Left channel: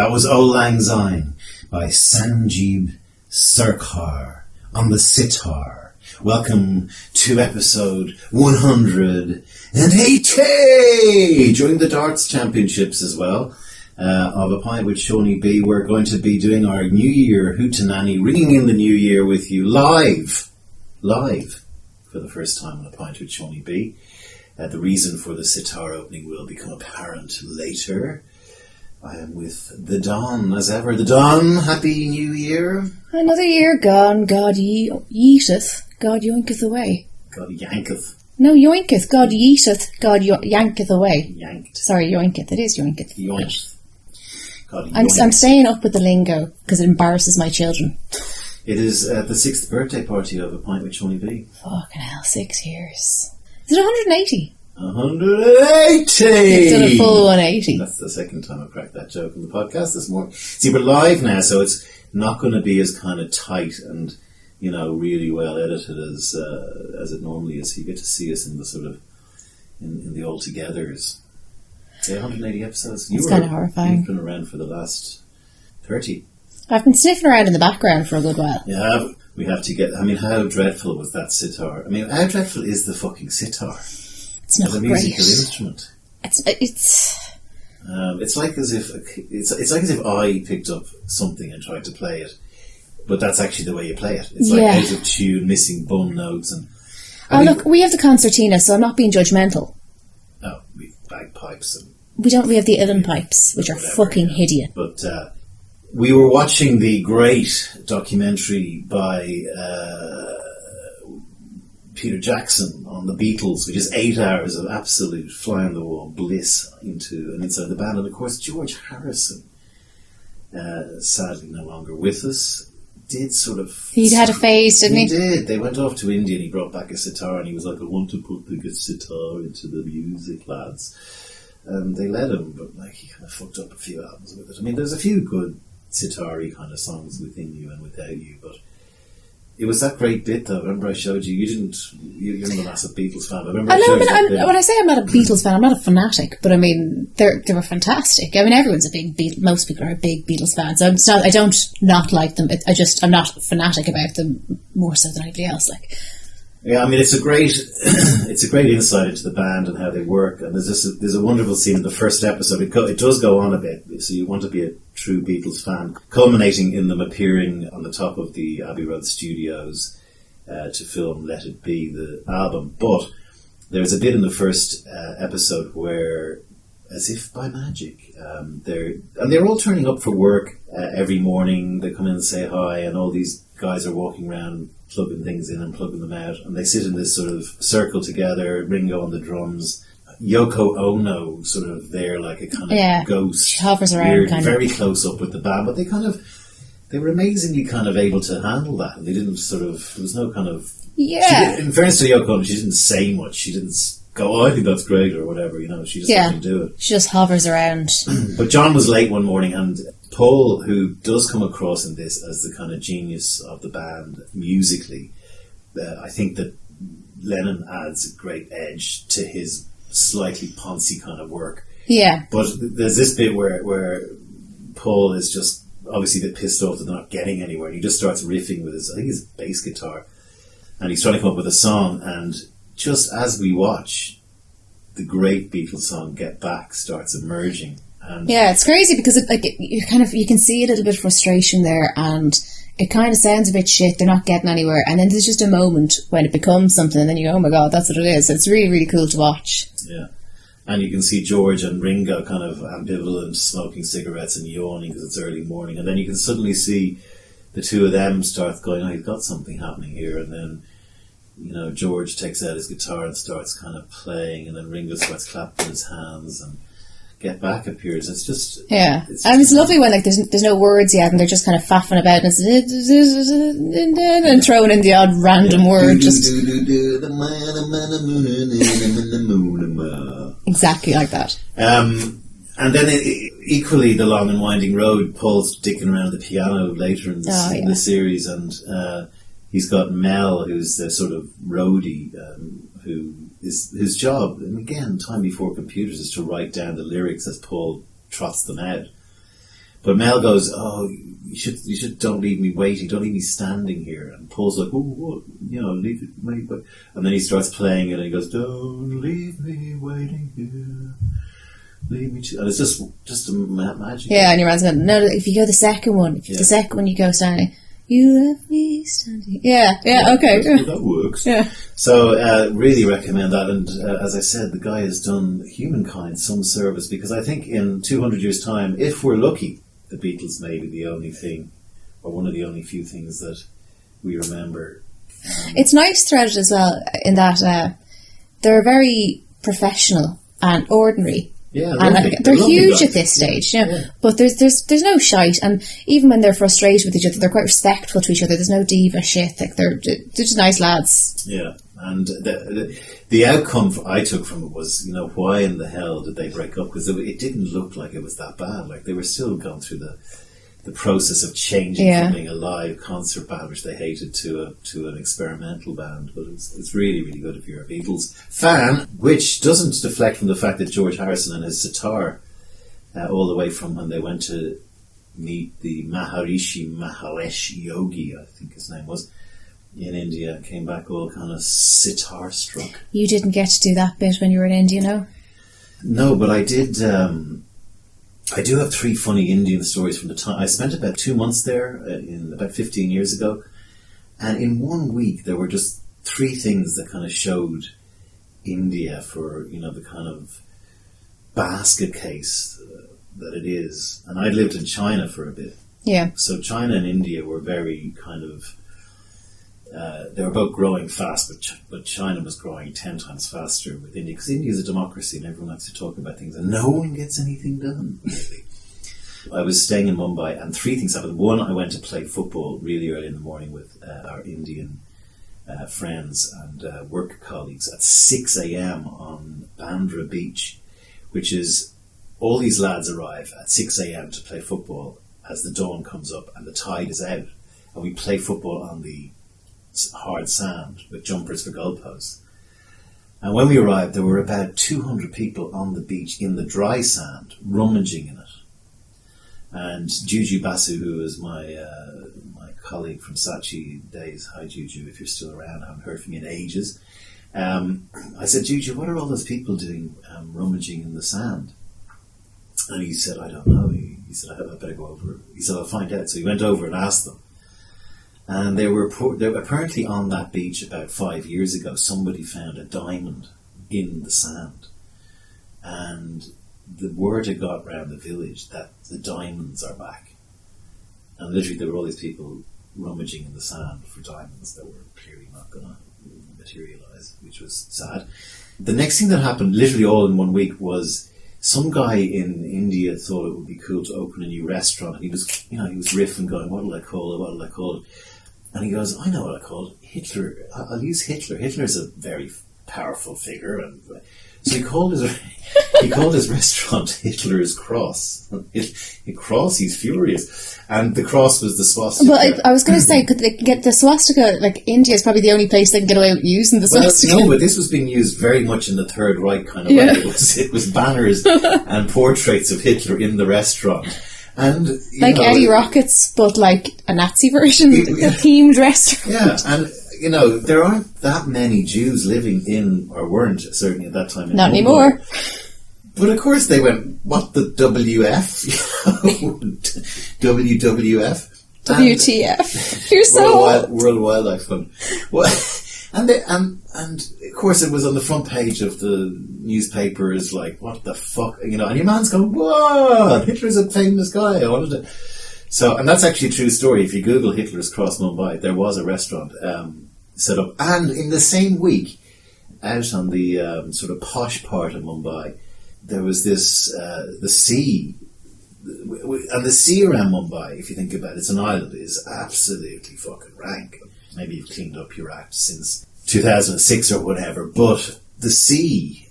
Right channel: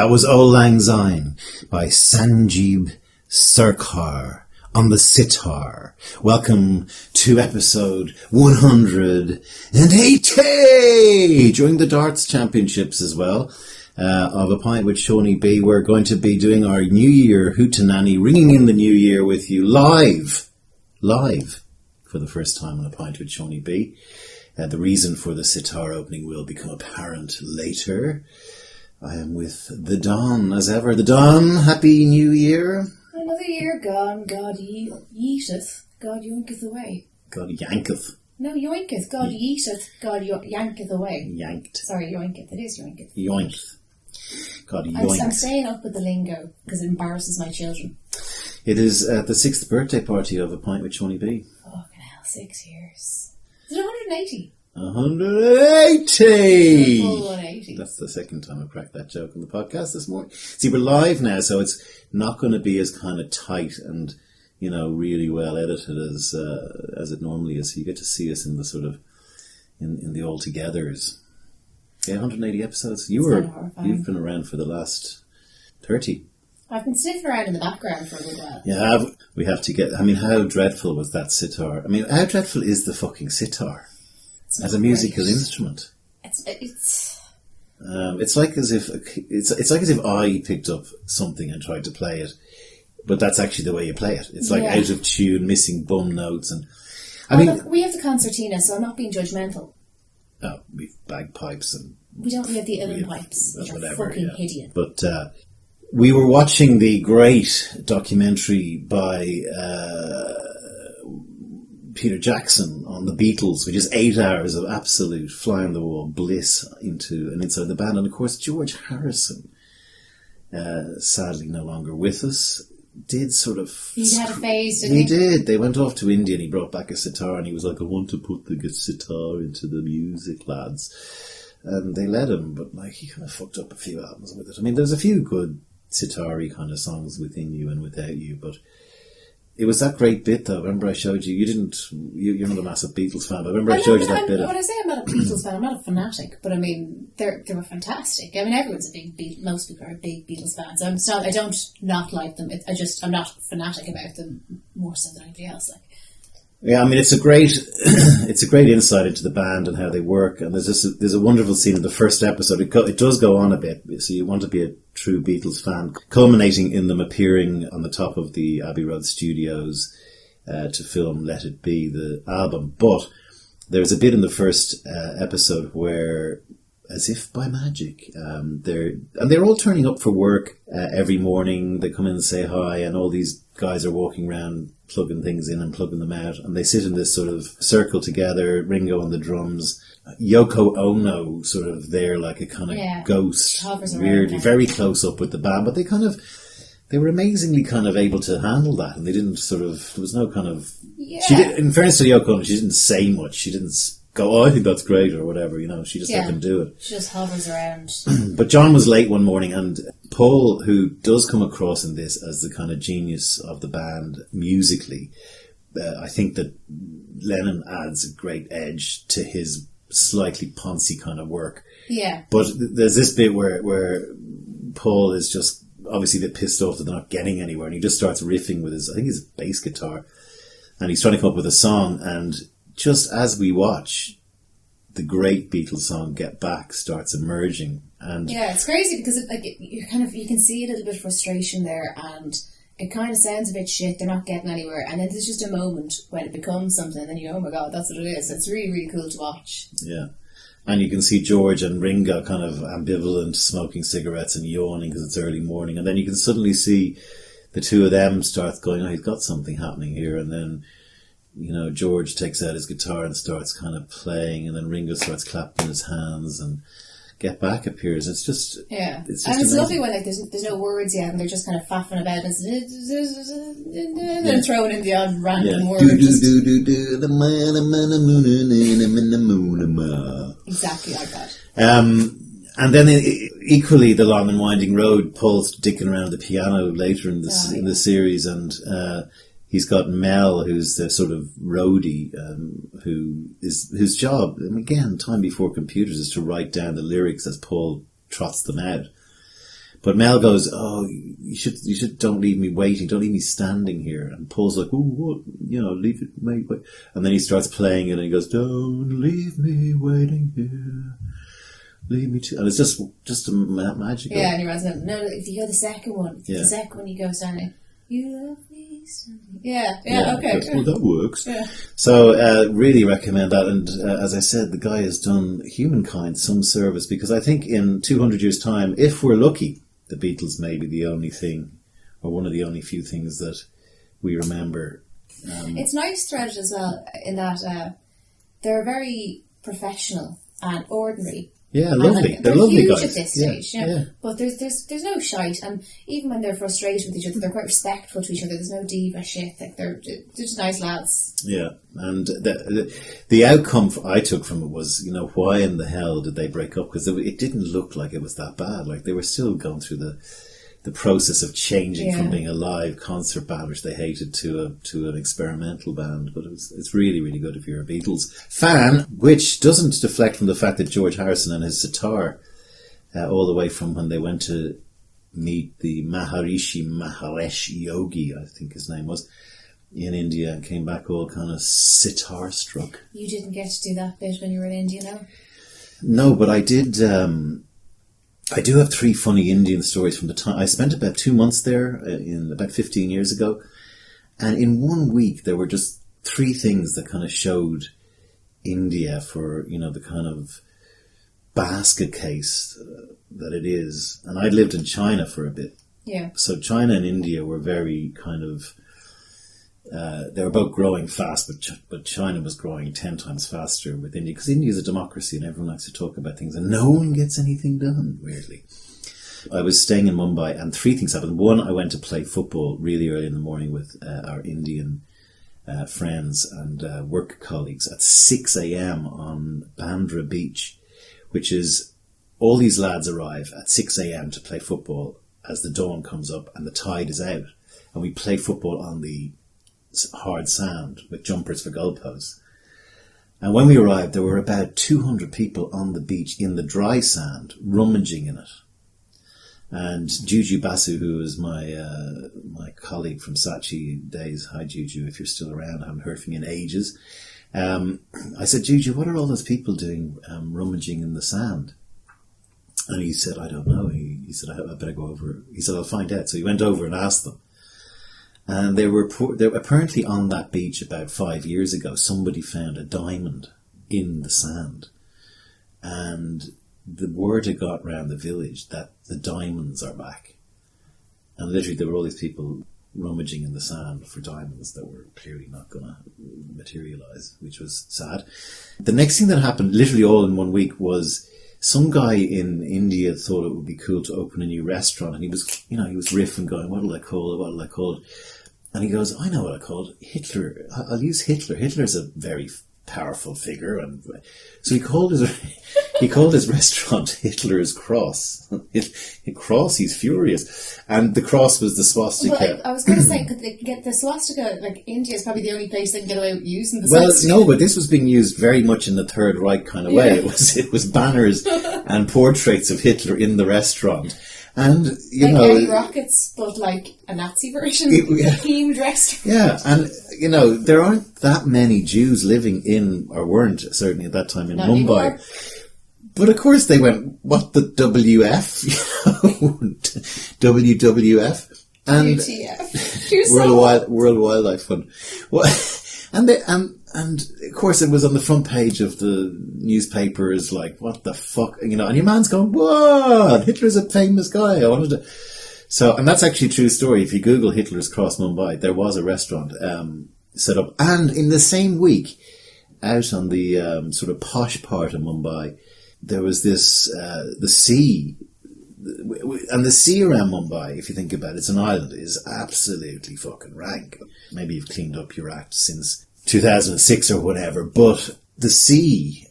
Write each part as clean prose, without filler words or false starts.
That was Auld Lang Syne by Sanjeev Sarkar on the sitar. Welcome to episode 180 during the darts championships as well of A Pint with Seaniebee. We're going to be doing our New Year Hootenanny, ringing in the New Year with you live for the first time on A Pint with Seaniebee. The reason for the sitar opening will become apparent later. I am with the Don, as ever. The Don, Happy New Year. Another year gone, God yeeteth, God yoinketh away. God yanketh. No, yoinketh, God yeeteth, God yanketh away. Yanked. Sorry, yoinketh, it is yoinketh. Yoinketh. God I'm yoinketh. staying up with the lingo, because it embarrasses my children. It is the 6th birthday party of A Pint with Seaniebee. Fucking hell, 6 years. Is it 180? 180! It's done a full 180. That's the second time I've cracked that joke in the podcast this morning. See, we're live now, so it's not going to be as kind of tight and, you know, really well edited as it normally is. You get to see us in the sort of, in the all-togethers. Yeah, 180 episodes. It's kind of horrifying. You've been around for the last 30. I've been sniffing around in the background for a good while. Yeah, we have to get, I mean, how dreadful was that sitar? I mean, how dreadful is the fucking sitar? It's not as a musical great. instrument. It's like as if it's like as if I picked up something and tried to play it, but that's actually the way you play it. It's like out of tune, missing bum notes, and look, we have the concertina, so I'm not being judgmental. Oh, we've bagpipes and We have the uilleann pipes, which are fucking hideous. But we were watching the great documentary by Peter Jackson on the Beatles, which is 8 hours of absolute fly-on-the-wall bliss into and inside the band. And of course, George Harrison, sadly no longer with us, did sort of... He had a phase, didn't he? He did. They went off to India and he brought back a sitar and he was like, I want to put the sitar into the music, lads. And they let him, but like he kind of fucked up a few albums with it. I mean, there's a few good sitar-y kind of songs within you and without you, but... It was that great bit, though. Remember I showed you? You're not a massive Beatles fan, but remember I showed you that bit. When I say I'm not a Beatles fan, I'm not a fanatic, but I mean, they were fantastic. I mean, everyone's a big most people are a big Beatles fan, so I don't not like them. I'm not fanatic about them more so than anybody else. Like, yeah, I mean, it's a great insight into the band and how they work. And there's a wonderful scene in the first episode. It does go on a bit, so you want to be a true Beatles fan, culminating in them appearing on the top of the Abbey Road studios to film Let It Be, the album. But there's a bit in the first episode where, as if by magic, they're all turning up for work every morning. They come in and say hi, and all these guys are walking around plugging things in and plugging them out, and they sit in this sort of circle together, Ringo on the drums, Yoko Ono sort of there like a kind of ghost, she hovers around weird, kind very of close up with the band, but they were amazingly kind of able to handle that, and they didn't there was no kind of in fairness to Yoko Ono, she didn't say much, she didn't go, oh, I think that's great or whatever, you know, she just let them do it. She just hovers around. But John was late one morning, and Paul, who does come across in this as the kind of genius of the band musically, I think that Lennon adds a great edge to his slightly poncy kind of work. Yeah. But there's this bit where Paul is just obviously a bit pissed off that they're not getting anywhere, and he just starts riffing with his bass guitar, and he's trying to come up with a song, and just as we watch, the great Beatles song "Get Back" starts emerging, and it's crazy because you can see a little bit of frustration there, and it kind of sounds a bit shit. They're not getting anywhere, and then there's just a moment when it becomes something, and then you go, "Oh my god, that's what it is!" It's really, really cool to watch. Yeah, and you can see George and Ringo kind of ambivalent, smoking cigarettes and yawning because it's early morning, and then you can suddenly see the two of them start going, "Oh, he's got something happening here," and then, you know, George takes out his guitar and starts kind of playing, and then Ringo starts clapping his hands, and Get Back appears. It's just it's lovely when there's no words yet, and they're just kind of faffing about and throwing in the odd random word. Exactly like that. And then equally, the long and winding road. Paul's dicking around the piano later in the series, and he's got Mel, who's the sort of roadie, whose job, and again, time before computers, is to write down the lyrics as Paul trots them out. But Mel goes, "Oh, you should don't leave me waiting, don't leave me standing here." And Paul's like, "Oh, what? Leave it, mate." And then he starts playing it, and he goes, "Don't leave me waiting here, leave me to." And it's just a magic. Yeah, and your man's going, "No, if you go the second one, you go standing. You left me standing." Yeah, okay. That works. Yeah. So, really recommend that. And as I said, the guy has done humankind some service, because I think in 200 years' time, if we're lucky, the Beatles may be the only thing, or one of the only few things that we remember. It's nice threaded as well, in that they're very professional and ordinary. Yeah, and they're huge guys at this stage, Yeah. But there's no shite, and even when they're frustrated with each other, they're quite respectful to each other. There's no diva shit. Like they're just nice lads. Yeah, and the outcome I took from it was, why in the hell did they break up? Because it didn't look like it was that bad. Like they were still going through the process of changing from being a live concert band, which they hated, to an experimental band. But it's really, really good if you're a Beatles fan, which doesn't deflect from the fact that George Harrison and his sitar, all the way from when they went to meet the Maharishi Mahesh Yogi, I think his name was, in India, and came back all kind of sitar struck. You didn't get to do that bit when you were in India, no? No, but I did. I do have 3 funny Indian stories from the time. I spent about 2 months there in about 15 years ago. And in 1 week, there were just 3 things that kind of showed India for, the kind of basket case that it is. And I'd lived in China for a bit. Yeah. So China and India were very kind of... they were both growing fast, but China was growing 10 times faster with India, because India is a democracy and everyone likes to talk about things and no one gets anything done, really. I was staying in Mumbai and 3 things happened. One, I went to play football really early in the morning with our Indian friends and work colleagues at 6 a.m. on Bandra Beach, which is, all these lads arrive at 6 a.m. to play football as the dawn comes up and the tide is out. And we play football on the hard sand with jumpers for goalposts. And when we arrived, there were about 200 people on the beach in the dry sand, rummaging in it. And Juju Basu, who is my colleague from Saatchi days, hi Juju, if you're still around, I haven't heard from you in ages. I said, Juju, what are all those people doing rummaging in the sand? And he said, I don't know. He said, I better go over. He said, I'll find out. So he went over and asked them. And they were apparently on that beach about 5 years ago. Somebody found a diamond in the sand, and the word had got round the village that the diamonds are back. And literally, there were all these people rummaging in the sand for diamonds that were clearly not going to materialise, which was sad. The next thing that happened, literally all in 1 week, was some guy in India thought it would be cool to open a new restaurant, and he was riffing, going, "What'll I call it? What'll I call it?" And he goes, "I know what I call it. Hitler. I'll use Hitler. Hitler's a very powerful figure." And so he called his restaurant Hitler's Cross. Cross, he's furious. And the cross was the swastika. Well, I was going to say, could they get the swastika? Like, India is probably the only place they can get away with using the swastika. Well, no, but this was being used very much in the Third Reich kind of way. It was banners and portraits of Hitler in the restaurant. And Eddie Rockets, but like a Nazi version, a themed restaurant. Yeah, and there aren't that many Jews living in, or weren't certainly at that time in Not Mumbai. anymore. But of course they went, what the WF? WWF? WTF? You're so World Wildlife Fund. Well, and of course it was on the front page of the newspapers, like, what the fuck, and your man's going, what? Hitler's a famous guy. I wanted to. So, and that's actually a true story. If you Google Hitler's Cross Mumbai, there was a restaurant set up, and in the same week, out on the sort of posh part of Mumbai, there was this the sea. And the sea around Mumbai, if you think about it, it's an island, is absolutely fucking rank. Maybe you've cleaned up your act since 2006 or whatever, but the sea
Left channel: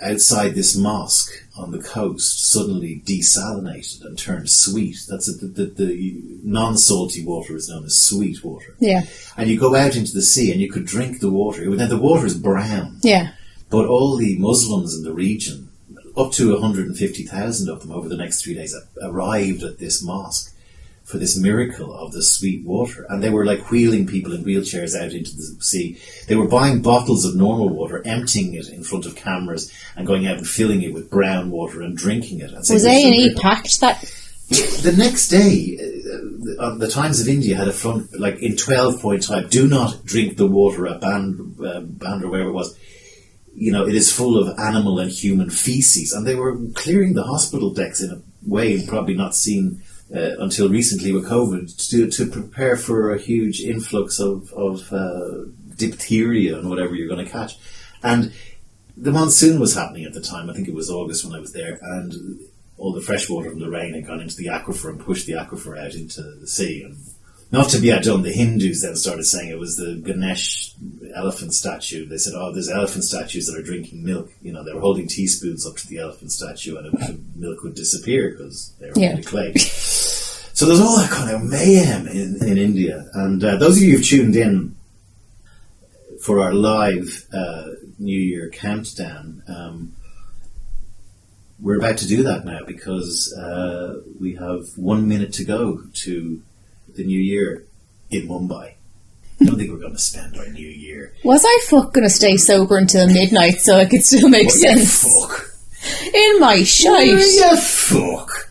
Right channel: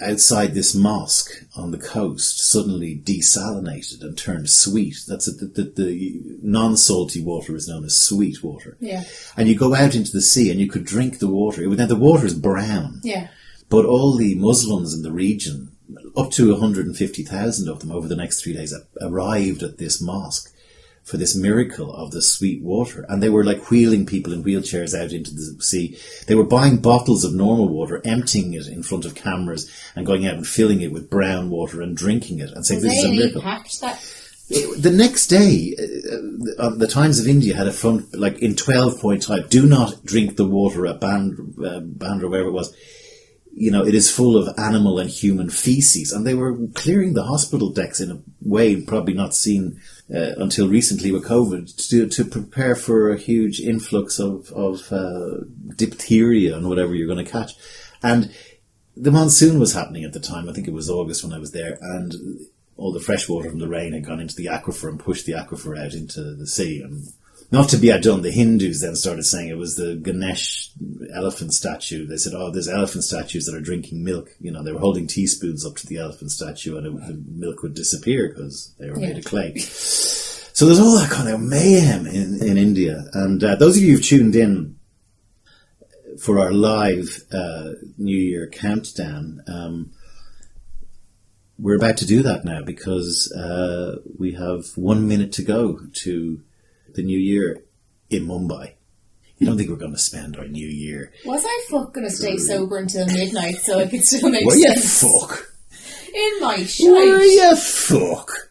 outside this mosque on the coast suddenly desalinated and turned sweet. That's the non-salty water is known as sweet water. Yeah. And you go out into the sea and you could drink the water. Now the water is brown. Yeah. But all the Muslims in the region, up to 150,000 of them over the next 3 days arrived at this mosque for this miracle of the sweet water. And they were like wheeling people in wheelchairs out into the sea. They were buying bottles of normal water, emptying it in front of cameras and going out and filling it with brown water and drinking it. And was A&E packed that? The next day, the Times of India had a front, like in 12-point type, do not drink the water at Bandra, wherever it was. You know, it is full of animal and human feces. And they were clearing the hospital decks in a way probably not seen until recently with COVID to prepare for a huge influx of diphtheria and whatever you're going to catch. And the monsoon was happening at the time. I think it was August when I was there. And all the fresh water from the rain had gone into the aquifer and pushed the aquifer out into the sea. And not to be outdone, the Hindus then started saying it was the Ganesh elephant statue. They said, there's elephant statues that are drinking milk. You know, they were holding teaspoons up to the elephant statue and the milk would disappear because they were made of clay. So there's all that kind of mayhem in India. And those of you who've tuned in for our live New Year countdown, we're about to do that now because we have 1 minute to go to the New Year in Mumbai. I don't think we're going to spend our New Year. Was I going to stay sober until midnight so I could still make sense? Fuck. In my shite. You fuck.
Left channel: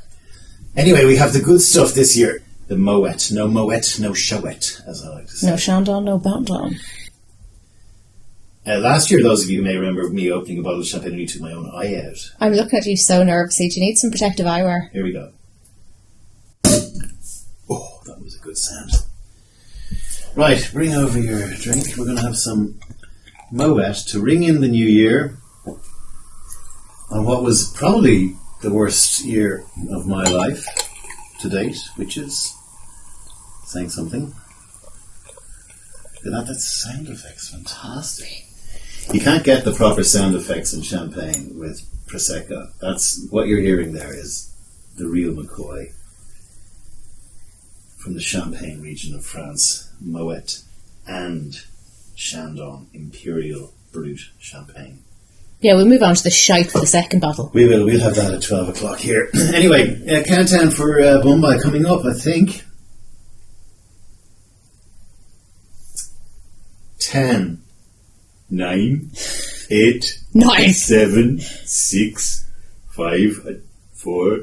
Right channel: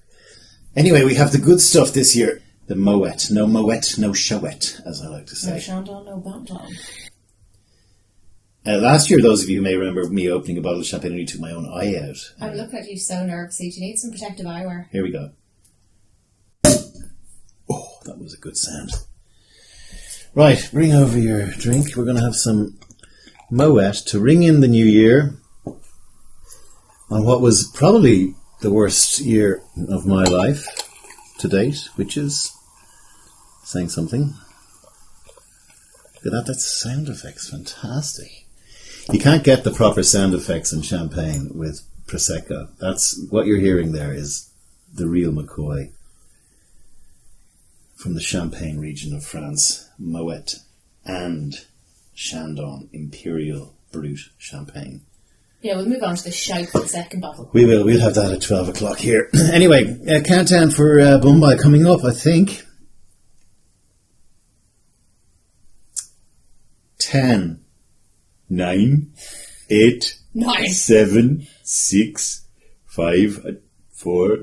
Anyway, we have the good stuff this year. The Moet. No Moet, no Shawet, as I like to say. No Shandon, no Bandon. Last year, those of you who may remember me opening a bottle of champagne and you took my own eye out. I'm looking at you so nervously. Do you need some protective eyewear? Here we go. Oh, that was a good sound. Right, bring over your drink. We're going to have some Moet to ring in the new year on what was probably the worst year of my life to date, which is saying something. Look at that, that's sound effects, fantastic. You can't get the proper sound effects in champagne with Prosecco. That's what you're hearing there is the real McCoy from the Champagne region of France, Moet and Chandon Imperial Brut Champagne. Yeah, we'll move on to the shite for the second bottle. We will. We'll have that at 12 o'clock here. Anyway, countdown for Mumbai coming up, I think. 10, 9, 8, 7, 6, 5, 4.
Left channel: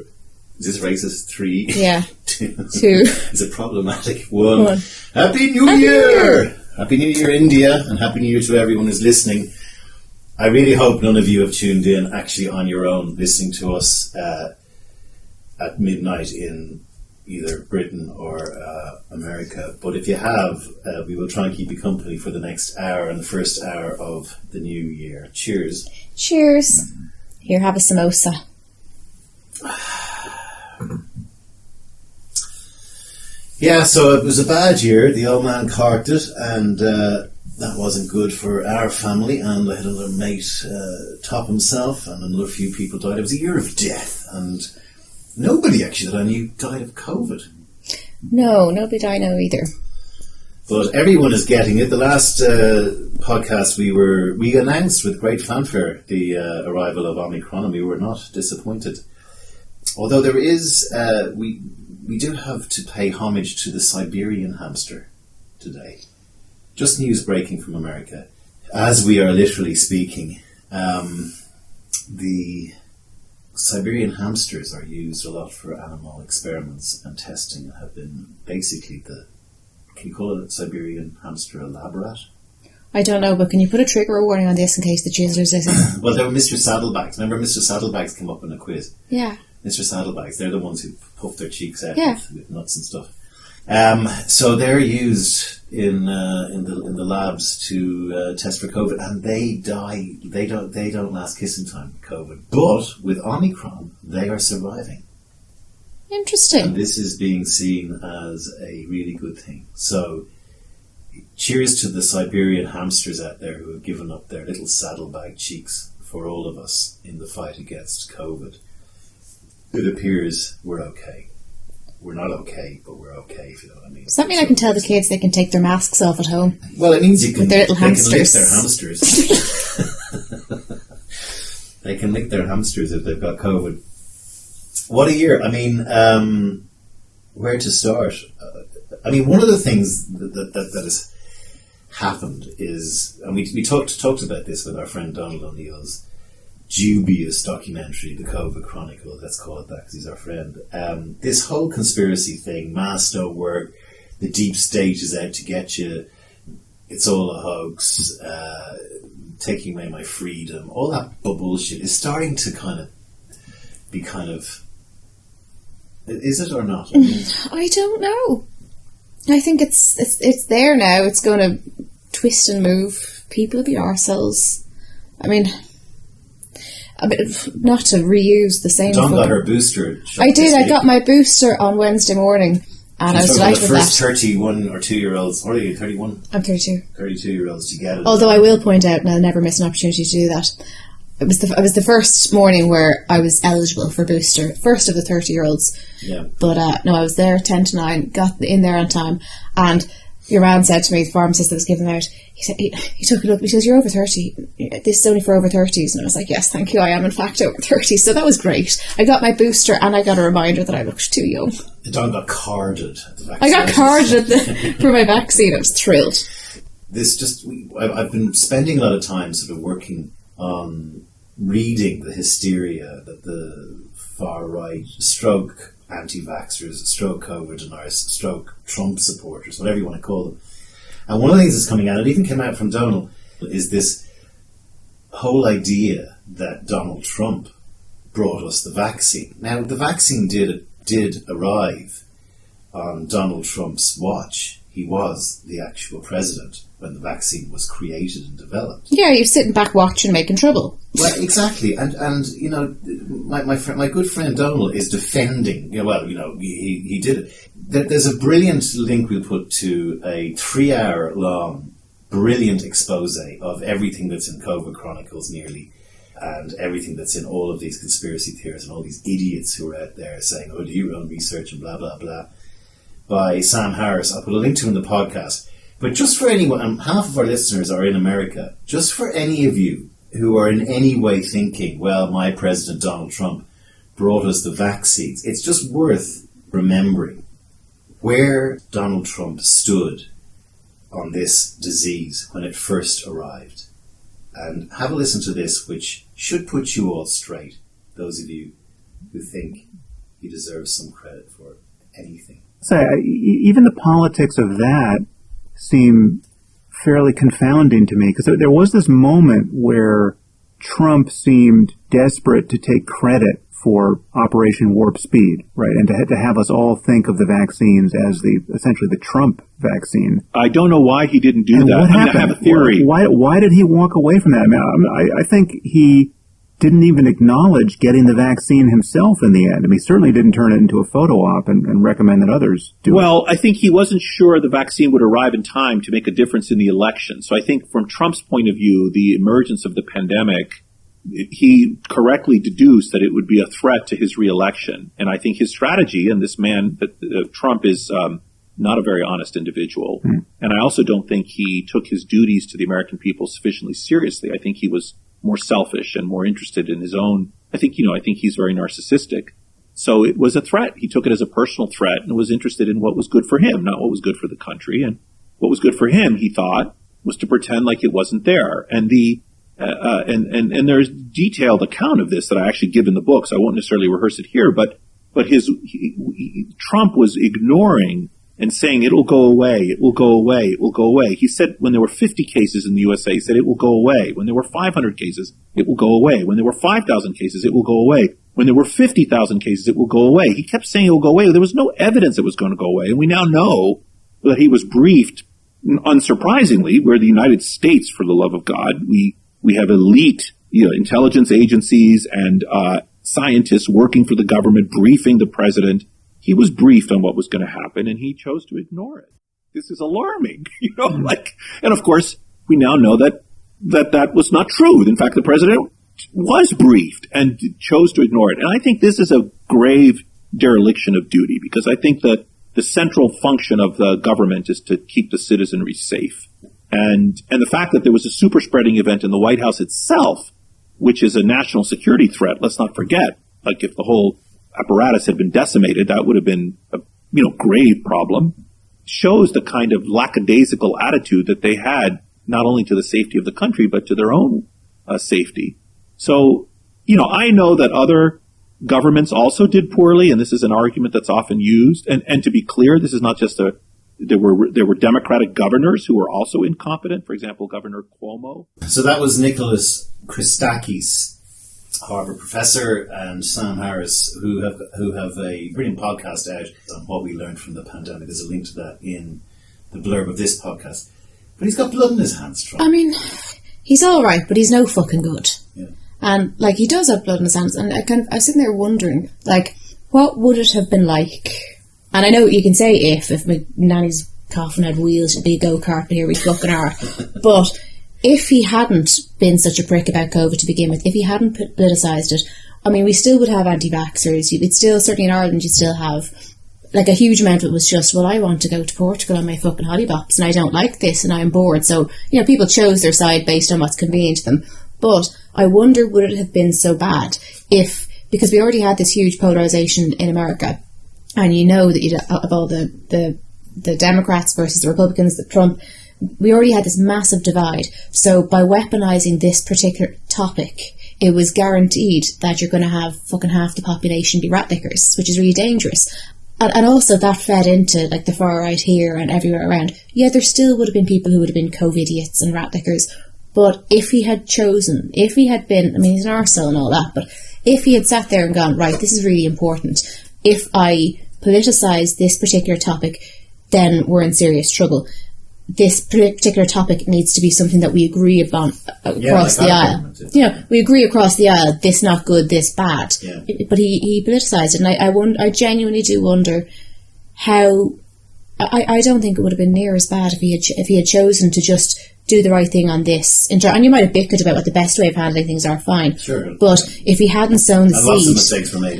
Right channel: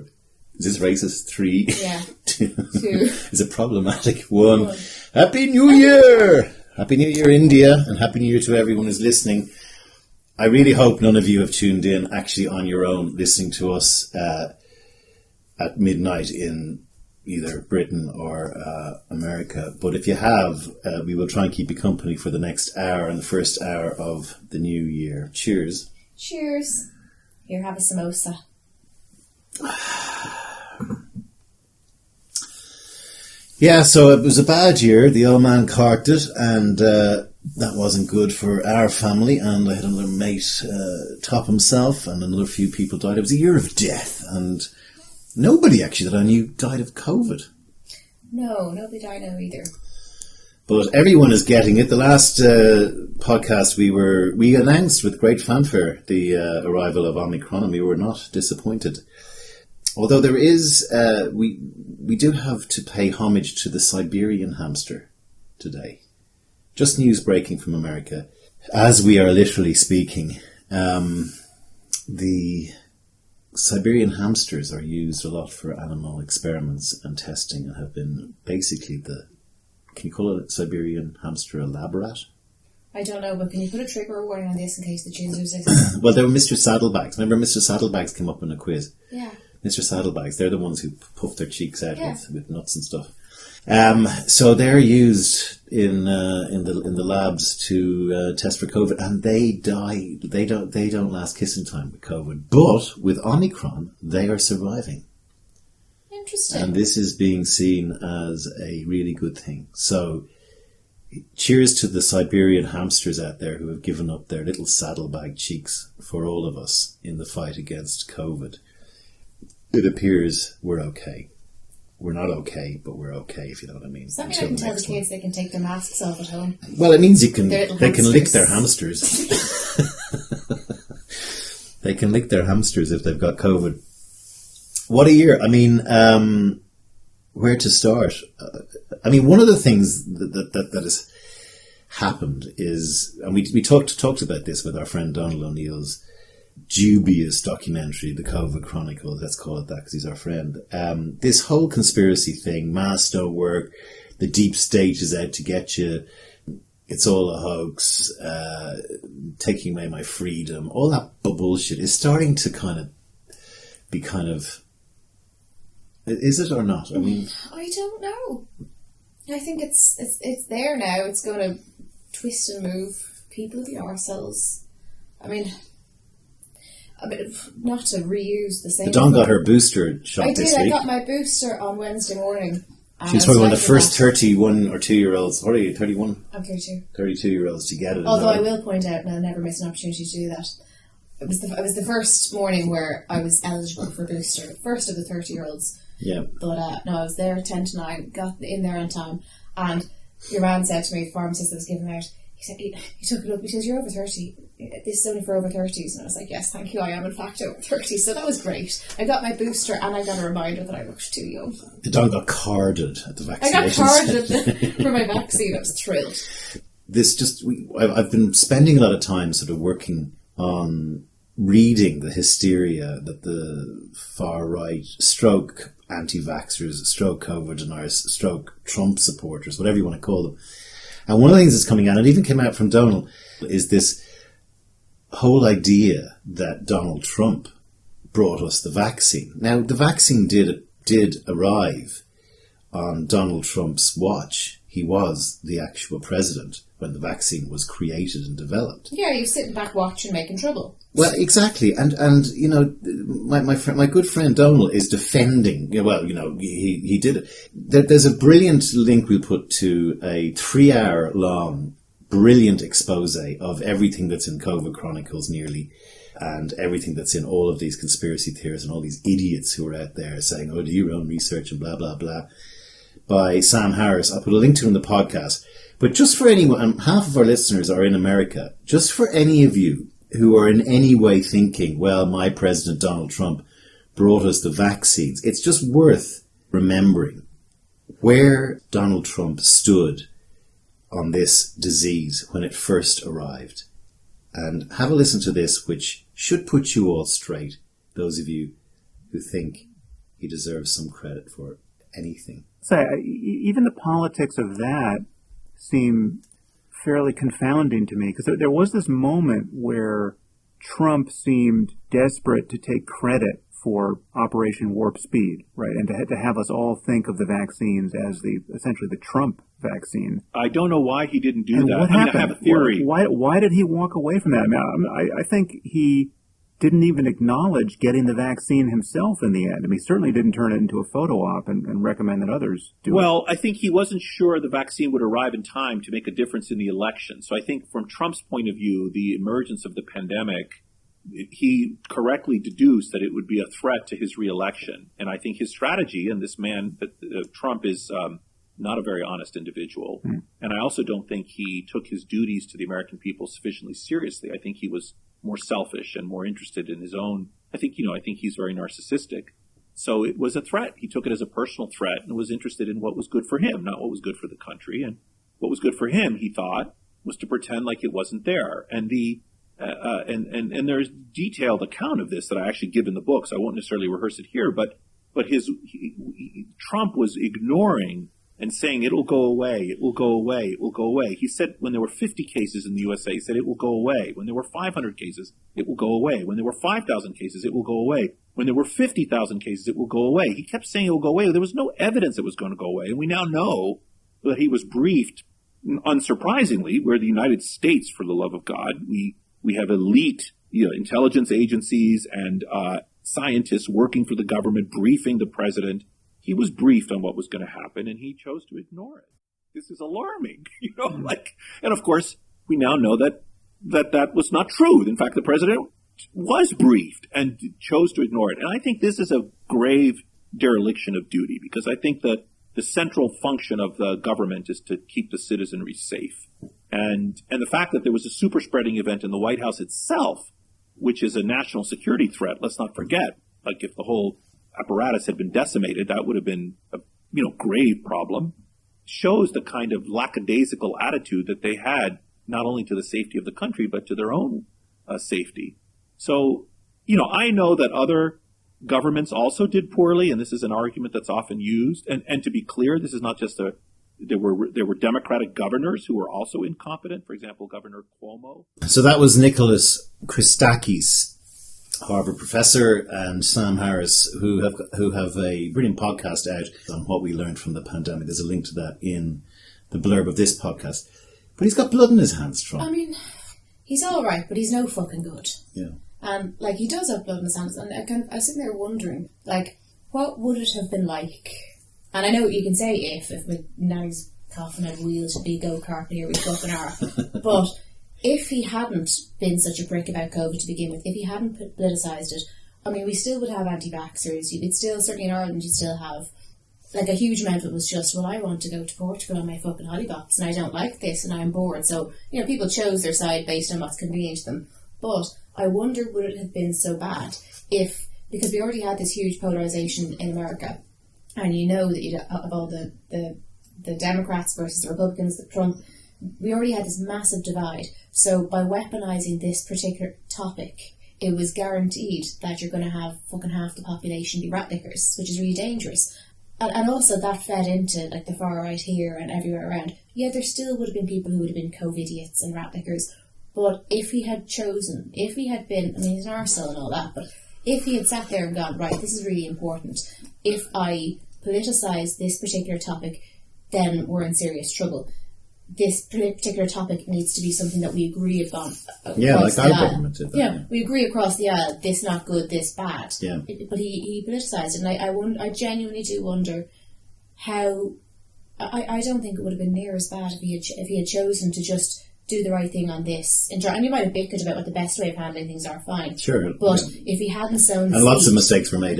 Is this racist? 3. Yeah. 2. 2. Is it problematic? 1. Happy New Year! Happy New Year, India, and Happy New Year to everyone who's listening. I really hope none of you have tuned in actually on your own, listening to us at midnight in either Britain or America. But if you have, we will try and keep you company for the next hour and the first hour of the new year. Cheers. Cheers. Here, have a samosa. Yeah, so it was a bad year. The old man carked it, and that wasn't good for our family. And I had another mate top himself, and another few people died. It was a year of death, and nobody actually that I knew died of COVID. No, nobody I know either. But everyone is getting it. The last podcast we announced with great fanfare the arrival of Omicron, and we were not disappointed. Although there is, we do have to pay homage to the Siberian hamster today. Just news breaking from America. As we are literally speaking, the Siberian hamsters are used a lot for animal experiments and testing and have been basically can you call it Siberian hamster a lab rat? I don't know, but can you put a trigger warning on this in case the chiselers listen? Well, there were Mr. Saddlebags. Remember Mr. Saddlebags came up in a quiz? Yeah. Mr. Saddlebags, they're the ones who puff their cheeks out yeah. with nuts and stuff. So they're used in the labs to test for COVID, and they die. They don't last kissing time with COVID, but with Omicron, they are surviving. Interesting. And this is being seen as a really good thing. So, cheers to the Siberian hamsters out there who have given up their little saddlebag cheeks for all of us in the fight against COVID. It appears we're okay. We're not okay, but we're okay, if you know what I mean. Does that mean I can tell the kids they can take their masks off at home? Well, it means they can lick hamsters. their hamsters. They can lick their hamsters if they've got COVID. What a year. I mean, where to start? I mean, one of the things that has happened is, and we talked about this with our friend Donald O'Neill's dubious documentary, The COVID Chronicles, let's call it that because he's our friend. This whole conspiracy thing, masto work, the deep state is out to get you, it's all a hoax, taking away my freedom, all that bullshit is starting to be is it or not? I mean, I don't know. I think it's there now. It's going to twist and move. People will be arseholes. I mean, not to reuse the same. Dawn got her booster shot. I did. I got my booster on Wednesday morning. And she's I was one of the delighted first 31 or 2-year-olds. What are you, 31? I'm 32. 32-year-olds to get it. Although I will point out, and I'll never miss an opportunity to do that, it was the first morning where I was eligible for booster. First of the 30-year-olds. Yeah. But no, I was there 10 to 9, got in there on time, and your man said to me, the pharmacist that was giving out, he said, he took a look, because you're over 30, this is only for over 30s, and I was like, yes, thank you, I am in fact over 30, so that was great. I got my booster, and I got a reminder that I looked too young. Don got carded at the vaccine. I got carded for my vaccine, I was thrilled. I've been spending a lot of time sort of working on reading the hysteria that the far right, stroke anti-vaxxers, stroke COVID deniers, stroke Trump supporters, whatever you want to call them. And one of the things that's coming out, and it even came out from Donald, is this whole idea that Donald Trump brought us the vaccine. Now, the vaccine did arrive on Donald Trump's watch. He was the actual president when the vaccine was created and developed. Yeah, you're sitting back watching, making trouble. Well, exactly, and you know, my good friend Donald is defending. He did it. There's a brilliant link we put to a 3-hour long, brilliant expose of everything that's in COVID Chronicles, nearly, and everything that's in all of these conspiracy theories and all these idiots who are out there saying, "Oh, do your own research," and blah blah blah. By Sam Harris. I'll put a link to in the podcast. But just for anyone, and half of our listeners are in America, just for any of you who are in any way thinking, well, my President Donald Trump brought us the vaccines, it's just worth remembering where Donald Trump stood on this disease when it first arrived. And have a listen to this, which should put you all straight, those of you who think he deserves some credit for anything. Even the politics of that seem fairly confounding to me, because there was this moment where Trump seemed desperate to take credit for Operation Warp Speed, right, and to have us all think of the vaccines as essentially the Trump vaccine. I don't know why he didn't do that. What happened? I have a theory. Why did he walk away from that? I think he didn't even acknowledge getting the vaccine himself in the end. I mean, he certainly didn't turn it into a photo op and recommend that others do it. Well, I think he wasn't sure the vaccine would arrive in time to make a difference in the election. So I think from Trump's point of view, the emergence of the pandemic, he correctly deduced that it would be a threat to his reelection. And I think his strategy, and this man, Trump, is not a very honest individual. And I also don't think he took his duties to the American people sufficiently seriously. I think he was more selfish and more interested in his own. I think he's very narcissistic. So it was a threat. He took it as a personal threat and was interested in what was good for him, not what was good for the country. And what was good for him, he thought, was to pretend like it wasn't there. And and there's detailed account of this that I actually give in the book, so I won't necessarily rehearse it here. But Trump was ignoring and saying, it will go away, it will go away, it will go away. He said when there were 50 cases in the USA, he said it will go away. When there were 500 cases, it will go away. When there were 5,000 cases, it will go away. When there were 50,000 cases, it will go away. He kept saying it will go away. There was no evidence it was going to go away. And we now know that he was briefed, unsurprisingly, we're the United States, for the love of God. We have elite intelligence agencies and scientists working for the government, briefing the president. He was briefed on what was going to happen, and he chose to ignore it. This is alarming, and of course, we now know that was not true. In fact, the president was briefed and chose to ignore it. And I think this is a grave dereliction of duty, because I think that the central function of the government is to keep the citizenry safe. And the fact that there was a super spreading event in the White House itself which is a national security threat. Let's not forget, like if the whole apparatus had been decimated, that would have been a grave problem. Shows the kind of lackadaisical attitude that they had, not only to the safety of the country, but to their own safety. So, I know that other governments also did poorly, and this is an argument that's often used. And to be clear, this is not just there were Democratic governors who were also incompetent. For example, Governor Cuomo. So that was Nicholas Christakis, Harvard professor, and Sam Harris, who have a brilliant podcast out on what we learned from the pandemic. There's a link to that in the blurb of this podcast. But he's got blood in his hands, Trump. I mean, he's all right, but he's no fucking good. Yeah. And, he does have blood in his hands. And I was sitting there wondering, what would it have been like? And I know you can say if my nanny's coffin had wheels, it'd be a go-kart, but here we fucking are. But if he hadn't been such a prick about COVID to begin with, if he hadn't politicised it, I mean, we still would have anti-vaxxers. You'd still, certainly in Ireland, you'd still have, a huge amount of it was just, well, I want to go to Portugal on my fucking hollybops, and I don't like this, and I'm bored. So, people chose their side based on what's convenient to them. But I wonder, would it have been so bad because we already had this huge polarisation in America, and that of all the Democrats versus the Republicans, the Trump, we already had this massive divide. So by weaponising this particular topic, it was guaranteed that you're going to have fucking half the population be rat lickers, which is really dangerous. And also that fed into the far right here and everywhere around. Yeah, there still would have been people who would have been COVID-idiots and rat lickers. But if he had been, I mean, he's an arsehole and all that, but if he had sat there and gone, right, this is really important. If I politicise this particular topic, then we're in serious trouble. This particular topic needs to be something that we agree upon across the aisle. We agree across the aisle, this not good, this bad. Yeah. But he politicised it, and I genuinely do wonder how. I don't think it would have been near as bad if he had chosen to just do the right thing on this. And you might have bickered about what the best way of handling things are, fine. Sure. But if he hadn't sown the seed... lots of mistakes were made.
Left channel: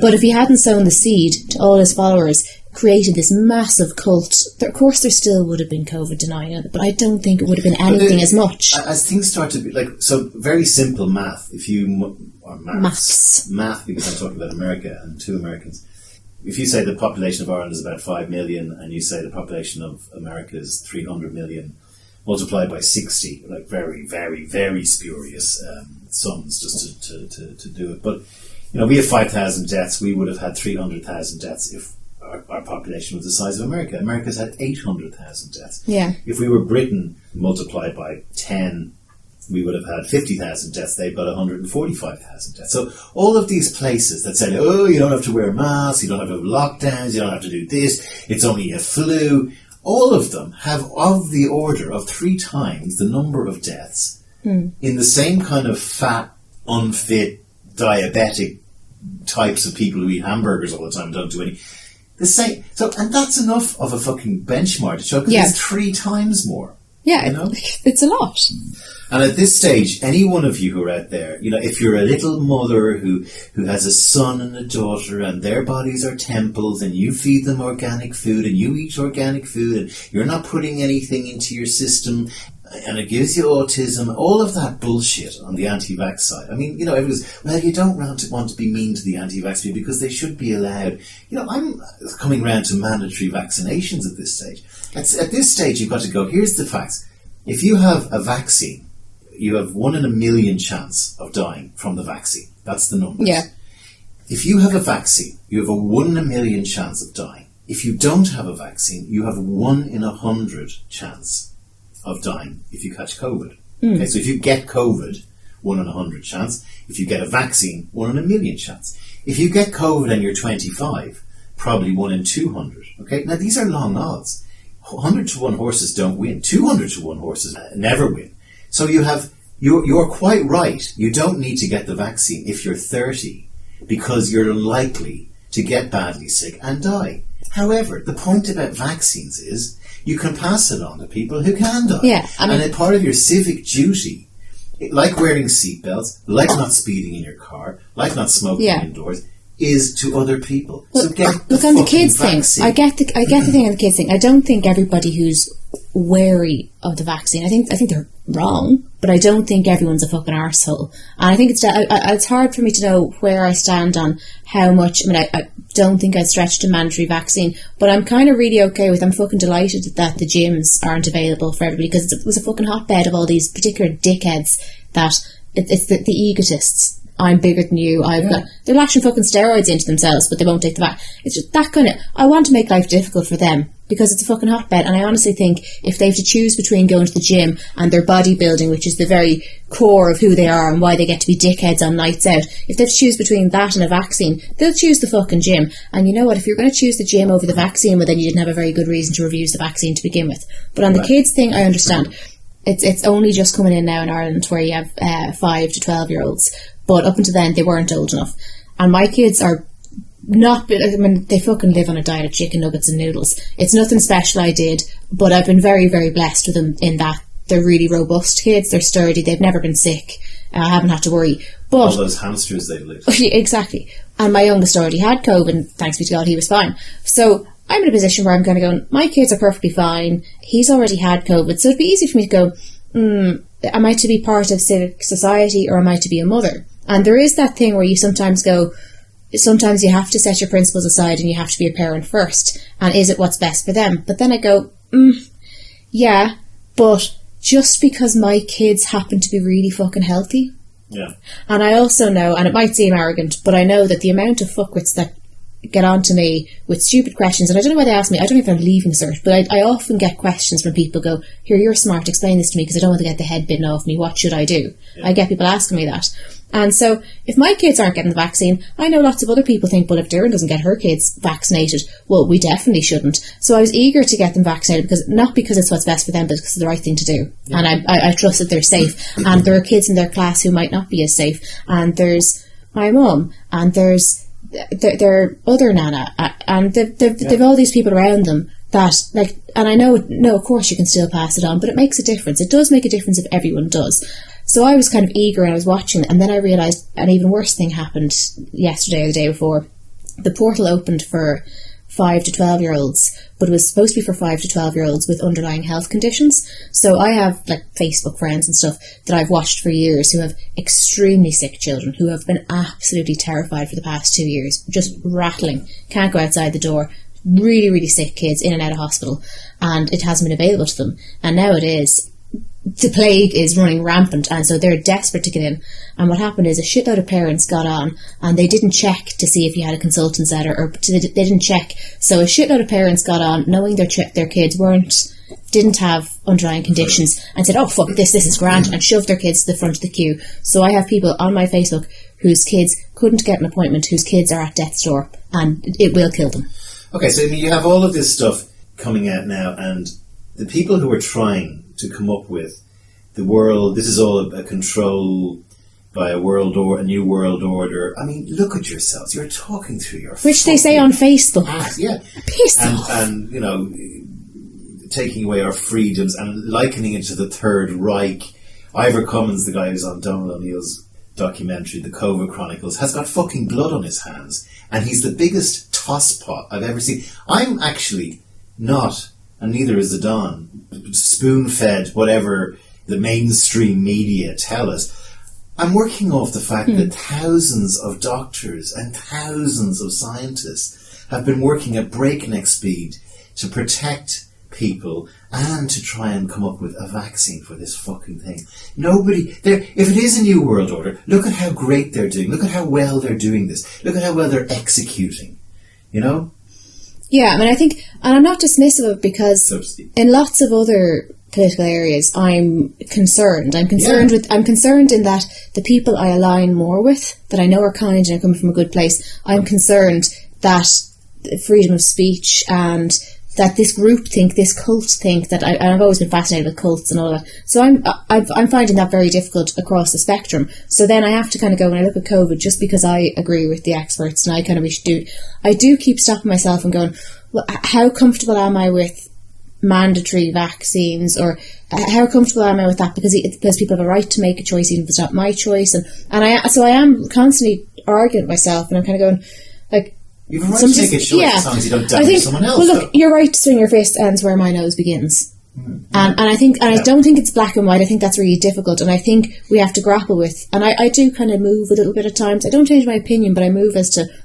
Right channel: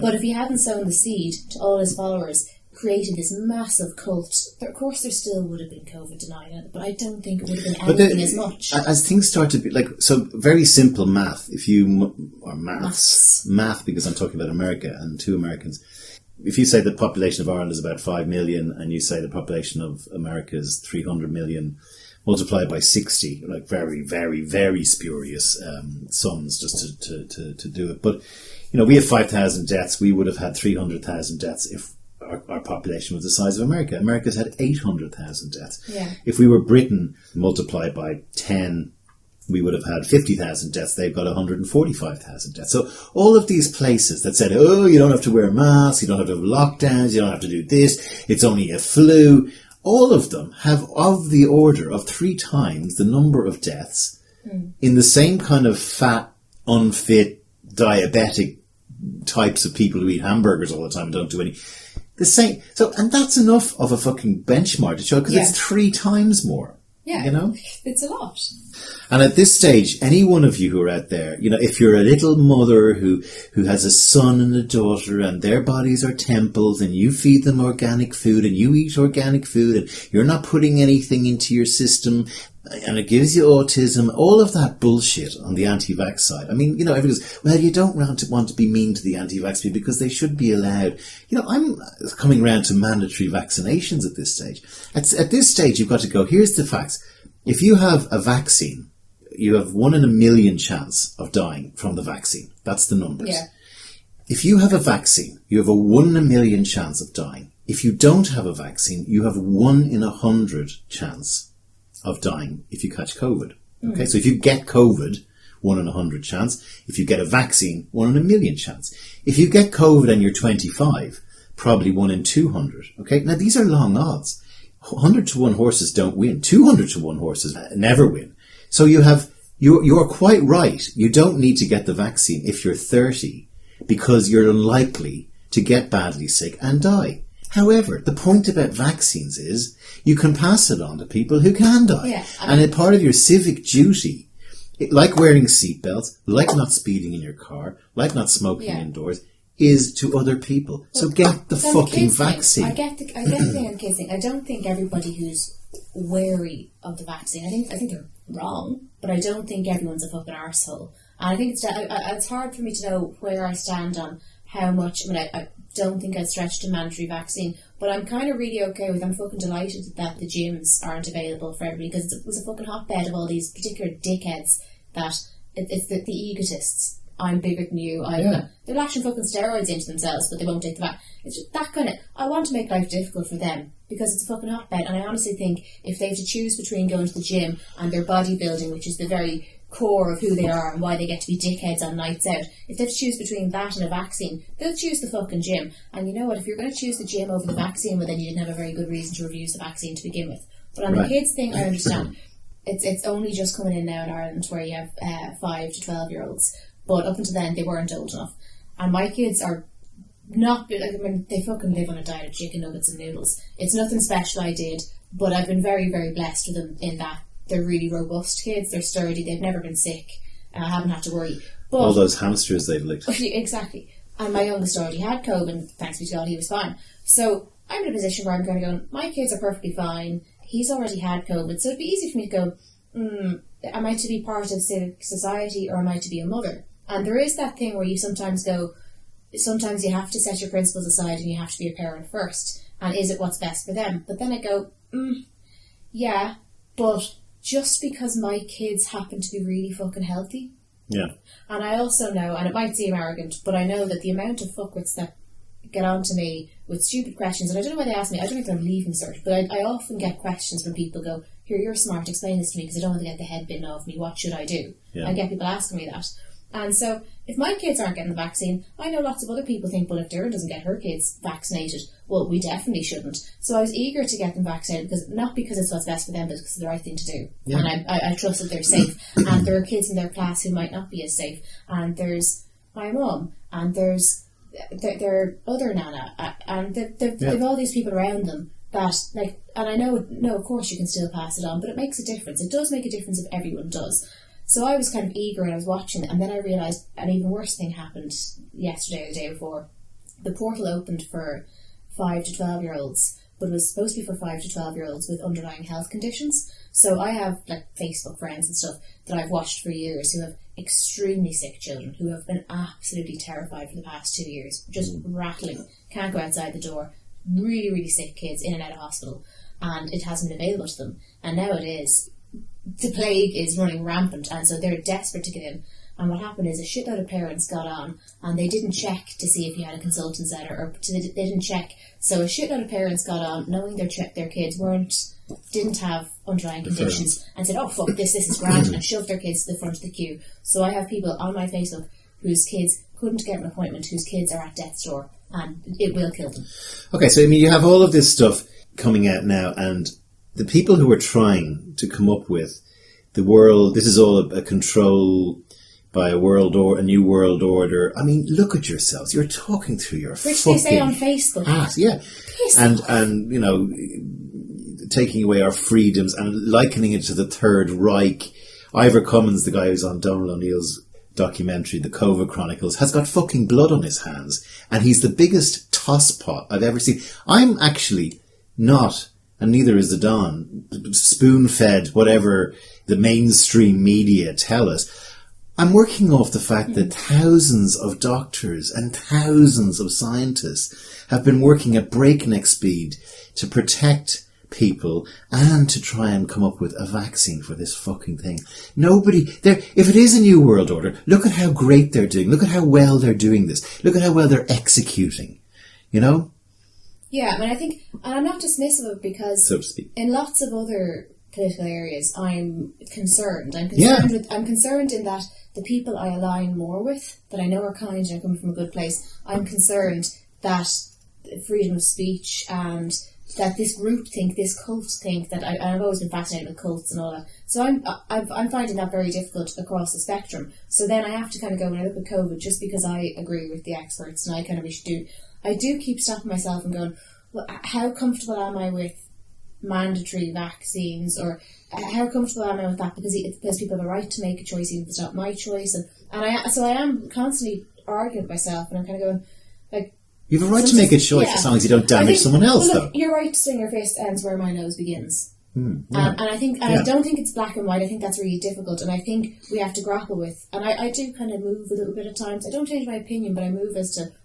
But if he hadn't sown the seed to all his followers, created this massive cult, of course there still would have been COVID denying it, but I don't think it would have been anything as much. As things start to be... so very simple math. Or math, because I'm talking about America and two Americans. If you say the population of Ireland is about 5 million and you say the population of America is 300 million... multiplied by 60, very, very, very spurious sums just to do it. But, we have 5,000 deaths. We would have had 300,000 deaths if our population was the size of America. America's had 800,000 deaths. Yeah. If we were Britain multiplied by 10, we would have had 50,000 deaths. They've got 145,000 deaths. So all of these places that said, oh, you don't have to wear masks, you don't have to have lockdowns, you don't have to do this, it's only a flu... all of them have of the order of 3 times the number of deaths in the same kind of fat, unfit, diabetic types of people who eat hamburgers all the time and don't do any. The same. So, and that's enough of a fucking benchmark to show because it's 3 times more. Yeah, it's a lot. And at this stage, any one of you who are out there, if you're a little mother who has a son and a daughter and their bodies are temples and you feed them organic food and you eat organic food and you're not putting anything into your system and it gives you autism, all of that bullshit on the anti-vax side. I mean, everyone goes, well, you don't want to be mean to the anti-vax people because they should be allowed. I'm coming around to mandatory vaccinations at this stage. At this stage, you've got to go, here's the facts. If you have a vaccine, you have 1 in a million chance of dying from the vaccine. That's the numbers. Yeah. If you have a vaccine, you have a 1 in a million chance of dying. If you don't have a vaccine, you have 1 in 100 chance of dying if you catch COVID. Okay, so if you get COVID, 1 in 100 chance. If you get a vaccine, 1 in a million chance. If you get COVID and you're 25, probably 1 in 200. Okay, now these are long odds. 100 to 1 horses don't win. 200 to 1 horses never win. So you're quite right. You don't need to get the vaccine if you're 30 because you're unlikely to get badly sick and die. However, the point about vaccines is you can pass it on to people who can die. Yeah, and a part of your civic duty, like wearing seatbelts, like not speeding in your car, like not smoking indoors, is to other people. So get the fucking kids vaccine. I get the thing on the kids thing. I don't think everybody who's wary of the vaccine, I think they're wrong, but I don't think everyone's a fucking arsehole. And I think it's hard for me to know where I stand on how much. I mean, I don't think I'd stretch to mandatory vaccine, but I'm kind of really okay with. I'm fucking delighted that the gyms aren't available for everybody, because it was a fucking hotbed of all these particular dickheads that it's the egotists. I'm bigger than you. They're lashing fucking steroids into themselves, but they won't take the vaccine. It's just that kind of. I want to make life difficult for them because it's a fucking hotbed, and I honestly think if they have to choose between going to the gym and their bodybuilding, which is the very core of who they are and why they get to be dickheads on nights out, if they have to choose between that and a vaccine, they'll choose the fucking gym. And you know what? If you're going to choose the gym over the vaccine, well, then you didn't have a very good reason to refuse the vaccine to begin with. But on the kids thing, I understand. It's only just coming in now in Ireland where you have 5 to 12-year-olds. But up until then, they weren't old enough. And my kids are not, I mean, they fucking live on a diet of chicken nuggets and noodles. It's nothing special I did, but I've been very, very blessed with them in that they're really robust kids. They're sturdy. They've never been sick. I haven't had to worry. But all those hamsters they've licked. Exactly. And my youngest already had COVID, and thanks be to God, he was fine. So I'm in a position where I'm kind of going, my kids are perfectly fine. He's already had COVID. So it'd be easy for me to go, am I to be part of civic society or am I to be a mother? And there is that thing where you sometimes go, sometimes you have to set your principles aside and you have to be a parent first. And is it what's best for them? But then I go, yeah, but just because my kids happen to be really fucking healthy. Yeah. And I also know, and it might seem arrogant, but I know that the amount of fuckwits that get on to me with stupid questions, and I don't know why they ask me, I don't know if I'm leaving cert, but I often get questions from people go, here, you're smart, explain this to me because I don't want to get the head bitten off me, what should I do? Yeah. I get people asking me that. And so, if my kids aren't getting the vaccine, I know lots of other people think, well, if Darren doesn't get her kids vaccinated, well, we definitely shouldn't. So I was eager to get them vaccinated, because not because it's what's best for them, but because it's the right thing to do. Yeah. And I trust that they're safe. And there are kids in their class who might not be as safe. And there's my mum, and there's their other nana, and they've all these people around them that, like, and I know, no, of course you can still pass it on, but it makes a difference. It does make a difference if everyone does. So I was kind of eager and I was watching, and then I realised an even worse thing happened yesterday or the day before. The portal opened for 5 to 12-year-olds, but it was supposed to be for 5 to 12-year-olds with underlying health conditions. So I have, like, Facebook friends and stuff that I've watched for years who have extremely sick children who have been absolutely terrified for the past 2 years, just rattling, can't go outside the door, really, really sick kids in and out of hospital, and it hasn't been available to them. And now it is. The plague is running rampant, and so they're desperate to get in. And what happened is a shitload of parents got on, and they didn't check to see if you had a consultant's letter, or they didn't check. So a shitload of parents got on, knowing their kids didn't have underlying conditions, and said, "Oh fuck this is grand," and shoved their kids to the front of the queue. So I have people on my Facebook whose kids couldn't get an appointment, whose kids are at death's door, and it will kill them. Okay, so I mean, you have all of this stuff coming out now, and the people who are trying to come up with the world, this is all a control by a new world order. I mean, look at yourselves. You're talking through your which they say on Facebook. Yeah. Piss off. And, you know, taking away our freedoms and likening it to the Third Reich. Ivor Cummins, the guy who's on Donald O'Neill's documentary, The COVID Chronicles, has got fucking blood on his hands. And he's the biggest tosspot I've ever seen. I'm actually not, and neither is the Don, spoon-fed whatever the mainstream media tell us. I'm working off the fact that thousands of doctors and thousands of scientists have been working at breakneck speed to protect people and to try and come up with a vaccine for this fucking thing. If it is a new world order, look at how great they're doing. Look at how well they're doing this. Look at how well they're executing. You know? Yeah, I mean, I think, and I'm not dismissive of it, because in lots of other political areas, I'm concerned. I'm concerned in that the people I align more with, that I know are kind and are coming from a good place, I'm concerned that freedom of speech and that this group think, this cult think, that I've always been fascinated with cults and all that. So I'm finding that very difficult across the spectrum. So then I have to kind of go, when I look at COVID, just because I agree with the experts and I do keep stopping myself and going, well, how comfortable am I with mandatory vaccines, or how comfortable am I with that? Because people have a right to make a choice, even if it's not my choice. And I am constantly arguing with myself, and I'm kind of going, like, you have a right to make a choice as long as you don't damage someone else. Well, look, your right to swing your fist ends where my nose begins. And I think, and I don't think it's black and white. I think that's really difficult, and I think we have to grapple with. And I do kind of move a little bit at times. I don't change my opinion, but I move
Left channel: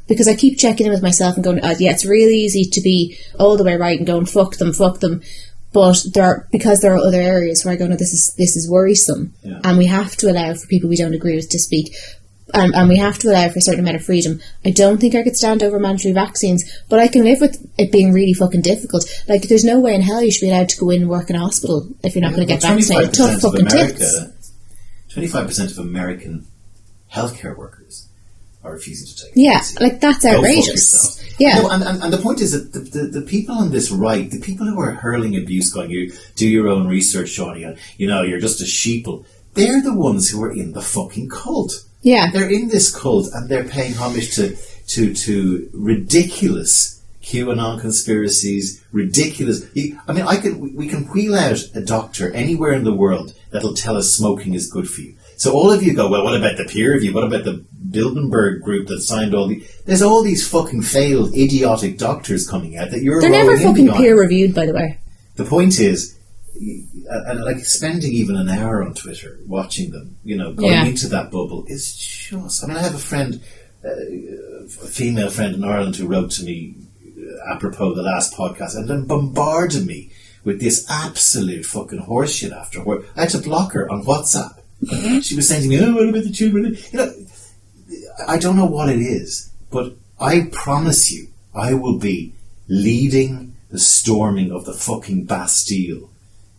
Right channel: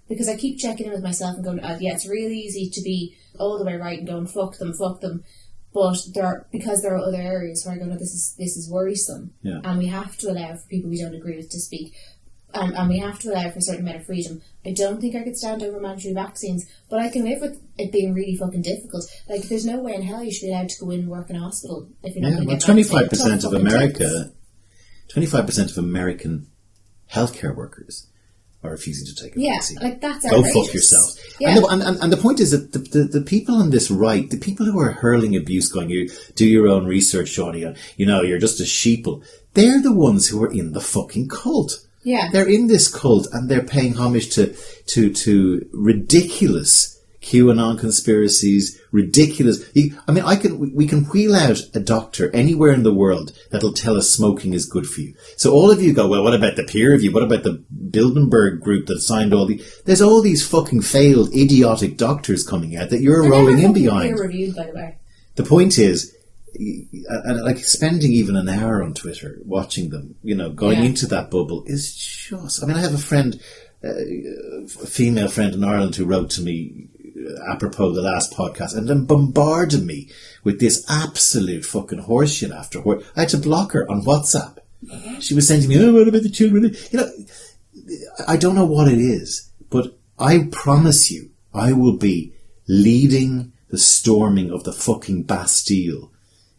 because I keep checking in with myself and going, it's really easy to be all the way right and going fuck them. But there are other areas where I go, no, this is worrisome, and we have to allow for people we don't agree with to speak. And we have to allow for a certain amount of freedom. I don't think I could stand over mandatory vaccines, but I can live with it being really fucking difficult. Like, there's no way in hell you should be allowed to go in and work in a hospital if you're not going to get vaccinated. 25% of American healthcare workers are refusing to take the vaccine. Like, that's outrageous. Go fuck yourself. Yeah. And the point is that the people on this right, the people who are hurling abuse, going, you do your own research, Shawnee, you're just a sheeple, they're the ones who are in the fucking cult. Yeah. They're in this cult and they're paying homage to ridiculous QAnon conspiracies, ridiculous. We can wheel out a doctor anywhere in the world that'll tell us smoking is good for you. So all of you go, well, what about the peer review? What about the Bilderberg group that signed there's all these fucking failed, idiotic doctors coming out that you're rolling in behind. They're never fucking peer reviewed, by the way. The point is, and like spending even an hour on Twitter watching them, going into that bubble is just. I mean, I have a friend, a female friend in Ireland, who wrote to me apropos the last podcast, and then bombarded me with this absolute fucking horseshit afterward. I had to block her on WhatsApp. She was saying to me, what about the children? I don't know what it is, but I promise you, I will be leading the storming of the fucking Bastille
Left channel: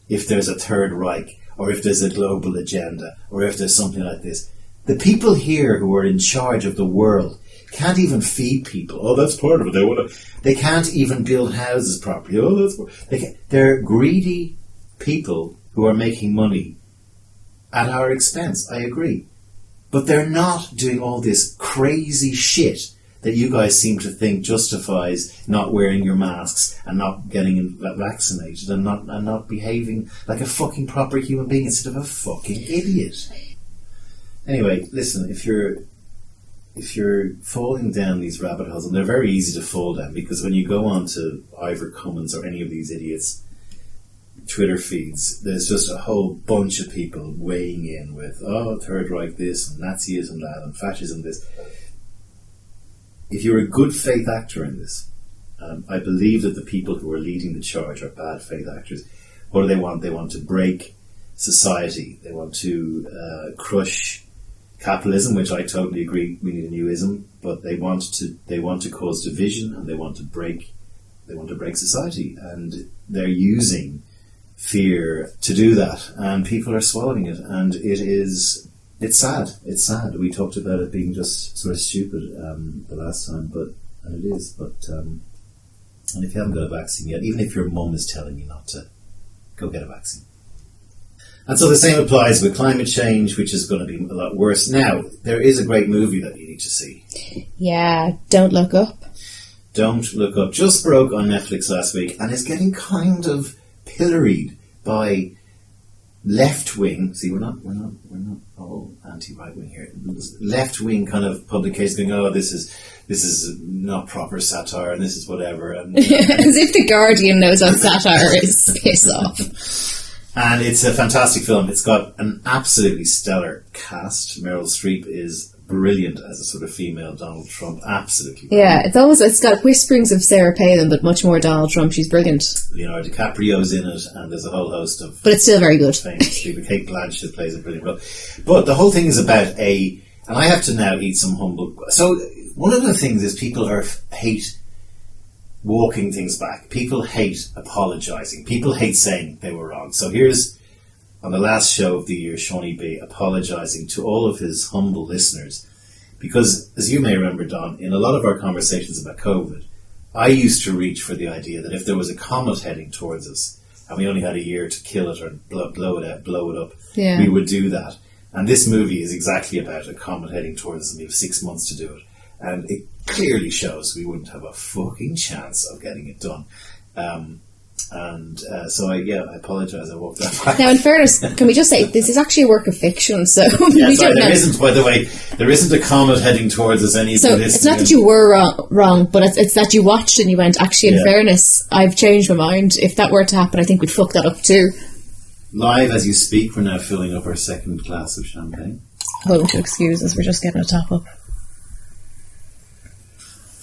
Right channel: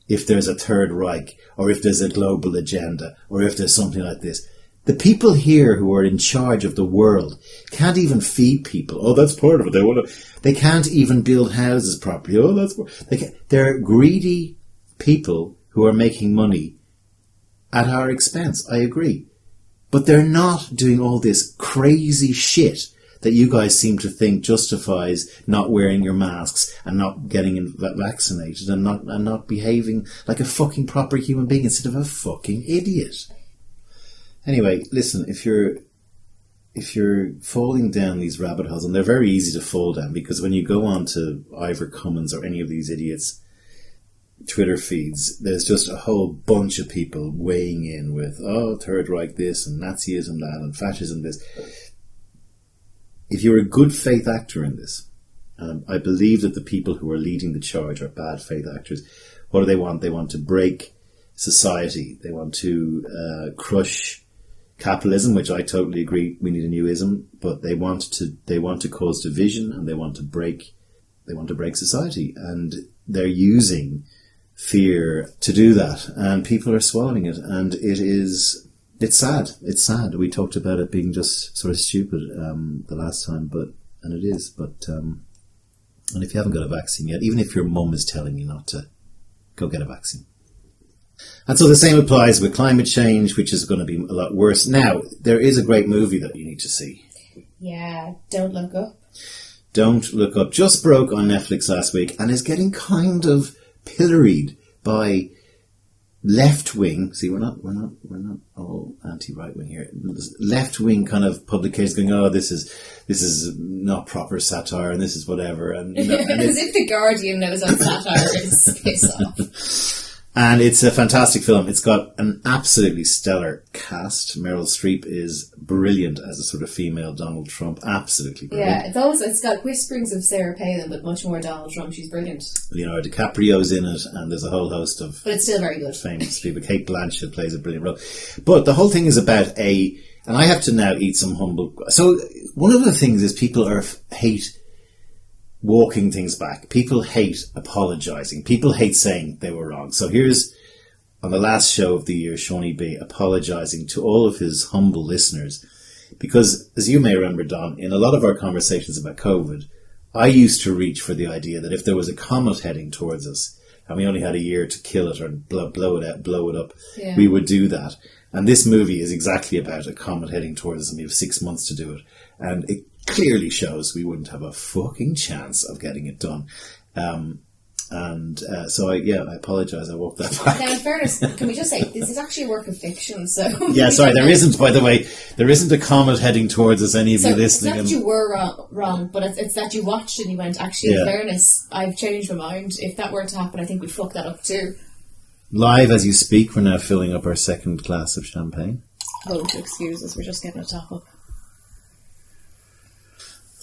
if there's a Third Reich, or if there's a global agenda, or if there's something like this. The people here who are in charge of the world can't even feed people. Oh, that's part of it. They can't even build houses properly. They're greedy people who are making money at our expense. I agree. But they're not doing all this crazy shit that you guys seem to think justifies not wearing your masks and not getting vaccinated and not behaving like a fucking proper human being instead of a fucking idiot. Anyway, listen, if you're falling down these rabbit holes, and they're very easy to fall down, because when you go on to Ivor Cummins or any of these idiots' Twitter feeds, there's just a whole bunch of people weighing in with, Third Reich this, and Nazism that, and fascism this. If you're a good faith actor in this, I believe that the people who are leading the charge are bad faith actors. What do they want? They want to break society. They want to crush capitalism, which I totally agree. We need a new ism, but they want to cause division, and they want to break society, and they're using fear to do that, and people are swallowing it, and it's sad. It's sad. We talked about it being just sort of stupid the last time, and it is. And if you haven't got a vaccine yet, even if your mum is telling you not to, go get a vaccine. And so the same applies with climate change, which is going to be a lot worse. Now, there is a great movie that you need to see. Yeah, Don't Look Up. Don't Look Up. Just broke on Netflix last week and is getting kind of pilloried by left-wing. See, we're not all anti-right-wing here. Left-wing kind of publications going, this is not proper satire, and this is whatever. And as if the Guardian knows what satire is. Piss off. And it's a fantastic film. It's got an absolutely stellar cast. Meryl Streep is brilliant as a sort of female Donald Trump. Absolutely brilliant. Yeah, it's got whisperings of Sarah Palin, but much more Donald Trump. She's brilliant. Leonardo DiCaprio's in it, and there's a whole host of... But it's still very good. Famous people. Kate Blanchett plays a brilliant role. But the whole thing is about and I have to now eat some humble... So one of the things is people hate walking things back. People hate apologising. People hate saying they were wrong. So here's, on the last show of the year, Seaniebee apologising to all of his humble listeners. Because, as you may remember, Don, in a lot of our conversations about COVID, I used to reach for the idea that if there was a comet heading towards us, and we only had a year to kill it or blow it up, we would do that. And this movie is exactly about a comet heading towards us, and we have 6 months to do it. And it clearly shows we wouldn't have a fucking chance of getting it done. And so I apologise. I walked that back. Now, in fairness, can we just say this is actually a work of fiction? So yeah, sorry, there isn't. By the way, there isn't a comet heading towards us. Any of you listening? It's not that you were wrong, but it's that you watched and you went. Actually, in fairness, I've changed my mind. If that were to happen, I think we'd fuck that up too. Live as you speak, we're now filling up our second glass of champagne. Won't you excuse us? We're just getting a top up.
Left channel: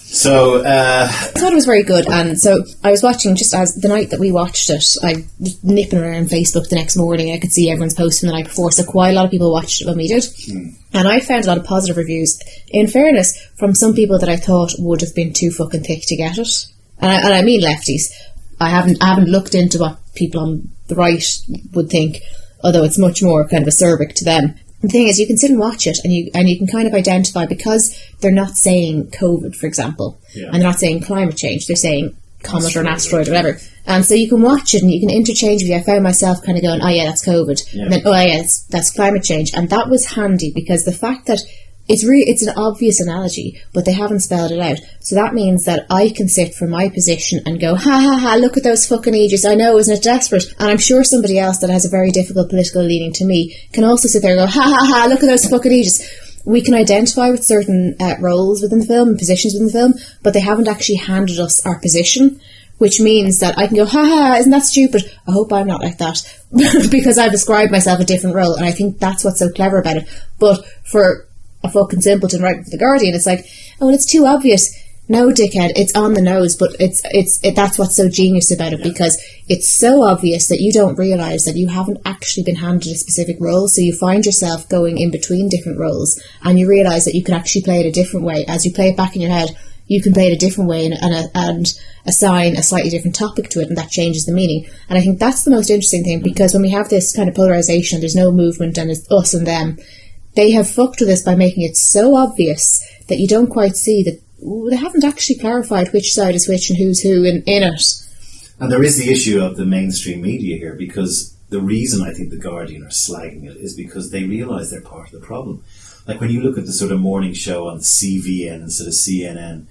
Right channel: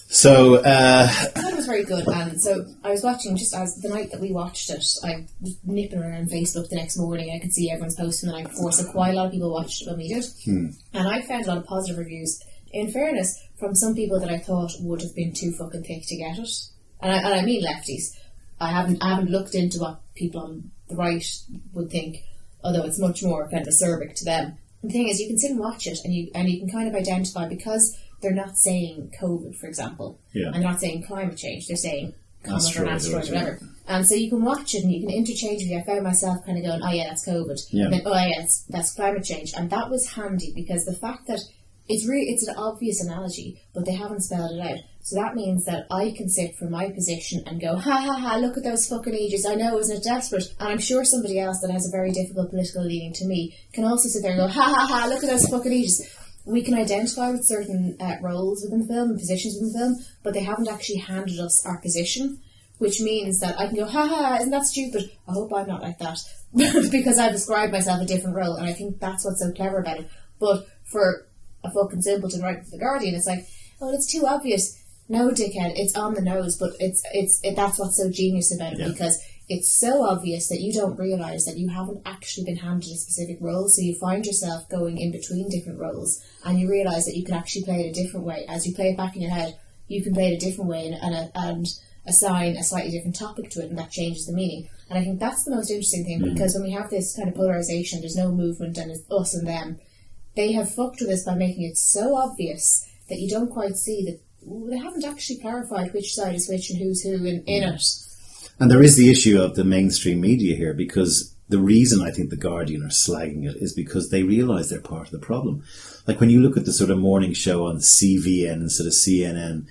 So I thought it was very good, and so I was watching just as the night that we watched it. I was nipping around Facebook the next morning. I could see everyone's post from the night before, so quite a lot of people watched it when we did, and I found a lot of positive reviews. In fairness, from some people that I thought would have been too fucking thick to get it, and I mean lefties. I haven't looked into what people on the right would think, although it's much more kind of acerbic to them. The thing is, you can sit and watch it, and you can kind of identify, because they're not saying COVID, for example, and they're not saying climate change. They're saying comet or an asteroid or whatever. And so you can watch it, and you can interchangeably. I found myself kind of going, "Oh yeah, that's COVID," and then, "Oh yeah, that's climate change," and that was handy because the fact that it's an obvious analogy, but they haven't spelled it out. So that means that I can sit from my position and go, ha ha ha, look at those fucking aegis. I know, isn't it desperate? And I'm sure somebody else that has a very difficult political leaning to me can also sit there and go, ha ha ha, look at those fucking aegis. We can identify with certain roles within the film and positions within the film, but they haven't actually handed us our position, which means that I can go, ha ha, isn't that stupid? I hope I'm not like that because I've ascribed myself a different role, and I think that's what's so clever about it. But for a fucking simpleton writing for The Guardian, it's like, oh, it's too obvious. No, dickhead, it's on the nose, but that's what's so genius about it, because it's so obvious that you don't realise that you haven't actually been handed a specific role, so you find yourself going in between different roles, and you realise that you can actually play it a different way. As you play it back in your head, you can play it a different way and assign a slightly different topic to it, and that changes the meaning. And I think that's the most interesting thing, because when we have this kind of polarisation, there's no movement and it's us and them, they have fucked with this by making it so obvious that you don't quite see that they haven't actually clarified which side is which and who's who in it. And there is the issue of the mainstream media here, because the reason I think The Guardian are slagging it is because they realise they're part of the problem. Like when you look at the sort of morning show on CVN instead of CNN,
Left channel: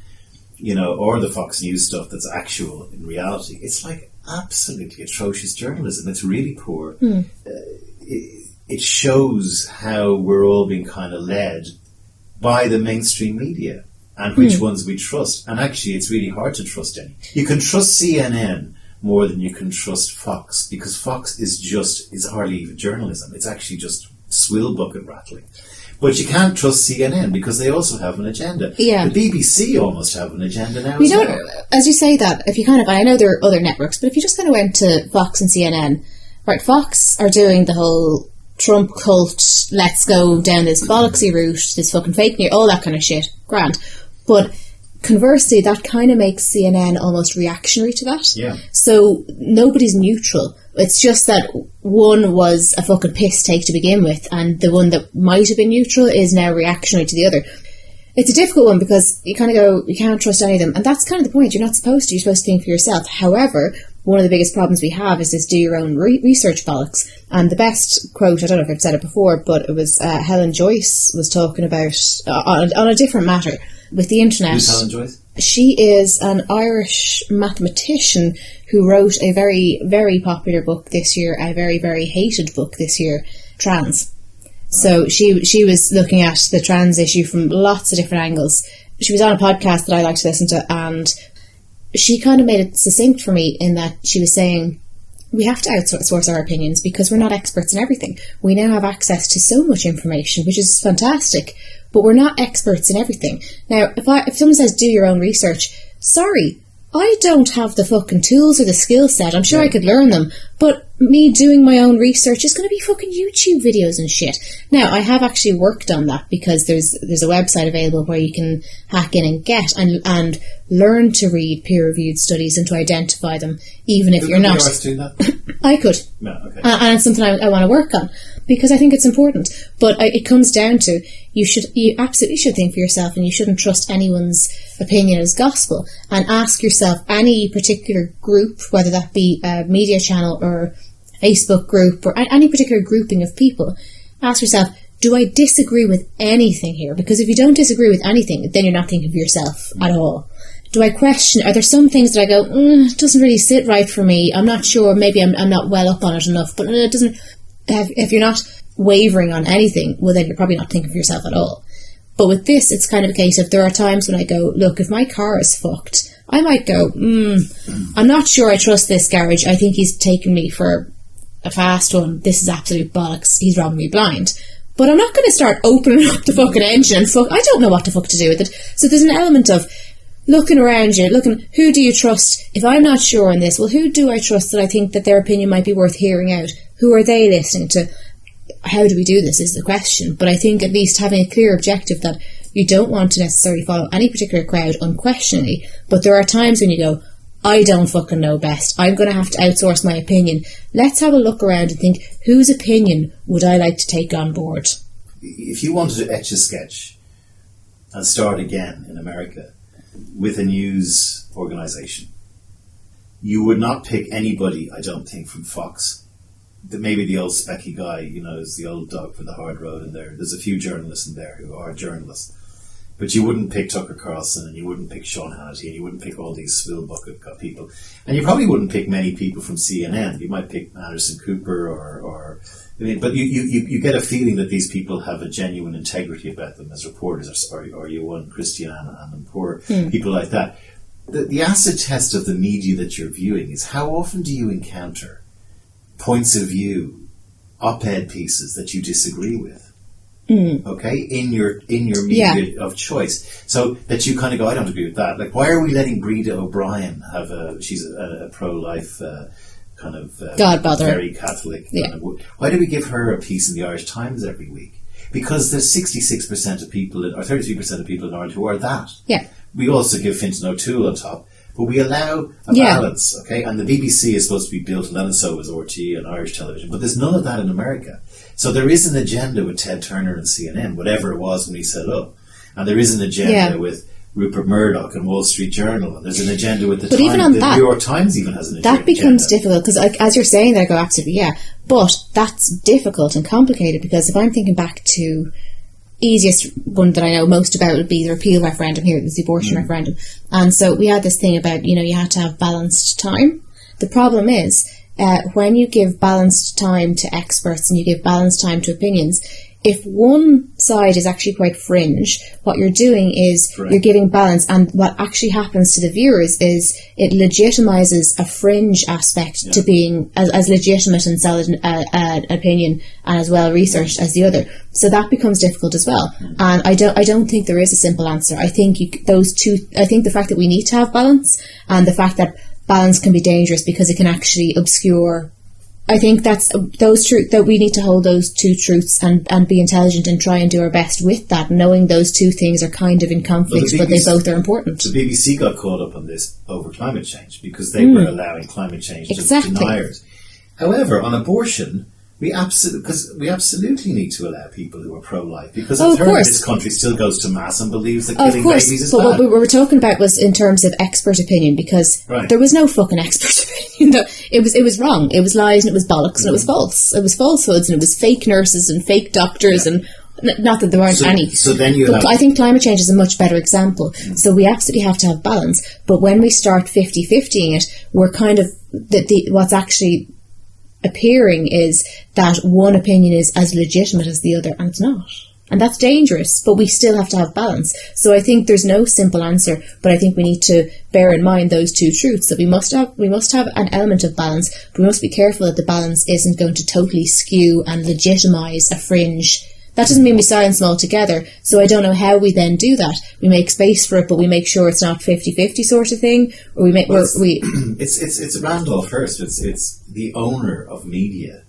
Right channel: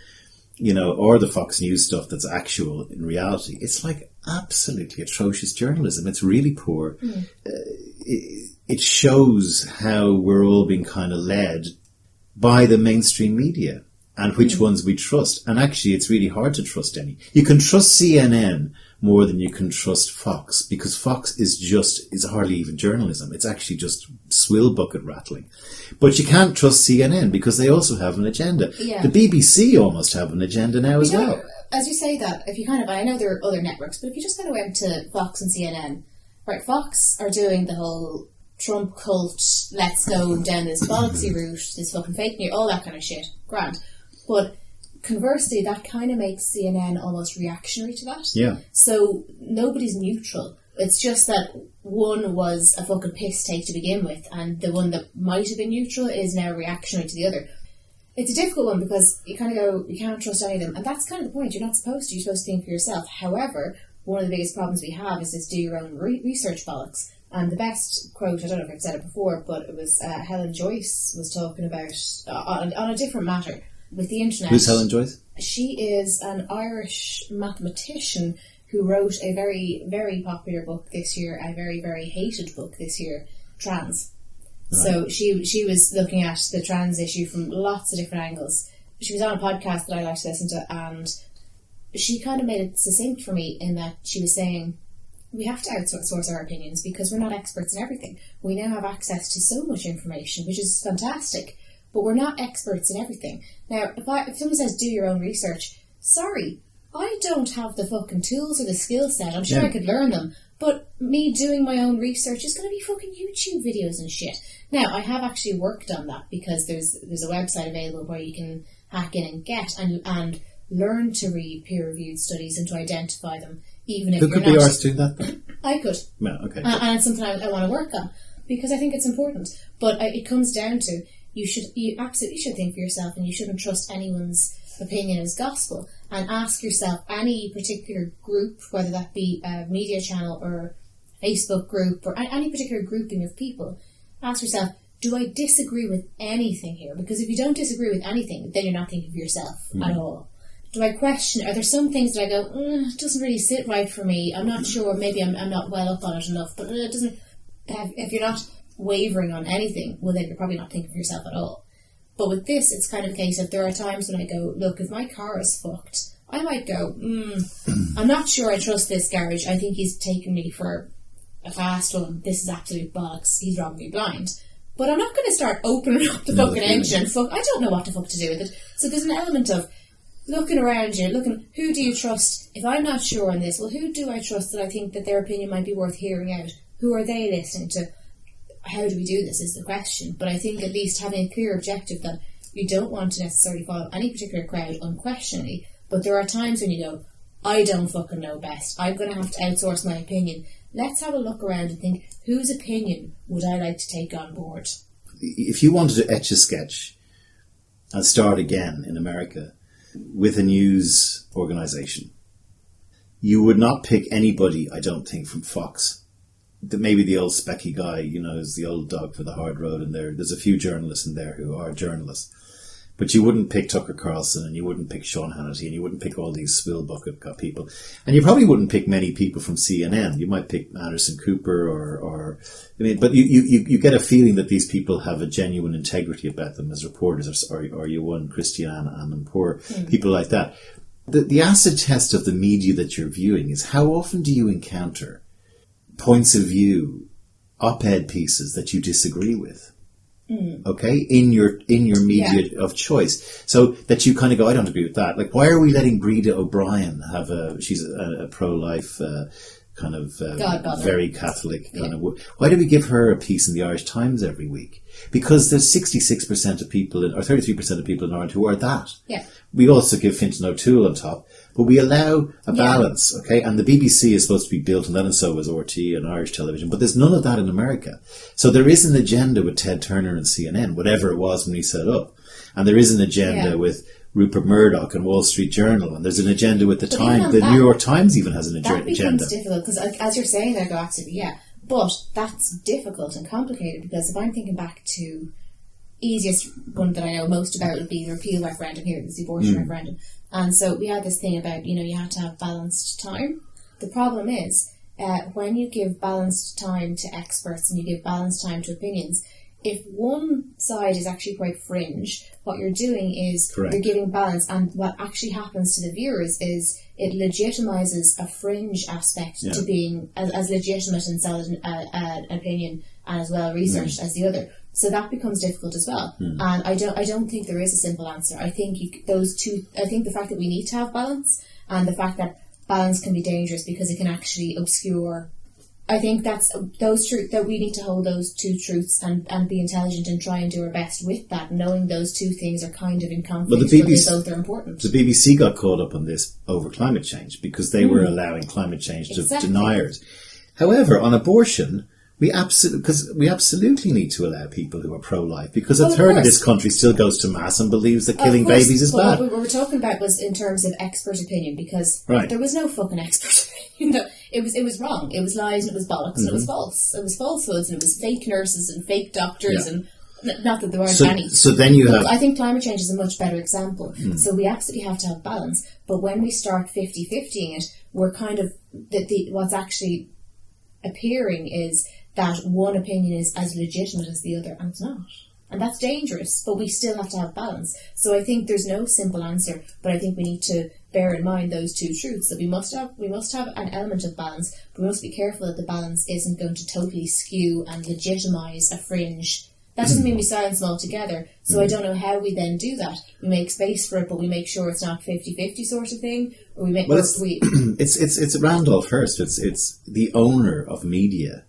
or the Fox News stuff that's actual in reality, it's like absolutely atrocious journalism. It's really poor. It shows how we're all being kind of led by the mainstream media and which ones we trust. And actually, it's really hard to trust any. You can trust CNN more than you can trust Fox, because Fox is hardly even journalism. It's actually just swill bucket rattling. But you can't trust CNN because they also have an agenda. Yeah. The BBC almost have an agenda now as well. As you say that, if you I know there are other networks, but if you just kind of went to Fox and CNN, right, Fox are doing the whole Trump cult, let's go down this bollocksy route, this fucking fake news, all that kind of shit. Grand. But conversely, that kind of makes CNN almost reactionary to that. Yeah. So nobody's neutral. It's just that one was a fucking piss take to begin with, and the one that might have been neutral is now reactionary to the other. It's a difficult one because you kind of go, you can't trust any of them. And that's kind of the point. You're not supposed to. You're supposed to think for yourself. However, one of the biggest problems we have is this do your own research bollocks. And the best quote, I don't know if I've said it before, but it was Helen Joyce was talking about, on a different matter, with the internet. Who's Helen Joyce? She is an Irish mathematician who wrote a very, very popular book this year, a very, very hated book this year, Trans. So she was looking at the trans issue from lots of different angles. She was on a podcast that I like to listen to, and she kind of made it succinct for me in that she was saying, we have to outsource our opinions because we're not experts in everything. We now have access to so much information, which is fantastic, but we're not experts in everything. Now, if someone says do your own research, sorry, I don't have the fucking tools or the skill set. I'm sure I could learn them, but me doing my own research is going to be fucking YouTube videos and shit. Now, I have actually worked on that because there's a website available where you can hack in and get and learn to read peer-reviewed studies and to identify them, even if you're not. Could you do that? I could. No, okay. And it's something I want to work on because I think it's important. But it comes down to you absolutely should think for yourself, and you shouldn't trust anyone's opinion as gospel, and ask yourself, any particular group, whether that be a media channel or Facebook group or any particular grouping of people, ask yourself, do I disagree with anything here? Because if you don't disagree with anything, then you're not thinking for yourself at all. do I question? Are there some things that I go, it doesn't really sit right for me? I'm not sure. Maybe I'm not well up on it enough. But it doesn't. If you're not wavering on anything, well, then you're probably not thinking for yourself at all. But with this, it's kind of a case of there are times when I go, look, if my car is fucked, I might go, I'm not sure I trust this garage. I think he's taken me for a fast one. This is absolute bollocks. He's robbing me blind. But I'm not going to start opening up the fucking engine and I don't know what the fuck to do with it. So there's an element of looking around you, who do you trust? If I'm not sure on this, well, who do I trust that I think that their opinion might be worth hearing out? Who are they listening to? How do we do this is the question. But I think at least having a clear objective that you don't want to necessarily follow any particular crowd unquestioningly, but there are times when you go, I don't fucking know best. I'm going to have to outsource my opinion. Let's have a look around and think, whose opinion would I like to take on board? If you wanted to etch a sketch and start again in America with a news organisation, you would not pick anybody, I don't think, from Fox. Maybe the old specky guy, is the old dog for the hard road, and there's a few journalists in there who are journalists. But you wouldn't pick Tucker Carlson, and you wouldn't pick Sean Hannity, and you wouldn't pick all these swill bucket people. And you probably wouldn't pick many people from CNN. You might pick Anderson Cooper but you get a feeling that these people have a genuine integrity about them as reporters, or you won Christiane and poor people like that. The acid test of the media that you're viewing is how often do you encounter points of view, op-ed pieces that you disagree with? Okay, in your media of choice, so that you kind of go, I don't agree with that. Like, why are we letting Breda O'Brien have she's a pro-life kind of very Catholic kind of. Why do we give her a piece in the Irish Times every week? Because there's 66% of people, or 33% of people in Ireland who are that. Yeah. We also give Fintan O'Toole on top, but we allow a balance, okay? And the BBC is supposed to be built, and then so is RT and Irish television, but there's none of that in America. So there is an agenda with Ted Turner and CNN, whatever it was when he set up. And there is an agenda with Rupert Murdoch and Wall Street Journal, and there's an agenda with the Times. The New York Times even has an agenda. That becomes difficult, because as you're saying that, I go, absolutely, but that's difficult and complicated, because if I'm thinking back to easiest one that I know most about would be the repeal referendum here, the abortion referendum. And so we had this thing about, you had to have balanced time. The problem is, when you give balanced time to experts and you give balanced time to opinions, if one side is actually quite fringe, what you're doing is you're giving balance, and what actually happens to the viewers is it legitimizes a fringe aspect to being as legitimate and solid an opinion and as well researched as the other. So that becomes difficult as well. And I don't think there is a simple answer. I think I think the fact that we need to have balance, and the fact that balance can be dangerous because it can actually obscure. I think that's that we need to hold those two truths and be intelligent and try and do our best with that, knowing those two things are kind of in conflict, but they both are important. The BBC got caught up on this over climate change because they were allowing climate change to deniers. However, on abortion, we absolutely need to allow people who are pro-life, because a third of this country still goes to mass and believes that killing babies is bad. What we were talking about was in terms of expert opinion, because there was no fucking expert opinion. It was wrong. It was lies and it was bollocks and it was false. It was falsehoods and it was fake nurses and fake doctors and not that there aren't any. So then I think climate change is a much better example. So we absolutely have to have balance. But when we start 50-50ing it, we're kind of what's actually appearing is that one opinion is as legitimate as the other, and it's not. And that's dangerous, but we still have to have balance. So I think there's no simple answer, but I think we need to bear in mind those two truths, that we must have an element of balance, but we must be careful that the balance isn't going to totally skew and legitimise a fringe. That doesn't mean we silence them altogether. So I don't know how we then do that. We make space for it, but we make sure it's not 50-50 sort of thing, or we make it's Randolph Hearst. It's the owner of media,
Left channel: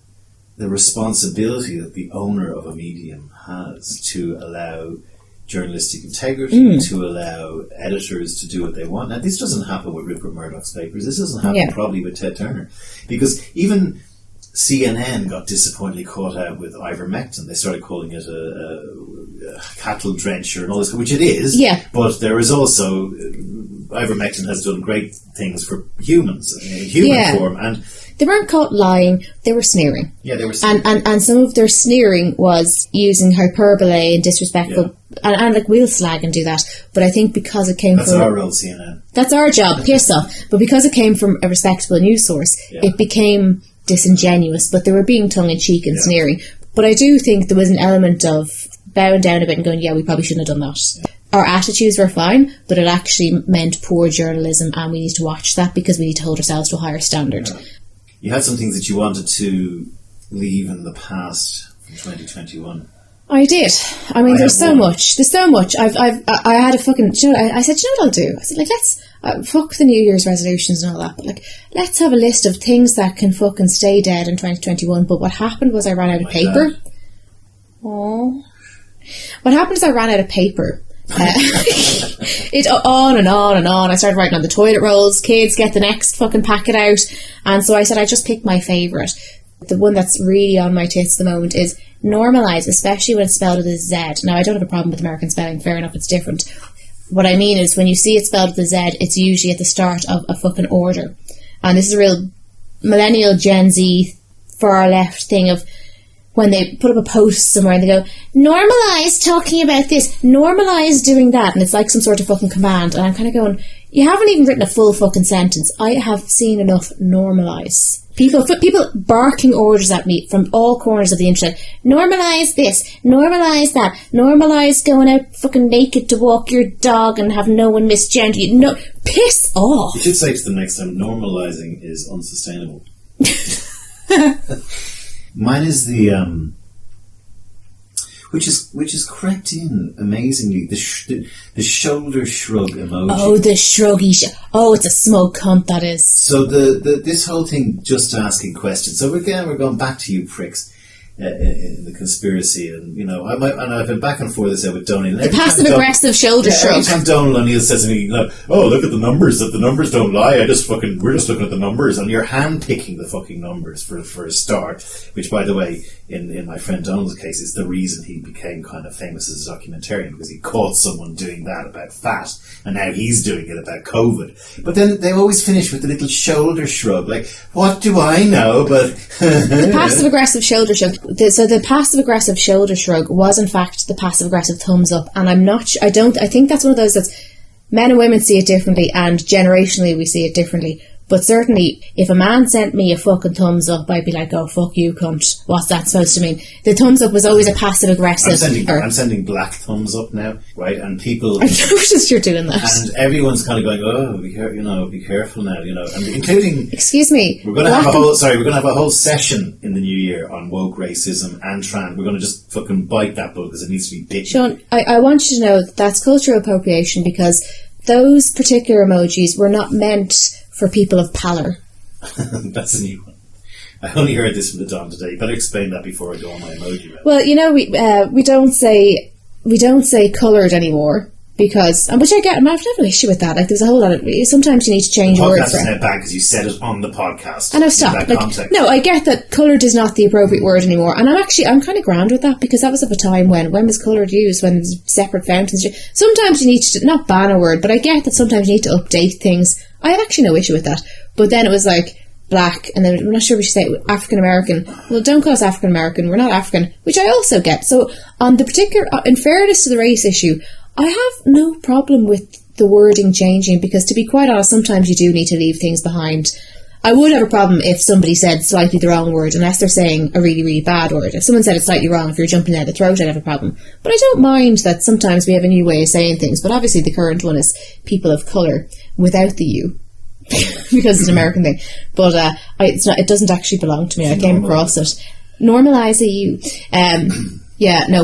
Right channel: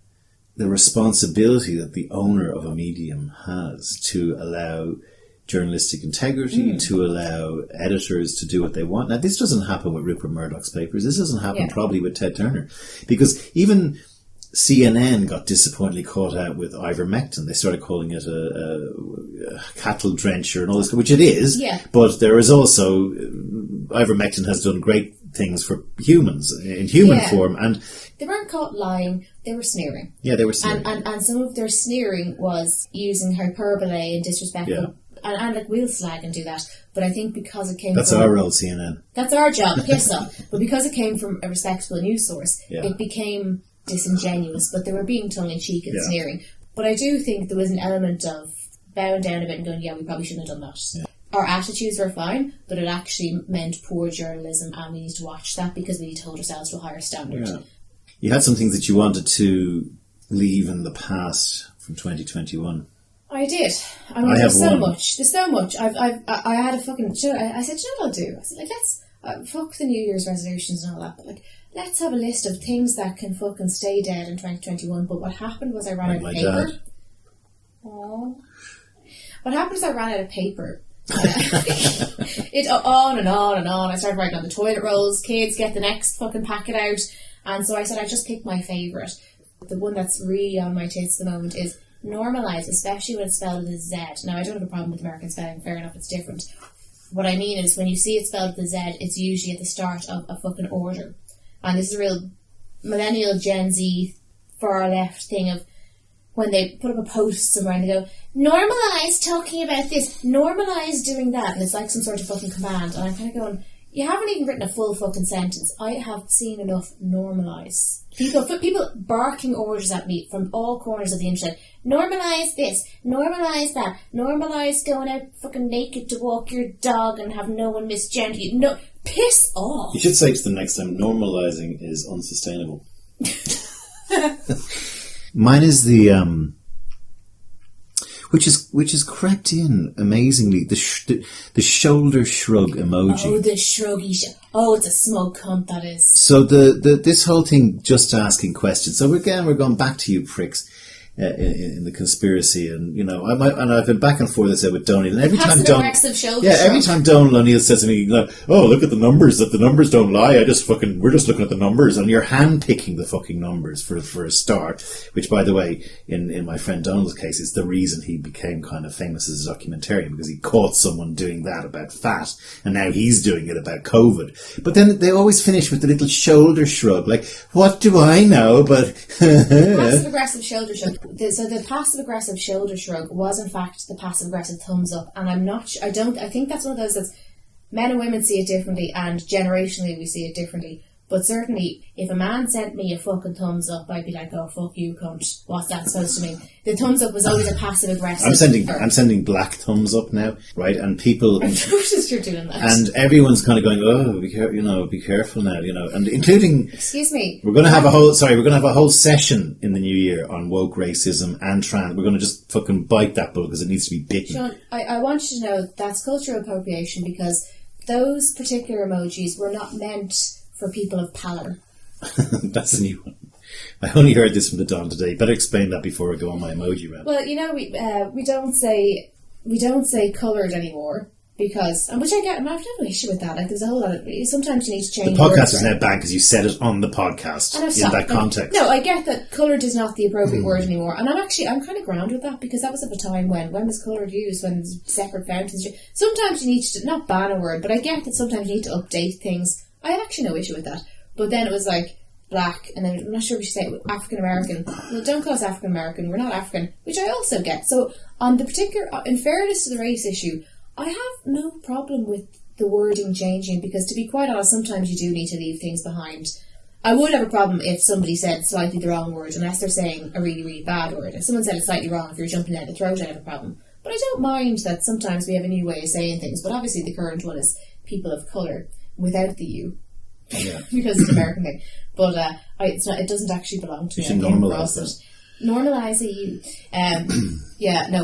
the responsibility that the owner of a medium has to allow journalistic integrity, to allow editors to do what they want. Now, this doesn't happen with Rupert Murdoch's papers. This doesn't happen probably with Ted Turner, because even CNN got disappointingly caught out with ivermectin. They started calling it a cattle drencher and all this, which it is. Yeah. But there is also ivermectin has done great things for humans in human form, and they weren't caught lying. They were sneering. Yeah, they were sneering. And some of their sneering was using hyperbole and disrespectful and like we'll slag and do that, but I think because it came That's from... our role, CNN. That's our job, piss off. But because it came from a respectable news source, it became disingenuous, but they were being tongue-in-cheek and sneering. But I do think there was an element of bowing down a bit and going, yeah, we probably shouldn't have done that. Yeah. Our attitudes were fine, but it actually meant poor journalism, and we need to watch that because we need to hold ourselves to a higher standard. Yeah. You had some things that you wanted to leave in the past from 2021. I did. I mean, there's so much. There's so much. I had a fucking... I said, you know what I'll do? I said, like, let's... fuck the New Year's resolutions and all that, but, like, let's have a list of things that can fucking stay dead in 2021. But what happened was I ran out of paper. Oh. What happened is I ran out of paper. It on and on and on. I started writing on the toilet rolls. Kids, get the next fucking packet out. And so I said I just picked my favourite. The one that's really on my tits at the moment is normalise, especially when it's spelled with a Z. Now, I don't have a problem with American spelling. Fair enough, it's different. What I mean is when you see it spelled with a Z, it's usually at the start of a fucking order. And this is a real millennial Gen Z far left thing of when they put up a post somewhere and they go, normalise talking about this, normalise doing that, and it's like some sort of fucking command. And I'm kind of going, you haven't even written a full fucking sentence. I have seen enough normalise. People barking orders at me from all corners of the internet. Normalise this, normalise that, normalise going out fucking naked to walk your dog and have no one misgender you. No, piss off. You should say to them next time, normalising is unsustainable. Mine is the which is cracked in amazingly, the shoulder shrug emoji. Oh, the shruggy it's a smug cunt, that is. So the this whole thing, just asking questions. So we're going back to you pricks in the conspiracy, and you know I've been back and forth this with Donald. The passive aggressive shoulder shrug. Every time Donald O'Neill says to me, like, "Oh, look at the numbers. That the numbers don't lie. We're just looking at the numbers," and you're hand picking the fucking numbers for a start. Which, by the way, in my friend Donald's case, is the reason he became kind of famous as a documentarian, because he caught someone doing that about fat, and now he's doing it about COVID. But then they always finish with the little shoulder shrug, like, "What do I know?" But the passive aggressive shoulder shrug. So the passive aggressive shoulder shrug was in fact the passive aggressive thumbs up, and I think that's one of those that's men and women see it differently, and generationally we see it differently. But certainly, if a man sent me a fucking thumbs up, I'd be like, "Oh, fuck you, cunt. What's that supposed to mean?" The thumbs up was always a passive aggressive. I'm sending black thumbs up now, right? And people, I've noticed you're doing that, and everyone's kind of going, "Oh, be careful now," and including. Excuse me. We're going to have a whole session in the new year on woke racism and trans. We're going to just fucking bite that bullet because it needs to be bitten. Sean, I want you to know that's cultural appropriation, because those particular emojis were not meant for people of pallor. That's a new one. I only heard this from the Don today. You better explain that before I go on my emoji round. Well, we don't say coloured anymore, because, and which I get, I have no issue with that. Like, there's a whole lot of, sometimes you need to change words. The podcast is now back because you said it on the podcast. I know, stop. No, I get that coloured is not the appropriate word anymore, and I'm kind of grand with that, because that was of a time when was coloured used, when there's separate fountains. Sometimes you need to, not ban a word, but I get that sometimes you need to update things. I have actually no issue with that. But then it was like black, and then I'm not sure we should say African American. Well, don't call us African American. We're not African, which I also get. So on the particular, in fairness to the race issue, I have no problem with the wording changing, because to be quite honest, sometimes you do need to leave things behind. I would have a problem if somebody said slightly the wrong word, unless they're saying a really, really bad word. If someone said it slightly wrong, if you're jumping down the throat, I'd have a problem. But I don't mind that sometimes we have a new way of saying things. But obviously the current one is people of colour without the U, because it's an American thing. But it doesn't actually belong to me. I came across it. Normalise a U.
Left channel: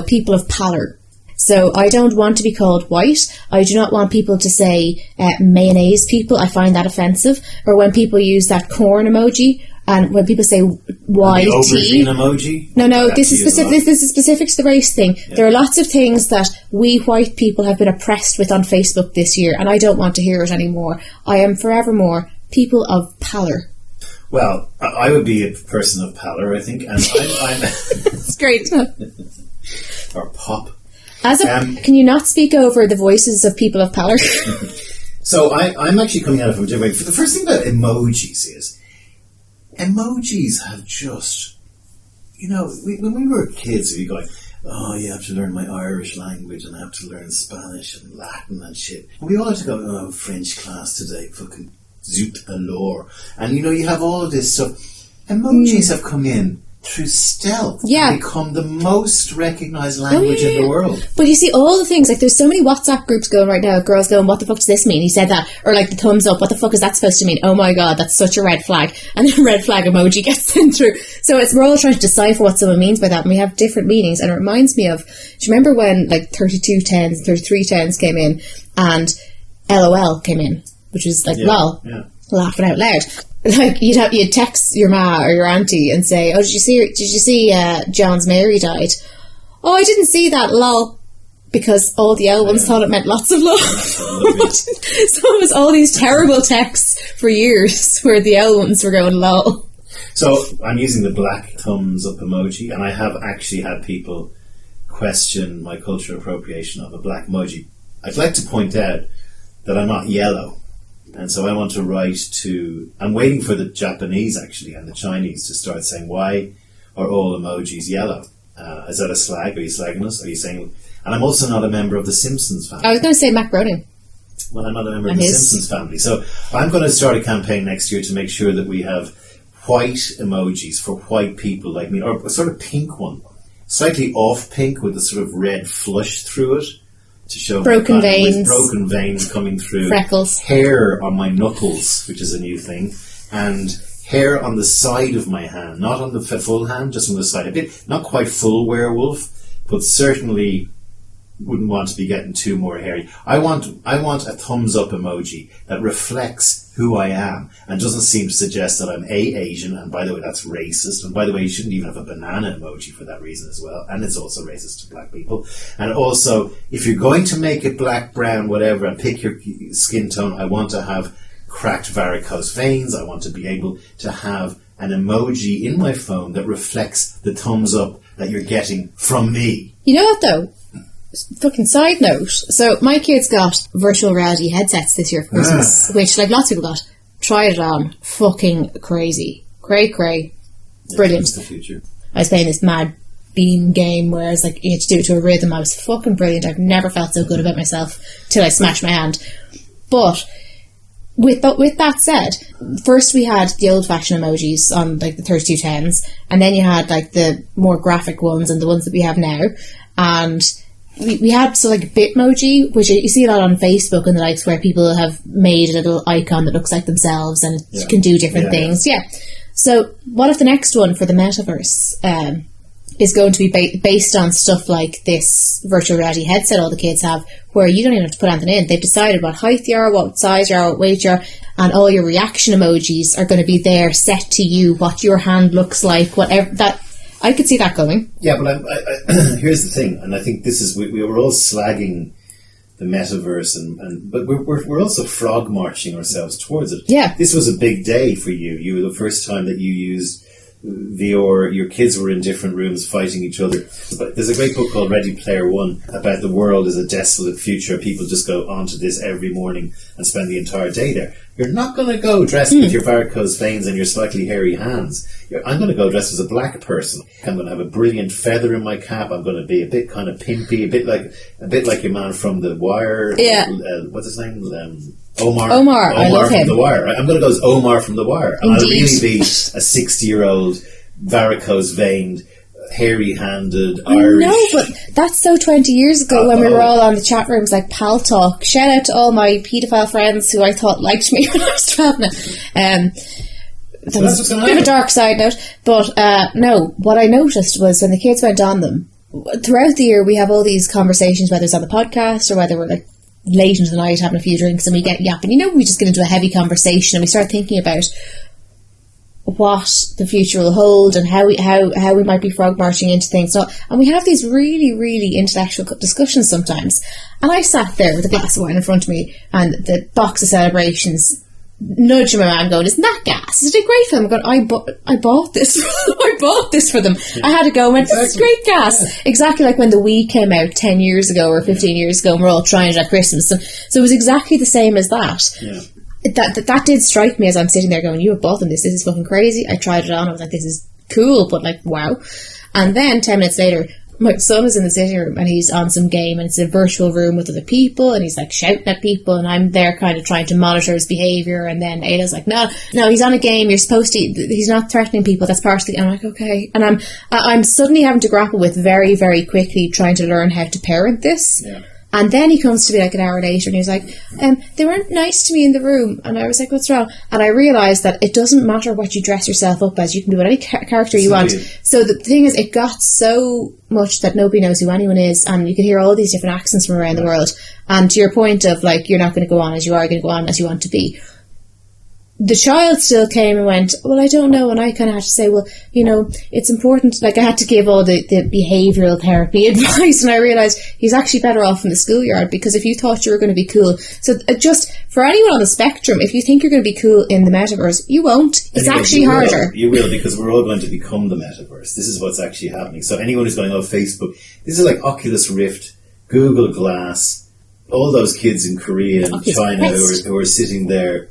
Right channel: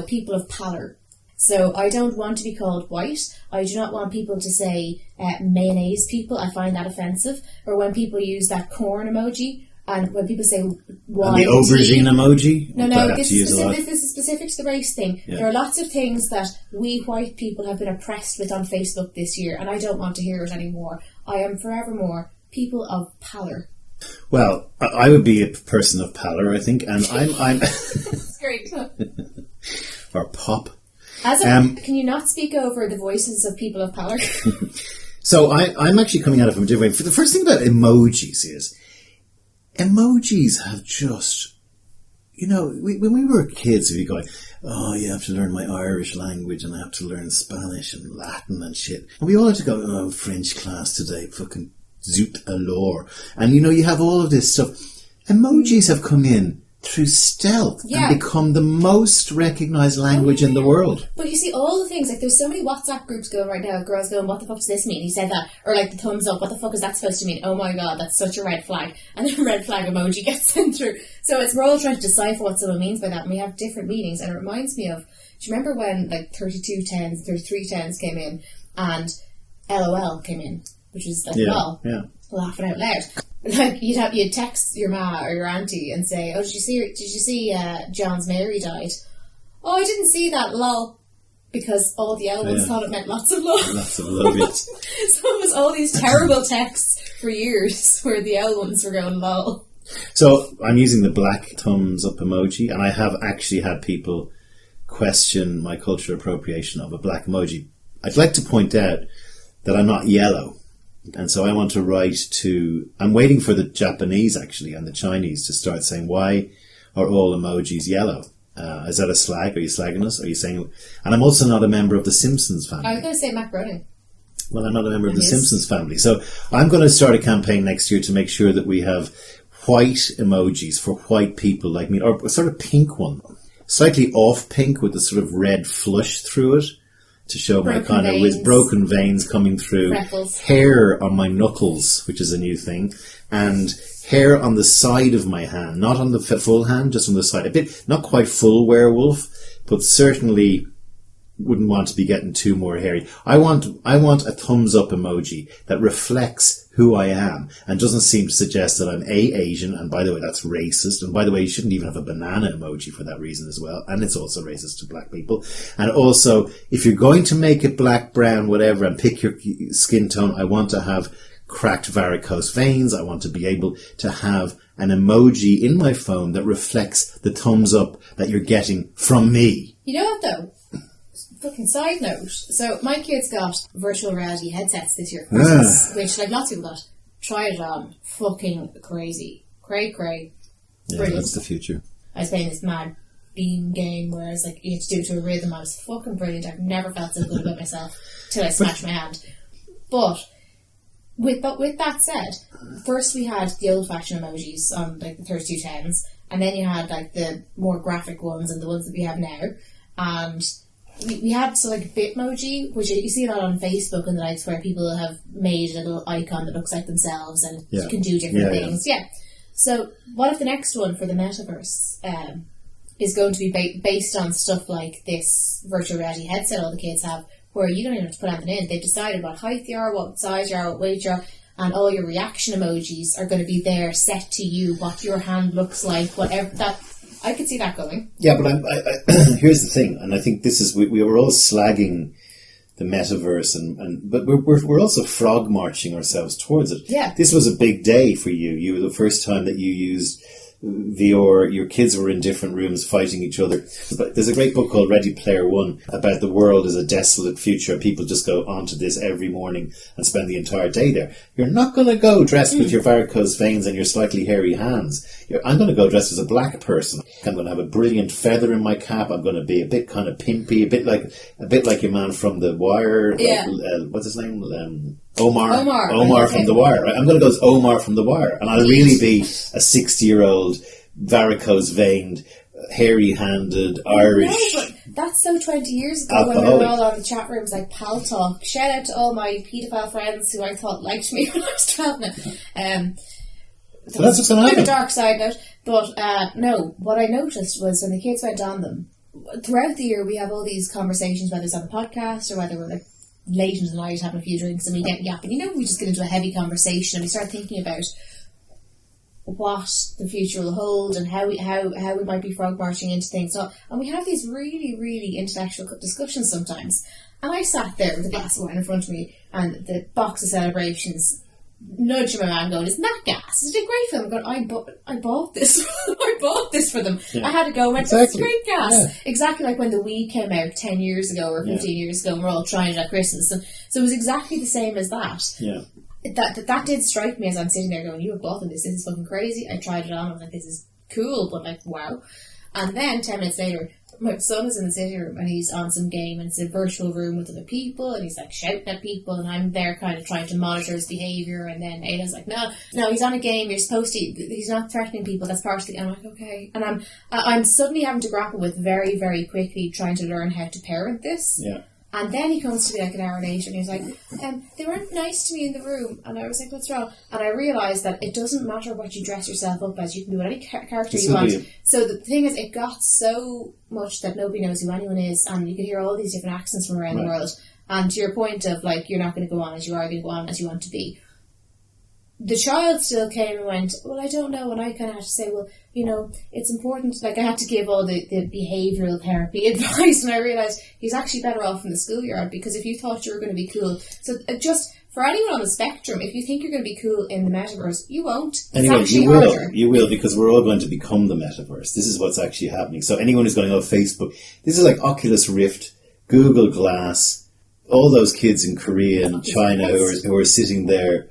People of pallor. So I don't want to be called white. I do not want people to say mayonnaise people. I find that offensive. Or when people use that corn emoji, and when people say YT. The aubergine emoji? No, this is specific to the race thing. Yeah. There are lots of things that we white people have been oppressed with on Facebook this year, and I don't want to hear it anymore. I am forevermore people of pallor. Well, I would be a person of pallor, I think, and I'm It's great. Or pop. Can you not speak over the voices of people of pallor? So I'm actually coming at it from a different way. The first thing about emojis is, emojis have just, when we were kids, we'd be going, oh, you have to learn my Irish language and I have to learn Spanish and Latin and shit. And we all had to go, oh, French class today, fucking zut alors. And you have all of this stuff. Emojis have come in through stealth and become the most recognised language in the world. But you see all the things, like there's so many WhatsApp groups going right now of girls going, what the fuck does this mean? He said that. Or like the thumbs up, what the fuck is that supposed to mean? Oh my god, that's such a red flag. And the red flag emoji gets sent through. So we're all trying to decipher what someone means by that, and we have different meanings. And it reminds me of, do you remember when like 3210s, 3310s came in and LOL came in, which was like lol, laughing out loud. Like you'd text your ma or your auntie and say, "Oh, did you see John's Mary died?" "Oh, I didn't see that, lol," because all the L ones thought it meant lots of love. So it was all these terrible texts for years where the L ones were going lol. So I'm using the black thumbs up emoji, and I have actually had people question my cultural appropriation of a black emoji. I'd like to point out that I'm not yellow. And so I want to write I'm waiting for the Japanese actually and the Chinese to start saying, why are all emojis yellow? Is that a slag? Are you slagging us? Are you saying? And I'm also not a member of the Simpsons family. I was going to say Mac Groening. Well, I'm not a member of the Simpsons family. So I'm going to start a campaign next year to make sure that we have white emojis for white people like me, or a sort of pink one. Slightly off pink with a sort of red flush through it. To show broken veins. With broken veins coming through. Freckles. Hair on my knuckles, which is a new thing. And hair on the side of my hand. Not on the full hand, just on the side. A bit, not quite full werewolf, but certainly wouldn't want to be getting too more hairy. I want a thumbs up emoji that reflects who I am and doesn't seem to suggest that I'm Asian, and by the way that's racist, and by the way you shouldn't even have a banana emoji for that reason as well, and it's also racist to black people. And also, if you're going to make it black, brown, whatever, and pick your skin tone, I want to have cracked varicose veins. I want to be able to have an emoji in my phone that reflects the thumbs up that you're getting from me. You know what though? Fucking side note. So my kids got virtual reality headsets this year for Christmas, which like lots of people got. Tried it on. Fucking crazy. Cray. Brilliant. That's the future. I was playing this mad beam game where it's like you had to do it to a rhythm. I was fucking brilliant. I've never felt so good about myself till I smashed my hand. But with that said, first we had the old-fashioned emojis on like the 3210s, and then you had like the more graphic ones and the ones that we have now, and we had like Bitmoji, which you see a lot on Facebook and the likes, where people have made a little icon that looks like themselves and it can do different things. Yeah. So what if the next one for the metaverse is going to be based on stuff like this virtual reality headset all the kids have, where you don't even have to put anything in. They've decided what height you are, what size you are, what weight you are, and all your reaction emojis are going to be there set to you, what your hand looks like, whatever that. I could see that going. Yeah, but here's the thing, and I think this is we were all slagging the metaverse, but we're also frog marching ourselves towards it. Yeah, this was a big day for you. You were the first time that you used VR. Your kids were in different rooms fighting each other. But there's a great book called Ready Player One about the world as a desolate future. People just go onto this every morning and spend the entire day there. You're not going to go dressed with your varicose veins and your slightly hairy hands. I'm going to go dressed as a black person. I'm going to have a brilliant feather in my cap. I'm going to be a bit kind of pimpy, a bit like your man from The Wire. Yeah. What's his name? Omar from him. The Wire. I'm going to go as Omar from The Wire, and I'll really be a 60-year-old varicose-veined, hairy-handed Irish. No, but that's so 20 years ago when we were all on the chat rooms like Pal Talk. Shout out to all my paedophile friends who I thought liked me when I was 12 now. So that's what's going to happen. Bit of a dark side note, but no, what I noticed was when the kids went on them, throughout the year we have all these conversations, whether it's on the podcast or whether we're like late into the night having a few drinks and we get yapping. We just get into a heavy conversation and we start thinking about what the future will hold and how we might be frog marching into things. So, and we have these really, really intellectual discussions sometimes. And I sat there with a glass of wine in front of me and the box of Celebrations, nudging my man going, isn't that gas? Is it a great film? I'm going, I bought this. I bought this for them. Yeah. I had to go and went, this is great gas. Yeah. Exactly like when the Wii came out 10 years ago or 15 years ago and we're all trying it at Christmas. So it was exactly the same as that. Yeah. That did strike me as I'm sitting there going, you have bought them this is fucking crazy. I tried it on, I was like, this is cool, but like, wow. And then 10 minutes later, my son is in the sitting room and he's on some game and it's a virtual room with other people and he's like shouting at people and I'm there kind of trying to monitor his behaviour, and then Ada's like, no, he's on a game, you're supposed to, he's not threatening people, that's part of the game. I'm like, okay. And I'm suddenly having to grapple with very, very quickly trying to learn how to parent this. Yeah. And then he comes to me like an hour later and he was like, they weren't nice to me in the room. And I was like, what's wrong? And I realised that it doesn't matter what you dress yourself up as. You can do whatever character you want. So the thing is, it got so much that nobody knows who anyone is. And you can hear all these different accents from around the world. And to your point of, like, you're not going to go on as you are going to go on as you want to be. The child still came and went, well, I don't know. And I kind of had to say, well, you know, it's important. Like, I had to give all the behavioural therapy advice. And I realised he's actually better off in the schoolyard, because if you thought you were going to be cool. So just for anyone on the spectrum, if you think you're going to be cool in the metaverse, you won't. It's actually harder. You will, because we're all going to become the metaverse. This is what's actually happening. So anyone who's going, oh, Facebook, this is like Oculus Rift, Google Glass, all those kids in Korea and China who are sitting there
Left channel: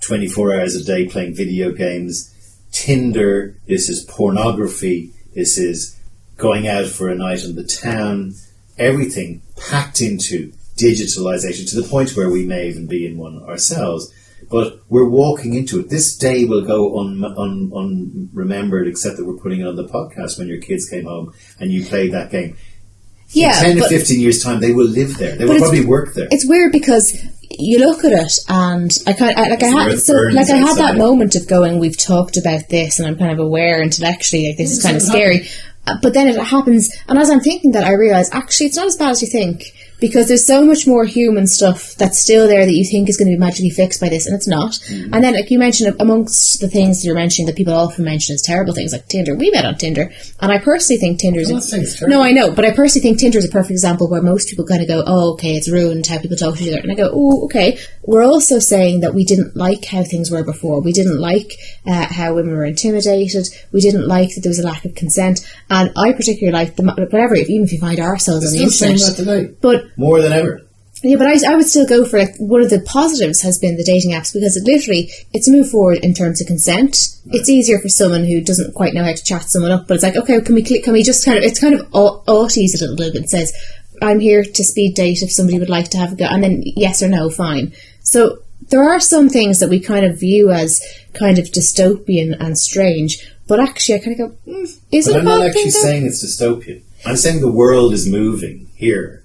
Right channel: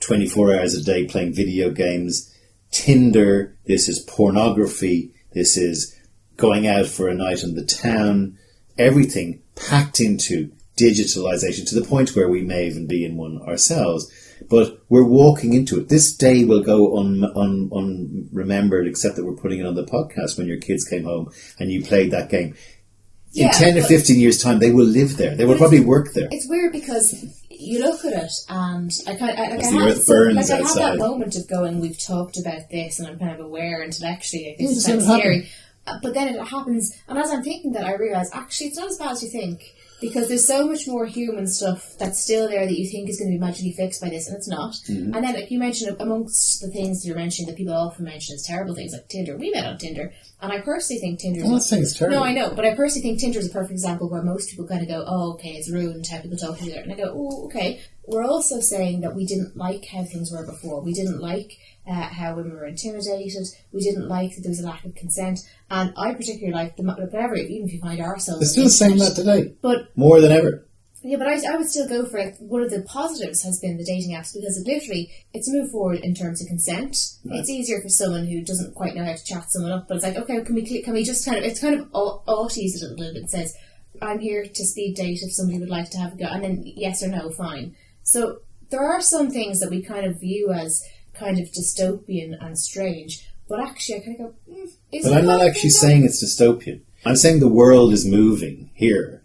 24 hours a day playing video games. Tinder, this is pornography, this is going out for a night in the town, everything packed into digitalization to the point where we may even be in one ourselves. But we're walking into it. This day will go unremembered, except that we're putting it on the podcast when your kids came home and you played that game. In 10 or 15 years' time, they will live there. They will probably work there. It's weird because you look at it, and I had that moment of going, we've talked about this, and I'm kind of aware intellectually, like, this is kind of scary. But then it happens, and as I'm thinking that, I realise, actually, it's not as bad as you think, because there's so much more human stuff that's still there that you think is going to be magically fixed by this, and it's not. Mm-hmm. And then, like you mentioned, amongst the things that you're mentioning that people often mention as terrible things, like Tinder. We met on Tinder, and I personally think Tinder's... I'm not saying it's terrible. No, I know, but I personally think Tinder's a perfect example where most people kind of go, oh, okay, it's ruined how people talk to each other. And I go, oh, okay. We're also saying that we didn't like how things were before. We didn't like how women were intimidated. We didn't like that there was a lack of consent. And I particularly like whatever, even if you find ourselves on the internet. Saying that today. But more than ever. Yeah, but I would still go for, like, one of the positives has been the dating apps, because it's a move forward in terms of consent. Right. It's easier for someone who doesn't quite know how to chat someone up, but it's like, okay, can we just kind of, it's kind of auties it a little bit. It says, I'm here to speed date if somebody would like to have a go, and then yes or no, fine. So there are some things that we kind of view as kind of dystopian and strange, but actually I kind of go, is it? I'm not actually saying it's dystopian. I'm saying the world is moving here.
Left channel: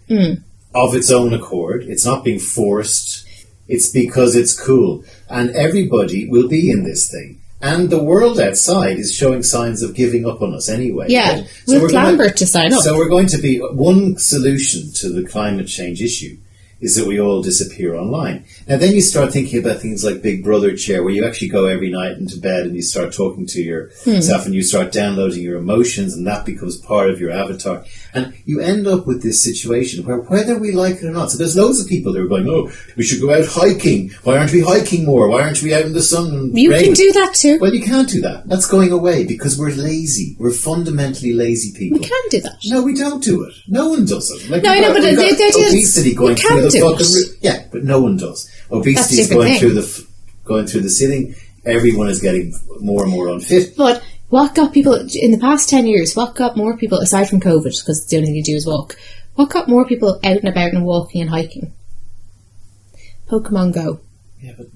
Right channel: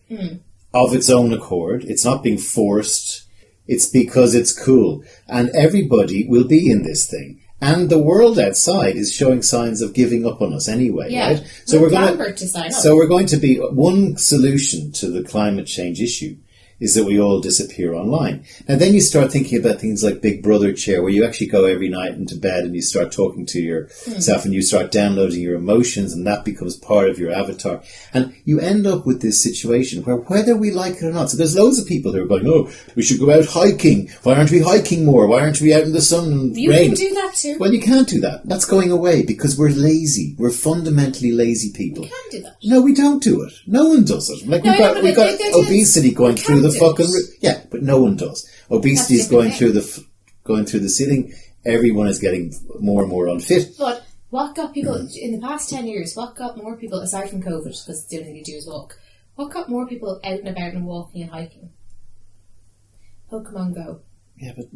Of its own accord. It's not being forced. It's because it's cool. And everybody will be in this thing. And the world outside is showing signs of giving up on us anyway. Yeah, right? So we're Lambert to sign up. So we're going to be... One solution to the climate change issue is that we all disappear online. Now then you start thinking about things like Big Brother chair, where you actually go every night into bed and you start talking to yourself and you start downloading your emotions, and that becomes part of your avatar. And you end up with this situation where, whether we like it or not, so there's loads of people that are going, oh, we should go out hiking. Why aren't we hiking more? Why aren't we out in the sun? You can do that too. Well, you can't do that. That's going away because we're lazy. We're fundamentally lazy people. We can do that. No, we don't do it. No one does it. Like, no, I know, but the idea is obesity going through the fucking... Yeah, but no one does. Obesity is going through the ceiling. Everyone is getting more and more unfit. But what got people in the past 10 years? What got more people, aside from COVID, because the only thing you do is walk? What got more people out and about and walking and hiking? Pokemon Go. Yeah, but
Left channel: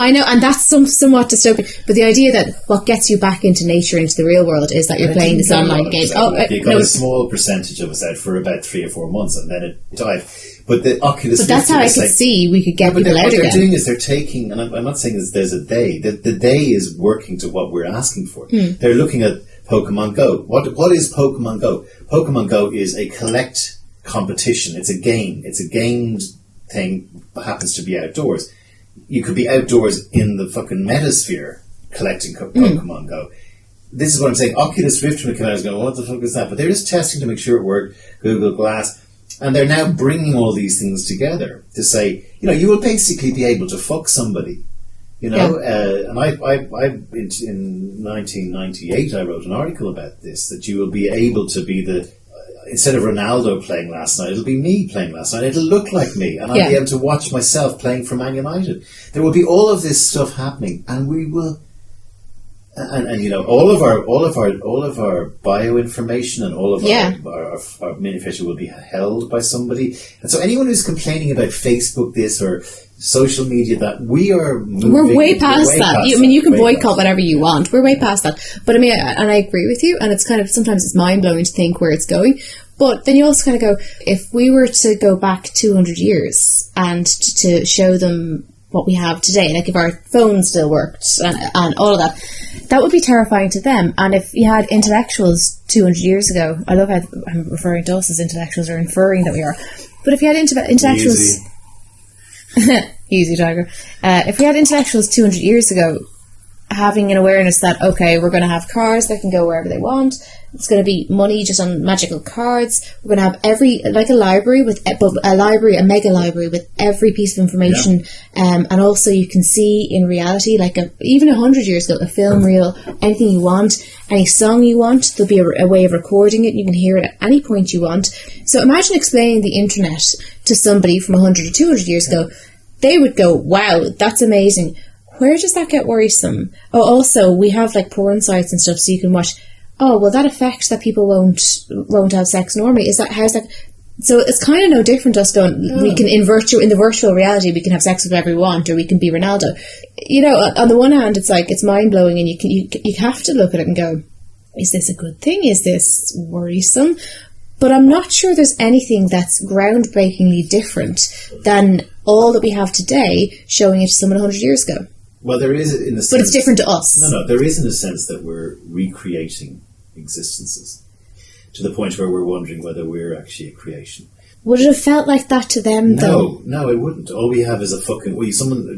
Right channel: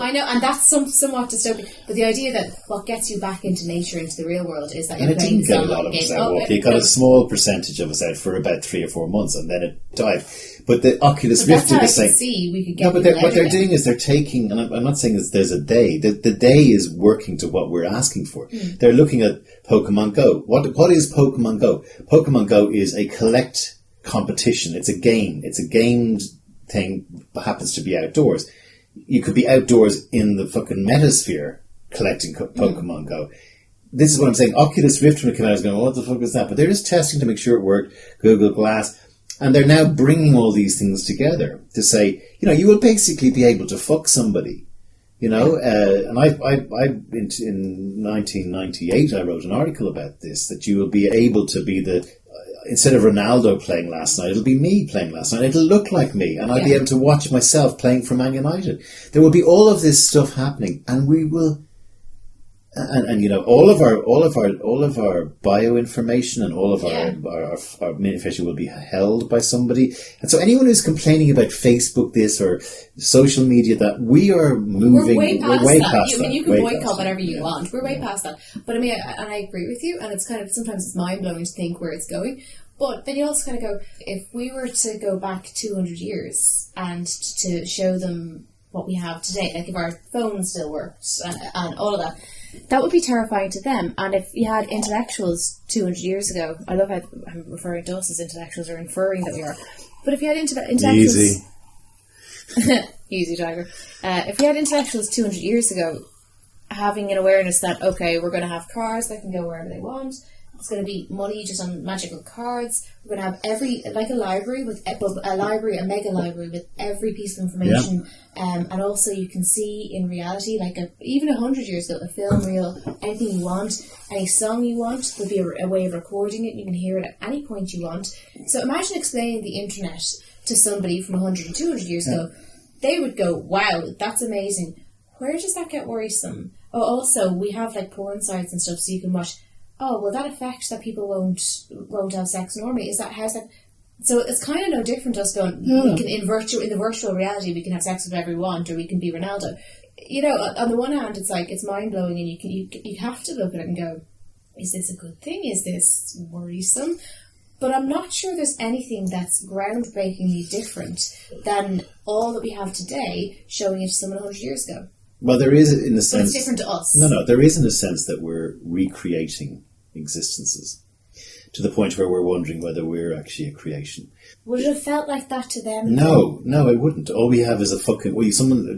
I know, and that's somewhat dystopian. But the idea that what gets you back into nature, into the real world, is that you're playing this online game. You got a small percentage of us out for about 3 or 4 months, and then it died. But the Oculus Rift... But that's how I could see we could get people out again. What they're doing is they're taking... And I'm not saying there's a day. The day is working to what we're asking for. They're looking at Pokemon Go. What is Pokemon Go? Pokemon Go is a collect competition. It's a game. It's a gamed thing that happens to be outdoors. You could be outdoors in the fucking metasphere collecting Pokemon Go. This is what I'm saying. Oculus Rift, when it came out, I was going, what the fuck is that? But they're just testing to make sure it worked. Google Glass. And they're now bringing all these things together to say, you will basically be able to fuck somebody. And I in 1998, I wrote an article about this, that you will be able to be instead of Ronaldo playing last night, it'll be me playing last night. It'll look like me, and I'll be able to watch myself playing for Man United. There will be all of this stuff happening, and we will And you know, all of our bioinformation and all of our manifesto will be held by somebody. And so anyone who's complaining about Facebook this or social media that, we're way past that. I mean, you can boycott whatever you want. We're way past that. But I mean, and I agree with you. And it's kind of, sometimes it's mind blowing to think where it's going. But then you also kind of go, if we were to go back 200 years and to show them what we have today, like if our phones still worked and all of that, that would be terrifying to them. And if you had intellectuals 200 years ago, I love how I'm referring to us as intellectuals, or inferring that we are, but if you had intellectuals... Easy, Tiger. If we had intellectuals 200 years ago having an awareness that, okay, we're going to have cars that can go wherever they want, it's going to be money just on magical cards, we're going to have a mega library with every piece of information, and also you can see in reality, like even 100 years ago, a film reel, anything you want, any song you want, there'll be a way of recording it, you can hear it at any point you want. So imagine explaining the internet to somebody from 100 or 200 years ago. They would go, wow, that's amazing. Where does that get worrisome? Oh, also, we have like porn sites and stuff so you can watch. Oh, well, that affects that people won't have sex normally. How's that? So it's kind of no different to us going, we can in the virtual reality, we can have sex with whoever we want, or we can be Ronaldo. You know, on the one hand, it's like, it's mind blowing, and you have to look at it and go, is this a good thing? Is this worrisome? But I'm not sure there's anything that's groundbreakingly different than all that we have today, showing it to someone 100 years ago. Well, there is in a sense... But it's different to us. No, there is in a sense that we're recreating existences to the point where we're wondering whether we're actually a creation. Would it have felt like that to them, though? No, it wouldn't. All we have is a fucking...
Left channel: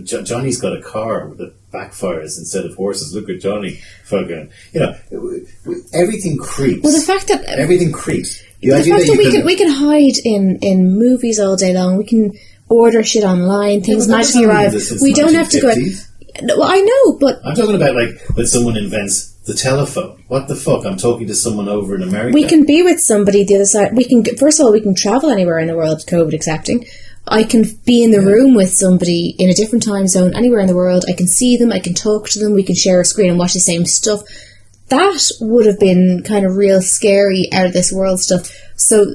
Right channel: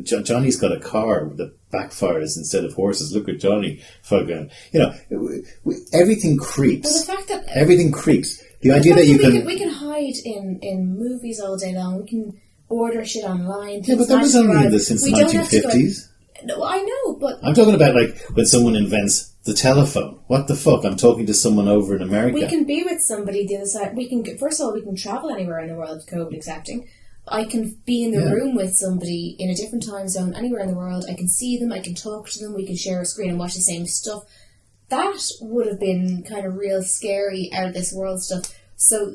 Johnny's got a car that backfires instead of horses. Look at Johnny. Fucking... You know, everything creeps. Well, the fact that... Everything creeps. The fact that we can hide in movies all day long. We can order shit online. Things magically arrive. We don't have to go... Well, I know, but... I'm talking about, like, when someone invents the telephone. What the fuck? I'm talking to someone over in America. We can be with somebody the other side. First of all, we can travel anywhere in the world, COVID accepting. I can be in the room with somebody in a different time zone, anywhere in the world. I can see them, I can talk to them, we can share a screen and watch the same stuff. That would have been kind of real scary, out of this world stuff. So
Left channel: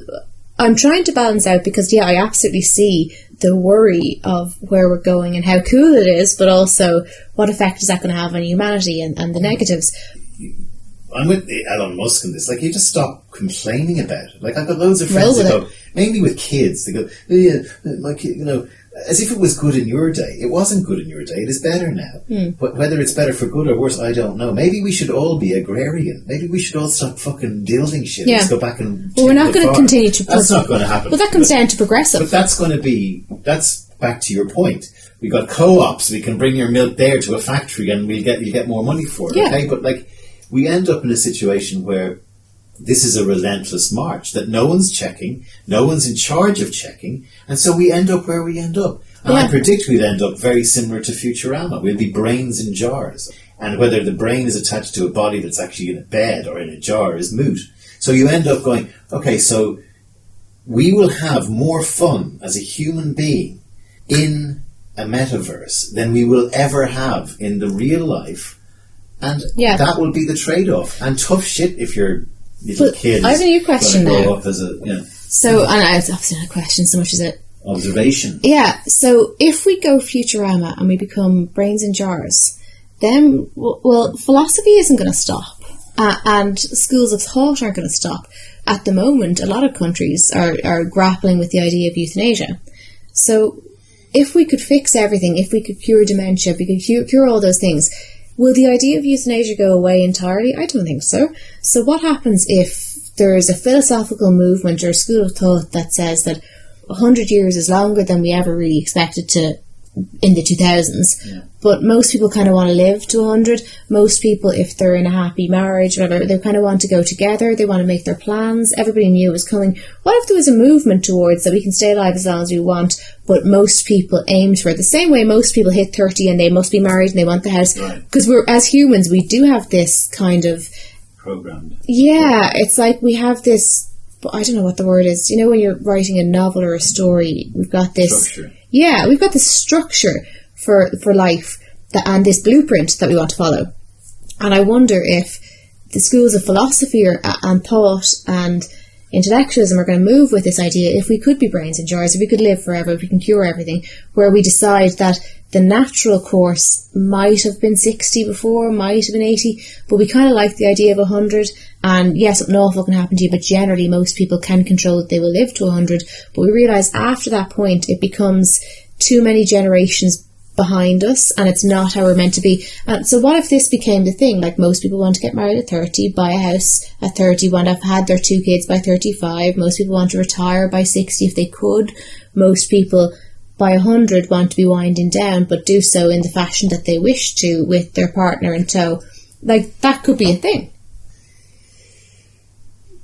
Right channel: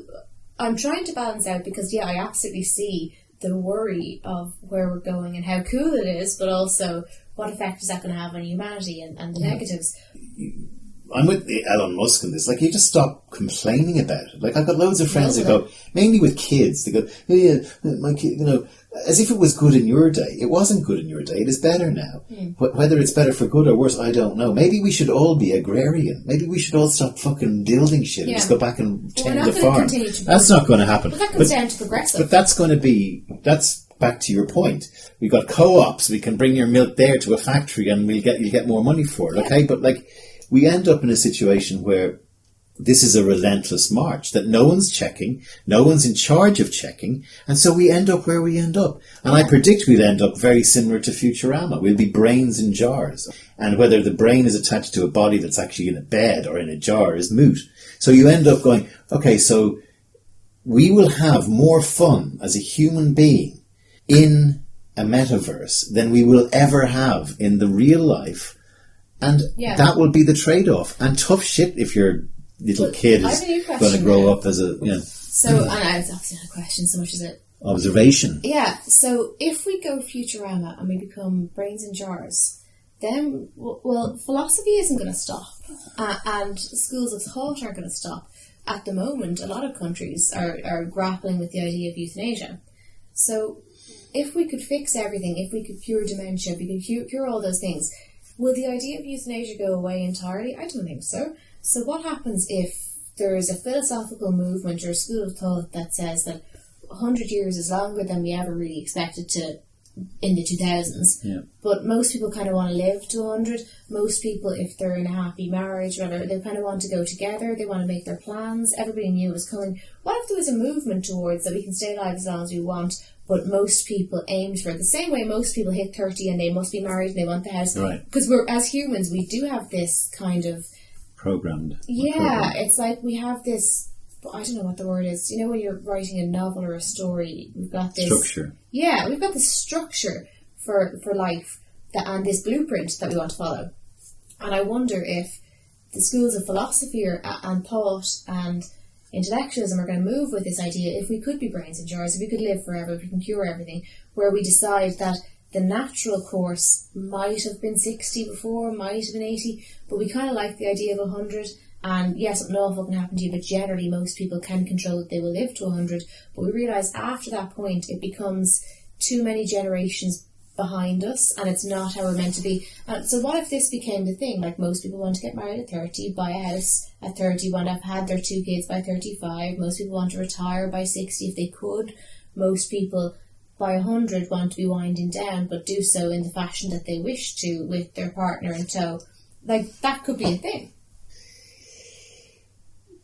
I'm trying to balance out, because, yeah, I absolutely see the worry of where we're going and how cool it is, but also what effect is that going to have on humanity and the negatives. I'm with Elon Musk in this. Like, you just stop complaining about it. Like, I've got loads of friends that go, mainly with kids, they go, oh, yeah, my kid, you know, as if it was good in your day. It wasn't good in your day. It is better now. Whether it's better for good or worse, I don't know. Maybe we should all be agrarian. Maybe we should all stop fucking building shit. Let's go back and... Well, we're not going to continue to... That's not going to happen. Well, that comes down to progressive. But that's going to be... That's back to your point. We got co-ops. We can bring your milk there to a factory and you get more money for it. Okay, but like, we end up in a situation where this is a relentless march that no one's checking, no one's in charge of checking, and so we end up where we end up. And I predict we'll end up very similar to Futurama. We'll be brains in jars. And whether the brain is attached to a body that's actually in a bed or in a jar is moot. So you end up going, okay, so we will have more fun as a human being in a metaverse than we will ever have in the real life. And that will be the trade-off. And tough shit if you're little kid I have a new question going to grow now. up as a... Yeah. So, and I was obviously not a question so much as it... Observation. Yeah, so if we go Futurama and we become brains in jars, then, well, philosophy isn't going to stop. And schools of thought aren't going to stop. At the moment, a lot of countries are grappling with the idea of euthanasia. So if we could fix everything, if we could cure dementia, if we could cure all those things, will the idea of euthanasia go away entirely? I don't think so. So what happens if there is a philosophical movement or a school of thought that says that 100 years is longer than we ever really expected to in the 2000s, but most people kind of want to live to 100. Most people, if they're in a happy marriage, whatever, they kind of want to go together, they want to make their plans, everybody knew it was coming. What if there was a movement towards that we can stay alive as long as we want, but most people aimed for it the same way most people hit 30 and they must be married and they want the house, because we're, as humans, we do have this kind of programmed. It's like we have this, I don't know what the word is, you know, when you're writing a novel or a story, we've got this structure. Yeah, we've got this structure for life and this blueprint that we want to follow. And I wonder if the schools of philosophy and thought and intellectualism are going to move with this idea, if we could be brains in jars, if we could live forever, if we can cure everything, where we decide that the natural course might have been 60 before, might have been 80, but we kind of like the idea of 100. And yes, something awful can happen to you, but generally most people can control that they will live to 100. But we realise after that point, it becomes too many generations behind us, and it's not how we're meant to be. And so what if this became the thing? Like, most people want to get married at 30, buy a house at 30, want to have had their 2 kids by 35. Most people want to retire by 60 if they could. Most people by 100 want to be winding down, but do so in the fashion that they wish to, with their partner in tow. Like, that could be a thing.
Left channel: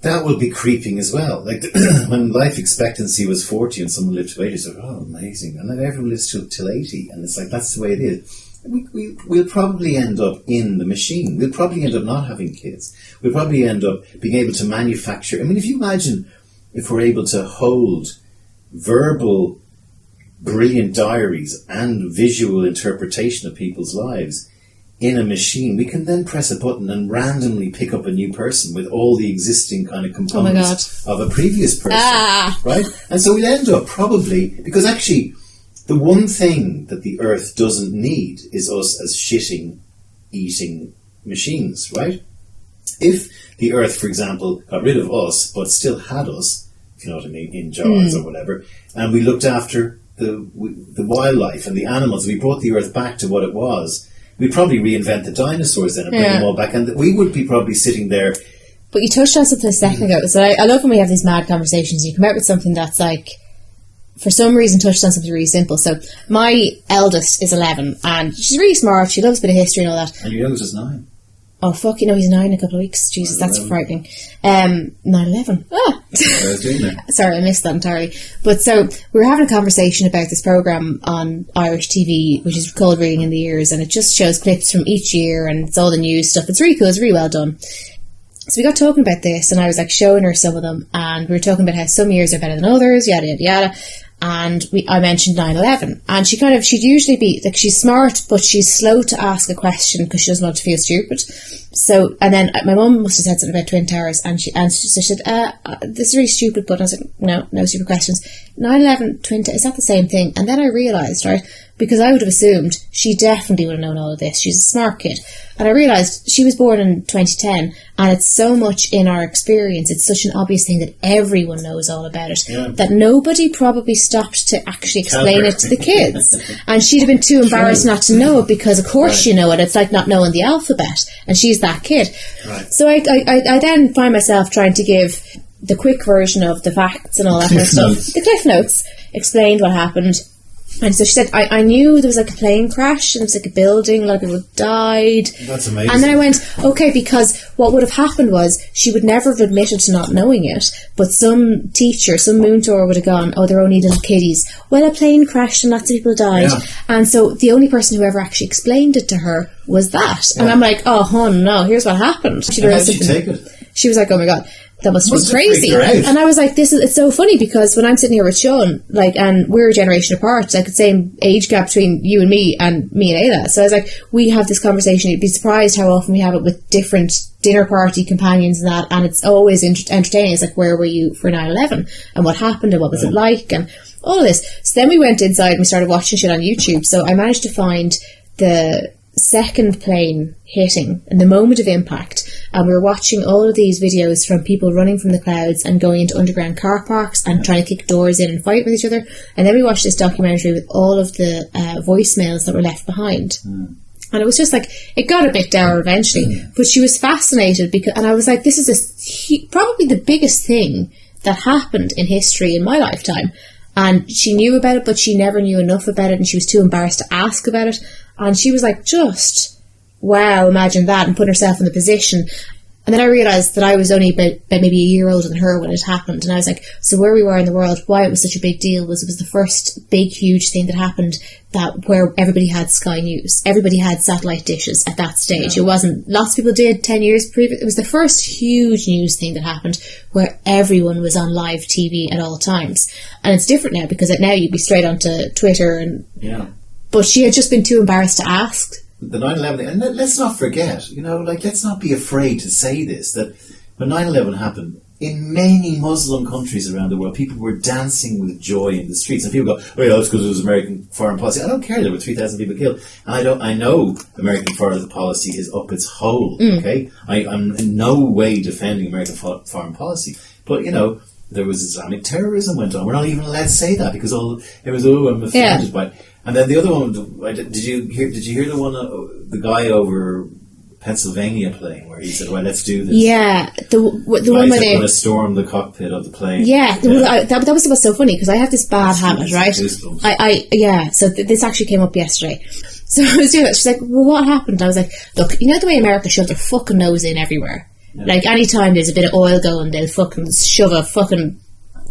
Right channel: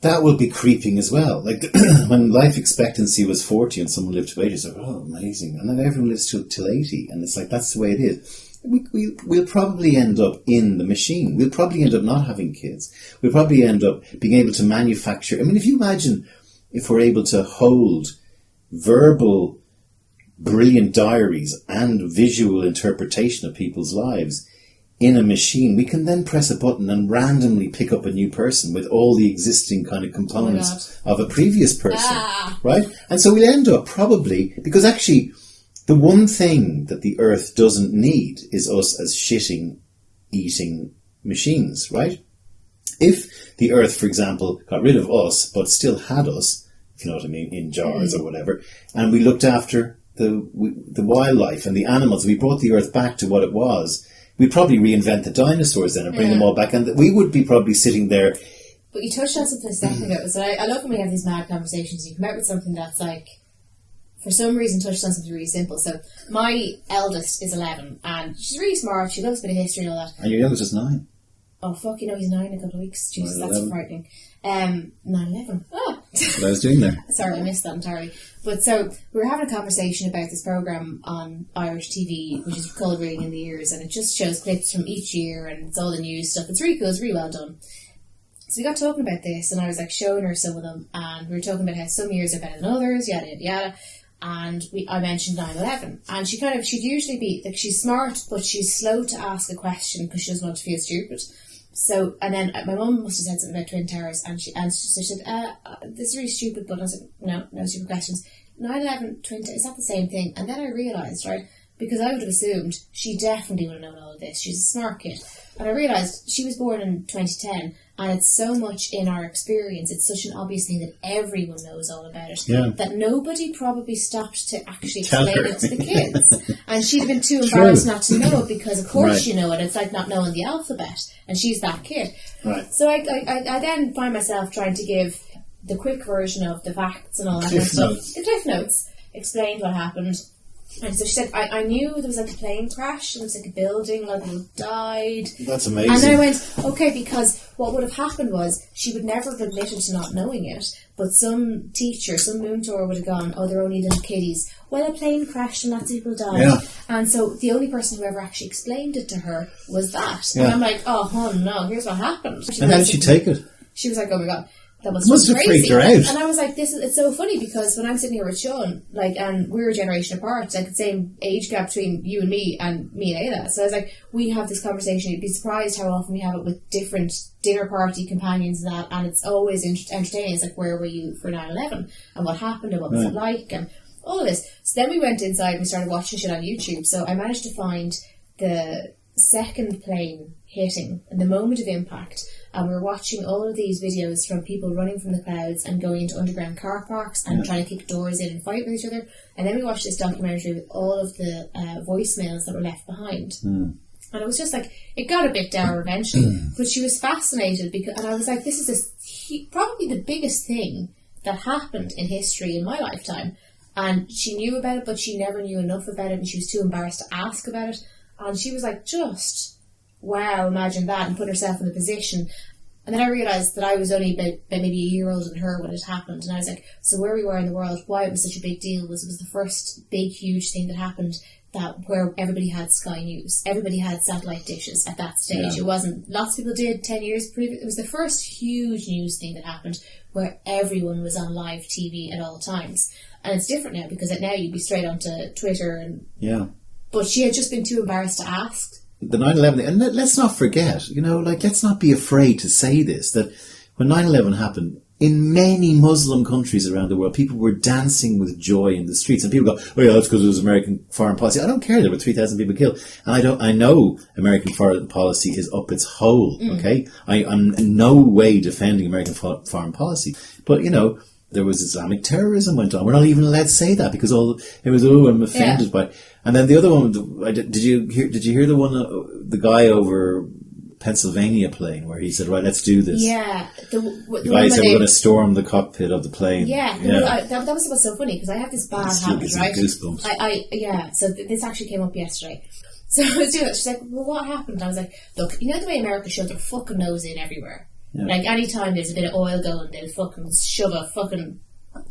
That will be creeping as well. Like, when life expectancy was 40 and someone lived to 80, it's like, oh, amazing. And then everyone lives till 80. And it's like, that's the way it is. We'll probably end up in the machine. We'll probably end up not having kids. We'll probably end up being able to manufacture. I mean, if you imagine if we're able to hold verbal, brilliant diaries and visual interpretation of people's lives in a machine, we can then press a button and randomly pick up a new person with all the existing kind of components of a previous person, right? And so we'll end up probably, because actually the one thing that the earth doesn't need is us as shitting, eating machines, right? If the earth, for example, got rid of us but still had us, if you know what I mean, in jars or whatever, and we looked after the wildlife and the animals, we brought the earth back to what it was, we'd probably reinvent the dinosaurs then and bring them all back, and we would be probably sitting there. But you touched on something a second ago, so I love when we have these mad conversations. You come out with something that's like, for some reason, touched on something really simple. So my eldest is 11, and she's really smart, she loves a bit of history and all that. And your youngest is 9. Oh, fuck, you know, he's 9 in a couple of weeks. Jesus, that's frightening. 9/11. What I was doing there. Sorry, I missed that entirely. But so, we were having a conversation about this programme on Irish TV, which is called Reading in the Ears, and it just shows clips from each year, and it's all the news stuff. It's really cool, it's really well done. So we got talking about this, and I was like showing her some of them, and we were talking about how some years are better than others, yada, yada, yada. And I mentioned 9/11, and she'd usually be, like, she's smart, but she's slow to ask a question because she doesn't want to feel stupid. So, and then my mum must have said something about Twin Towers, and she said, this is really stupid, but I was like, no stupid questions. 9/11, Twin Towers, is that the same thing? And then I realised, right, because I would have assumed she definitely would have known all of this. She's a smart kid. And I realised she was born in 2010, and it's so much in our experience, it's such an obvious thing that everyone knows all about it, that nobody probably stopped to actually explain it to the kids. And she'd have been too embarrassed not to know it, because of course you know it. It's like not knowing the alphabet, and she's that kid. Right. So I then find myself trying to give the quick version of the facts and all that kind of stuff. The Cliff Notes explained what happened. And so she said, I knew there was like a plane crash, and it was like a building, a lot of people died. That's amazing. And then I went, okay, because what would have happened was she would never have admitted to not knowing it, but some teacher, some moon tour would have gone, oh, they're only little kiddies. Well, a plane crashed and lots of people died. Yeah. And so the only person who ever actually explained it to her was that. Yeah. And I'm like, oh, hon, no, here's what happened. How did she take it? She was like, oh my God. That must have been crazy. And I was like, it's so funny, because when I'm sitting here with Sean, like, and we're a generation apart, like the same age gap between you and me and Ayla. So I was like, we have this conversation. You'd be surprised how often we have it with different dinner party companions and that, and it's always entertaining. It's like, where were you for 9/11? And what happened? And what was it like? And all of this. So then we went inside and we started watching shit on YouTube. So I managed to find the second plane hitting and the moment of impact, and we were watching all of these videos from people running from the clouds and going into underground car parks and trying to kick doors in and fight with each other. And then we watched this documentary with all of the voicemails that were left behind. And it was just like, it got a bit dour eventually, but she was fascinated, because, and I was like, this is probably the biggest thing that happened in history in my lifetime. And she knew about it, but she never knew enough about it, and she was too embarrassed to ask about it. And she was like, just, wow, imagine that, and put herself in the position. And then I realised that I was only about maybe a year older than her when it happened. And I was like, so where we were in the world, why it was such a big deal was it was the first big, huge thing that happened where everybody had Sky News. Everybody had satellite dishes at that stage. It wasn't, lots of people did 10 years previous. It was the first huge news thing that happened where everyone was on live TV at all times. And it's different now, because now you'd be straight onto Twitter and... Yeah. But she had just been too embarrassed to ask the 9/11 thing, and let's not forget, let's not be afraid to say this, that when 9/11 happened, in many Muslim countries around the world, people were dancing with joy in the streets, and people go, "Oh yeah, that's because it was American foreign policy." I don't care. There were 3,000 people killed, and I know American foreign policy is up its hole. Okay, I'm in no way defending American foreign policy, but there was Islamic terrorism went on. We're not even allowed to say that because I'm offended by it. And then the other one, did you hear the one, the guy over Pennsylvania plane where he said, "Right, let's do this." Yeah, the one where we're going to storm the cockpit of the plane. Yeah, that was what's so funny because I have this bad habit, right? So this actually came up yesterday. So I was doing that. She's like, "Well, what happened?" I was like, "Look, you know the way America shoves their fucking nose in everywhere. Yeah. Like anytime there's a bit of oil going, they'll fucking shove a fucking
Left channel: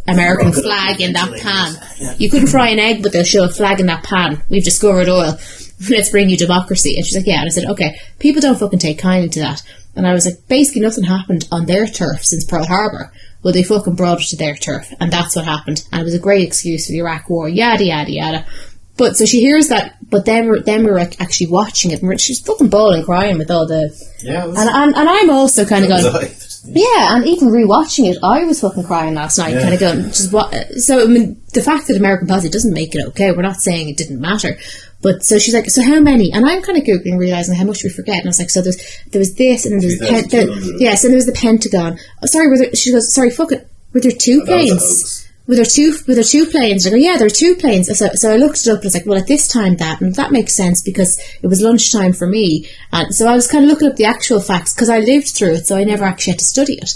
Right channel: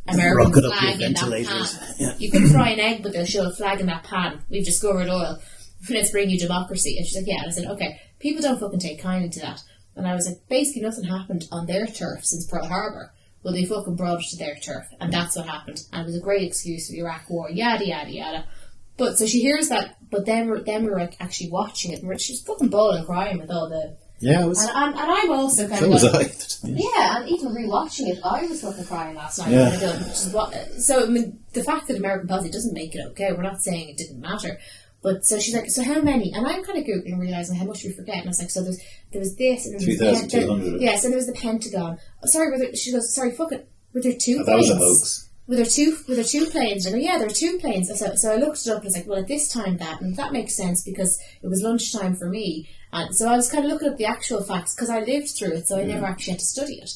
American flag in that pan. Yeah. You couldn't fry an egg, but they'll shove a flag in that pan. We've discovered oil. Let's bring you democracy." And she's like, "Yeah." And I said, "Okay, people don't fucking take kindly to that." And I was like, basically nothing happened on their turf since Pearl Harbor. Well, they fucking brought it to their turf, and that's what happened. And it was a great excuse for the Iraq War, yada yada yada. But so she hears that, but then we were actually watching it, and she's fucking bawling, crying with all the. Yeah. And I'm also kind of going. Yeah, and even rewatching it, I was fucking crying last night, kind of going. So I mean, the fact that American policy doesn't make it okay. We're not saying it didn't matter. But so she's like, "So how many?" And I'm kind of googling, realizing how much we forget. And I was like, "So there was this, and then there was yes, and there was the Pentagon." Oh, sorry, she goes, "Sorry, fuck it. Were there two planes? Were there two planes?" I go, "Yeah, there are two planes." So I looked it up and I was like, "Well, at this time and that makes sense because it was lunchtime for me." And so I was kind of looking up the actual facts because I lived through it, so I never actually had to study it.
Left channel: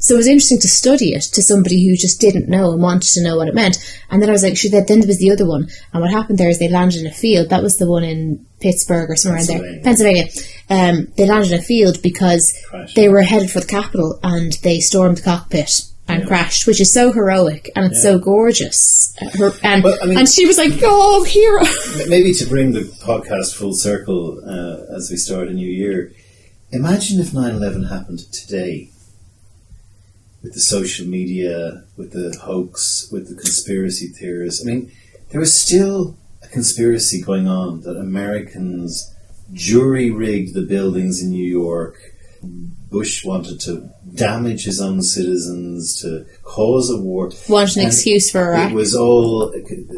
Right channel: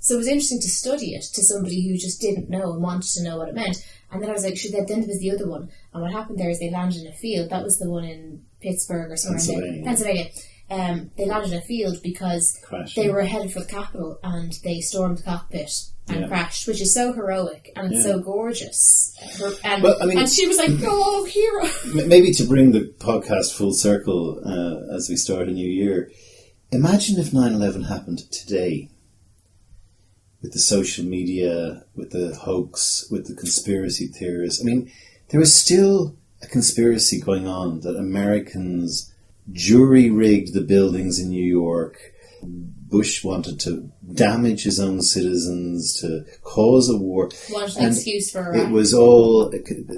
So it was interesting to study it to somebody who just didn't know and wanted to know what it meant. And then I was like, then there was the other one. And what happened there is they landed in a field. That was the one in Pittsburgh or somewhere in there. Pennsylvania. They landed in a field because they were headed for the Capitol and they stormed the cockpit and crashed, which is so heroic and it's so gorgeous. And she was like, "Oh, hero." Maybe to bring the podcast full circle as we start a new year, imagine if 9/11 happened today. With the social media, with the hoax, with the conspiracy theorists. I mean, there was still a conspiracy going on that Americans jury-rigged the buildings in New York. Bush wanted to damage his own citizens, to cause a war. Wanted an excuse for Iraq. It was all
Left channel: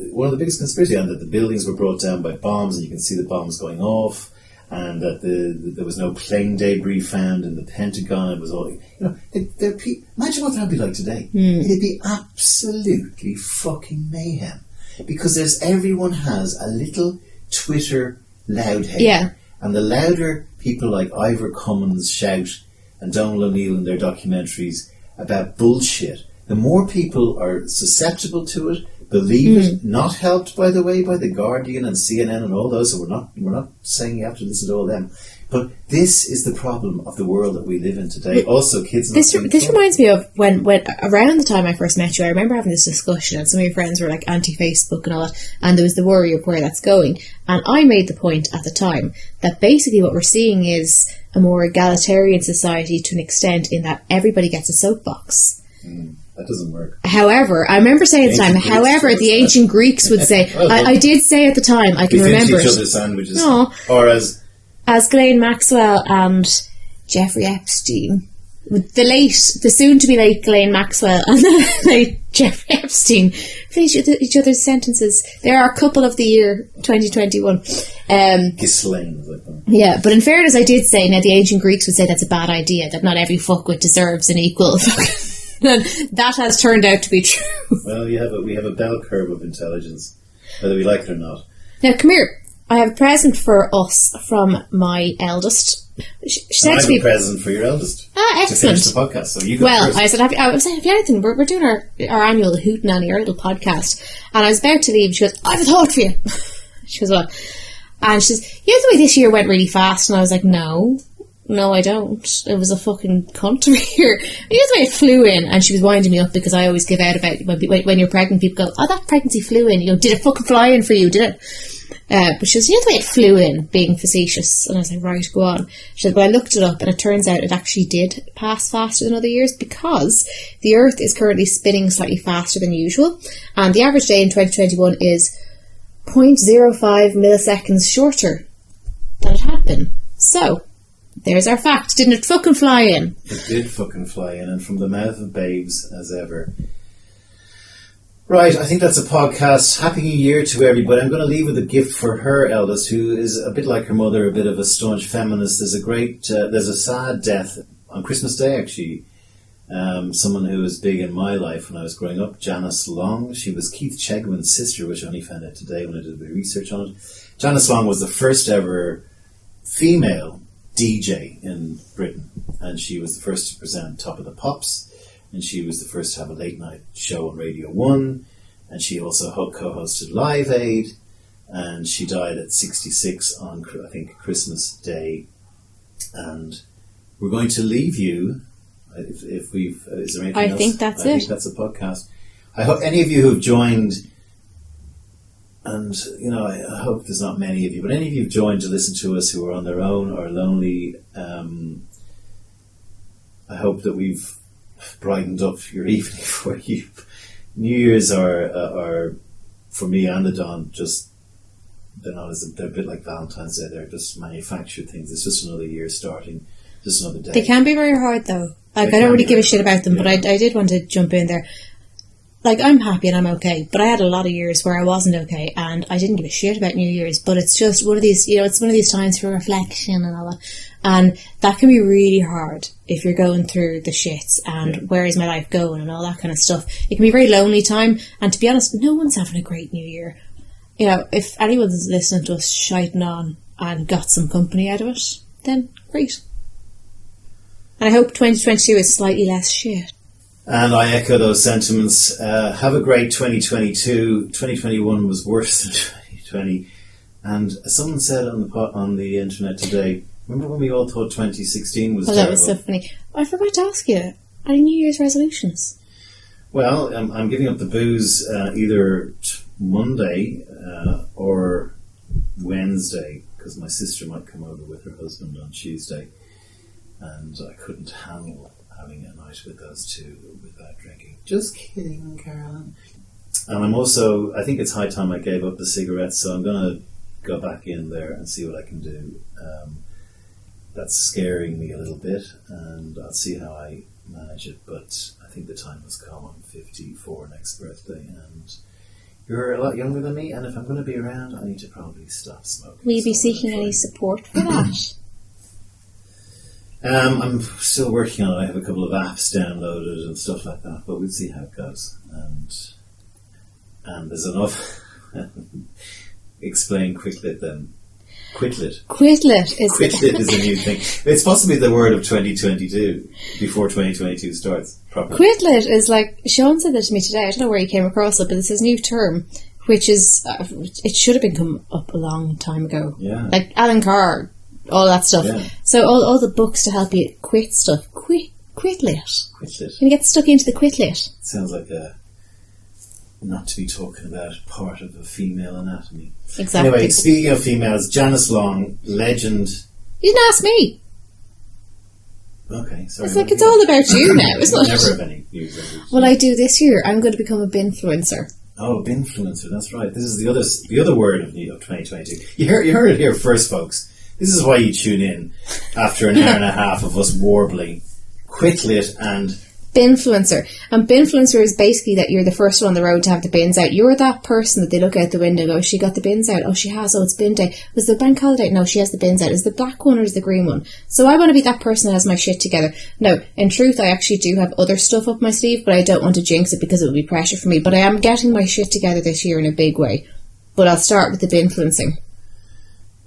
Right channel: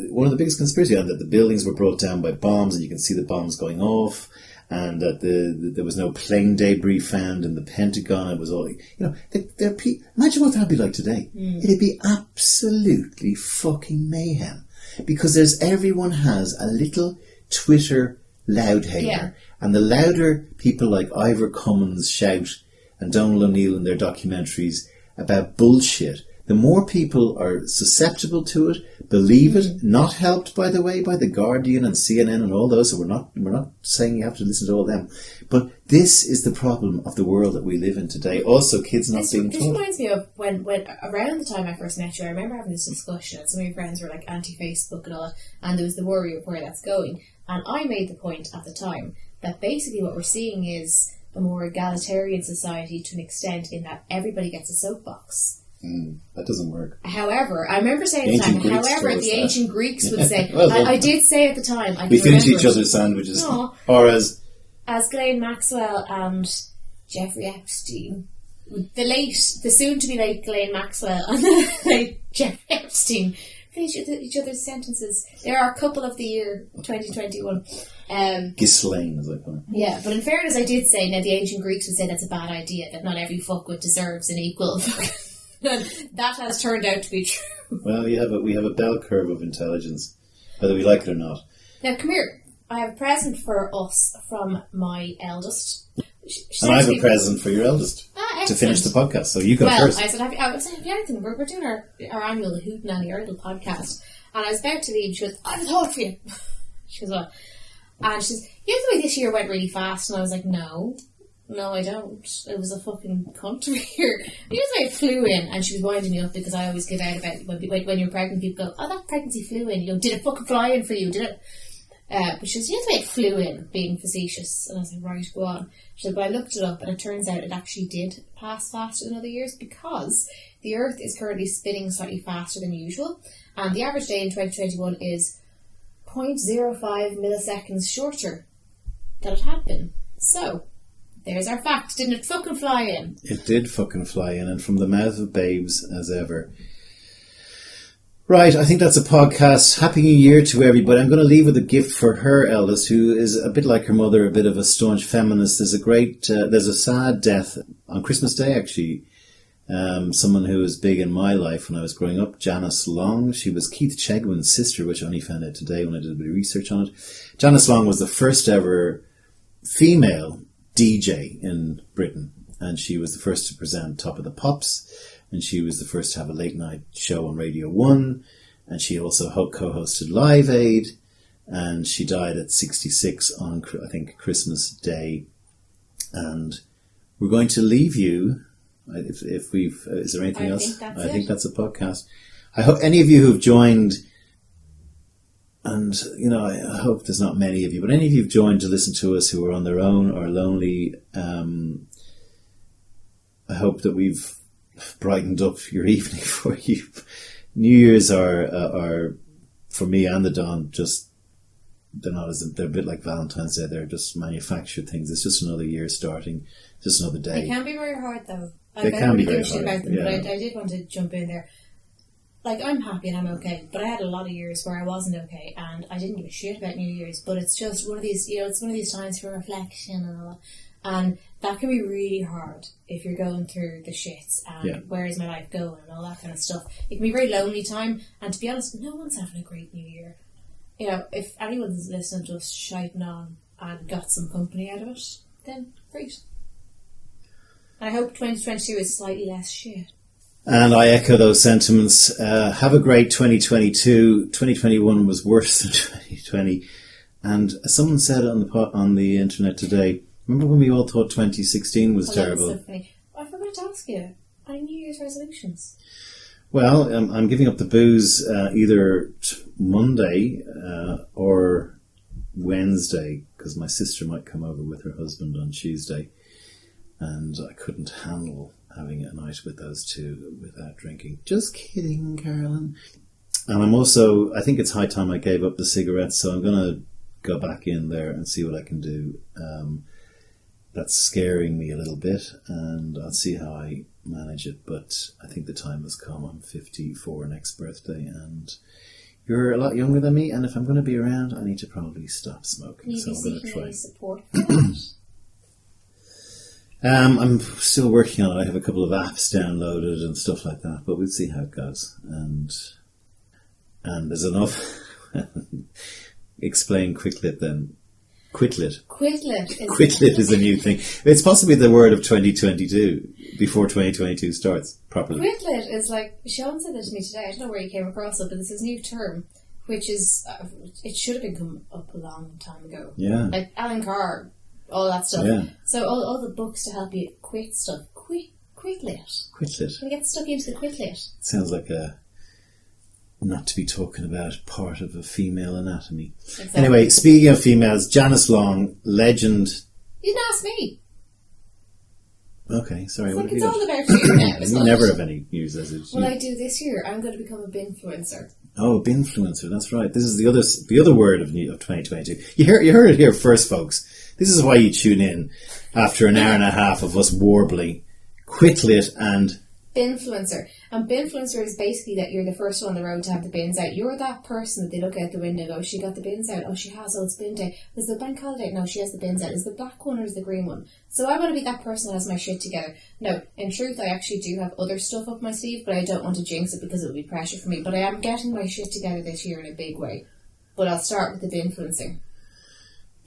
one of the biggest conspiracies, and that the buildings were brought down by bombs, and you can see the bombs going off. And that there was no plane debris found in the Pentagon. It was all, imagine what that'd be like today. It'd be absolutely fucking mayhem. Because everyone has a little Twitter loud hater. Yeah. And the louder people like Ivor Cummins shout and Donald O'Neill in their documentaries about bullshit, the more people are susceptible to it, believe it, not helped, by the way, by The Guardian and CNN and all those. So we're not saying you have to listen to all them. But this is the problem of the world that we live in today. Also, kids not This reminds me of when around the time I first met you, I remember having this discussion and some of your friends were like anti-Facebook and all that, and there was the worry of where that's going. And I made the point at the time that basically what we're seeing is a more egalitarian society to an extent in that everybody gets a soapbox. That doesn't work. However, I remember saying at the time, the ancient Greeks would say, I did say at the time, I can remember each other's sandwiches. No. Or as Ghislaine Maxwell and Jeffrey Epstein, the soon-to-be late Ghislaine Maxwell and the late Jeffrey Epstein finish each other's sentences. They are a couple of the year 2021. Ghislaine is like that. Yeah, but in fairness, I did say, now the ancient Greeks would say that's a bad idea, that not every fuckwit deserves an equal and that has turned out to be true. Well, we have a bell curve of intelligence, whether we like it or not. Now, come here. I have a present for us from my eldest. And I have a present for your eldest. Excellent. To finish the podcast, so you go first. I said, have you anything? We're doing our annual Hootenanny, our little podcast. And I was about to leave. She goes, I have a thought for you. She goes, what? And she says, you know the way this year went really fast? And I was like, No, I don't. It was a fucking cunt to me here. You know the way it flew in, and she was winding me up because I always give out about when you're pregnant, people go, "Oh, that pregnancy flew in." You know, did it fucking fly in for you? Did it? But she was, you know the way it flew in, being facetious. And I was like, right, go on. She said, well, I looked it up, and it turns out it actually did pass faster than other years because the Earth is currently spinning slightly faster than usual, and the average day in 2021 is 0.05 milliseconds shorter that it had been. So, there's our fact. Didn't it fucking fly in? It did fucking fly in, and from the mouth of babes, as ever. Right, I think that's a podcast. Happy New Year to everybody. I'm going to leave with a gift for her eldest, who is a bit like her mother, a bit of a staunch feminist. There's a sad death on Christmas Day, actually. Someone who was big in my life when I was growing up, Janice Long. She was Keith Chegwin's sister, which I only found out today when I did a bit of research on it. Janice Long was the first ever female DJ in Britain, and she was the first to present Top of the Pops, and she was the first to have a late night show on Radio 1, and she also co-hosted Live Aid, and she died at 66 on, I think, Christmas Day. And we're going to leave you, is there anything else? I think that's it. I think that's a podcast. I hope any of you who've joined, and, I hope there's not many of you, but any of you who've joined to listen to us who are on their own or lonely, I hope that we've brightened up your evening for you. New Year's are for me and the Don, they're a bit like Valentine's Day. They're just manufactured things. It's just another year starting, just another day. They can be very hard, though. I don't really give a shit about them, but I did want to jump in there. Like, I'm happy and I'm okay, but I had a lot of years where I wasn't okay, and I didn't give a shit about New Year's, but it's just one of these, it's one of these times for reflection and all that, and that can be really hard if you're going through the shits, and where is my life going, and all that kind of stuff. It can be a very lonely time, and to be honest, no one's having a great New Year. If anyone's listening to us shiting on and got some company out of it, then great. And I hope 2022 is slightly less shit. And I echo those sentiments. Have a great 2022. 2021 was worse than 2020. And someone said on the internet today, remember when we all thought 2016 was terrible? That was so funny. I forgot to ask you, any New Year's resolutions? Well, I'm giving up the booze either Monday or Wednesday, because my sister might come over with her husband on Tuesday. And I couldn't handle having a night with those two without drinking. Just kidding, Carolyn. And I think it's high time I gave up the cigarettes, so I'm going to go back in there and see what I can do. That's scaring me a little bit, and I'll see how I manage it, but I think the time has come. I'm 54 next birthday, and you're a lot younger than me, and if I'm going to be around, I need to probably stop smoking. Will you be seeking any support for that? I'm still working on it. I have a couple of apps downloaded and stuff like that, but we'll see how it goes. And there's enough. Explain Quitlet then. Quitlet. Quitlet is a new thing. It's possibly the word of 2022 before 2022 starts properly. Quitlet is like, Sean said that to me today. I don't know where he came across it, but it's his new term, which is it should have been come up a long time ago. Yeah, like Alan Carr. All that stuff. Yeah. So all the books to help you quit stuff. Quitlet. Quitlet. You get stuck into the Quitlet. Sounds like a not to be talking about part of a female anatomy. Exactly. Anyway, speaking of females, Janice Long, legend. You didn't ask me. Okay, sorry. It's like it's all about you now, isn't it? Never have any news resolutions. Well, I do this year. I'm going to become a binfluencer. Oh, a binfluencer. That's right. This is the other word of 2022. You heard it here first, folks. This is why you tune in after an hour and a half of us warbling. Quitlet and binfluencer. And binfluencer is basically that you're the first one on the road to have the bins out. You're that person that they look out the window and go, she got the bins out. Oh, she has. Oh, it's bin day. Was the bank holiday? No, she has the bins out. Is the black one or is the green one? So I want to be that person that has my shit together. No, in truth, I actually do have other stuff up my sleeve, but I don't want to jinx it because it would be pressure for me. But I am getting my shit together this year in a big way. But I'll start with the binfluencing.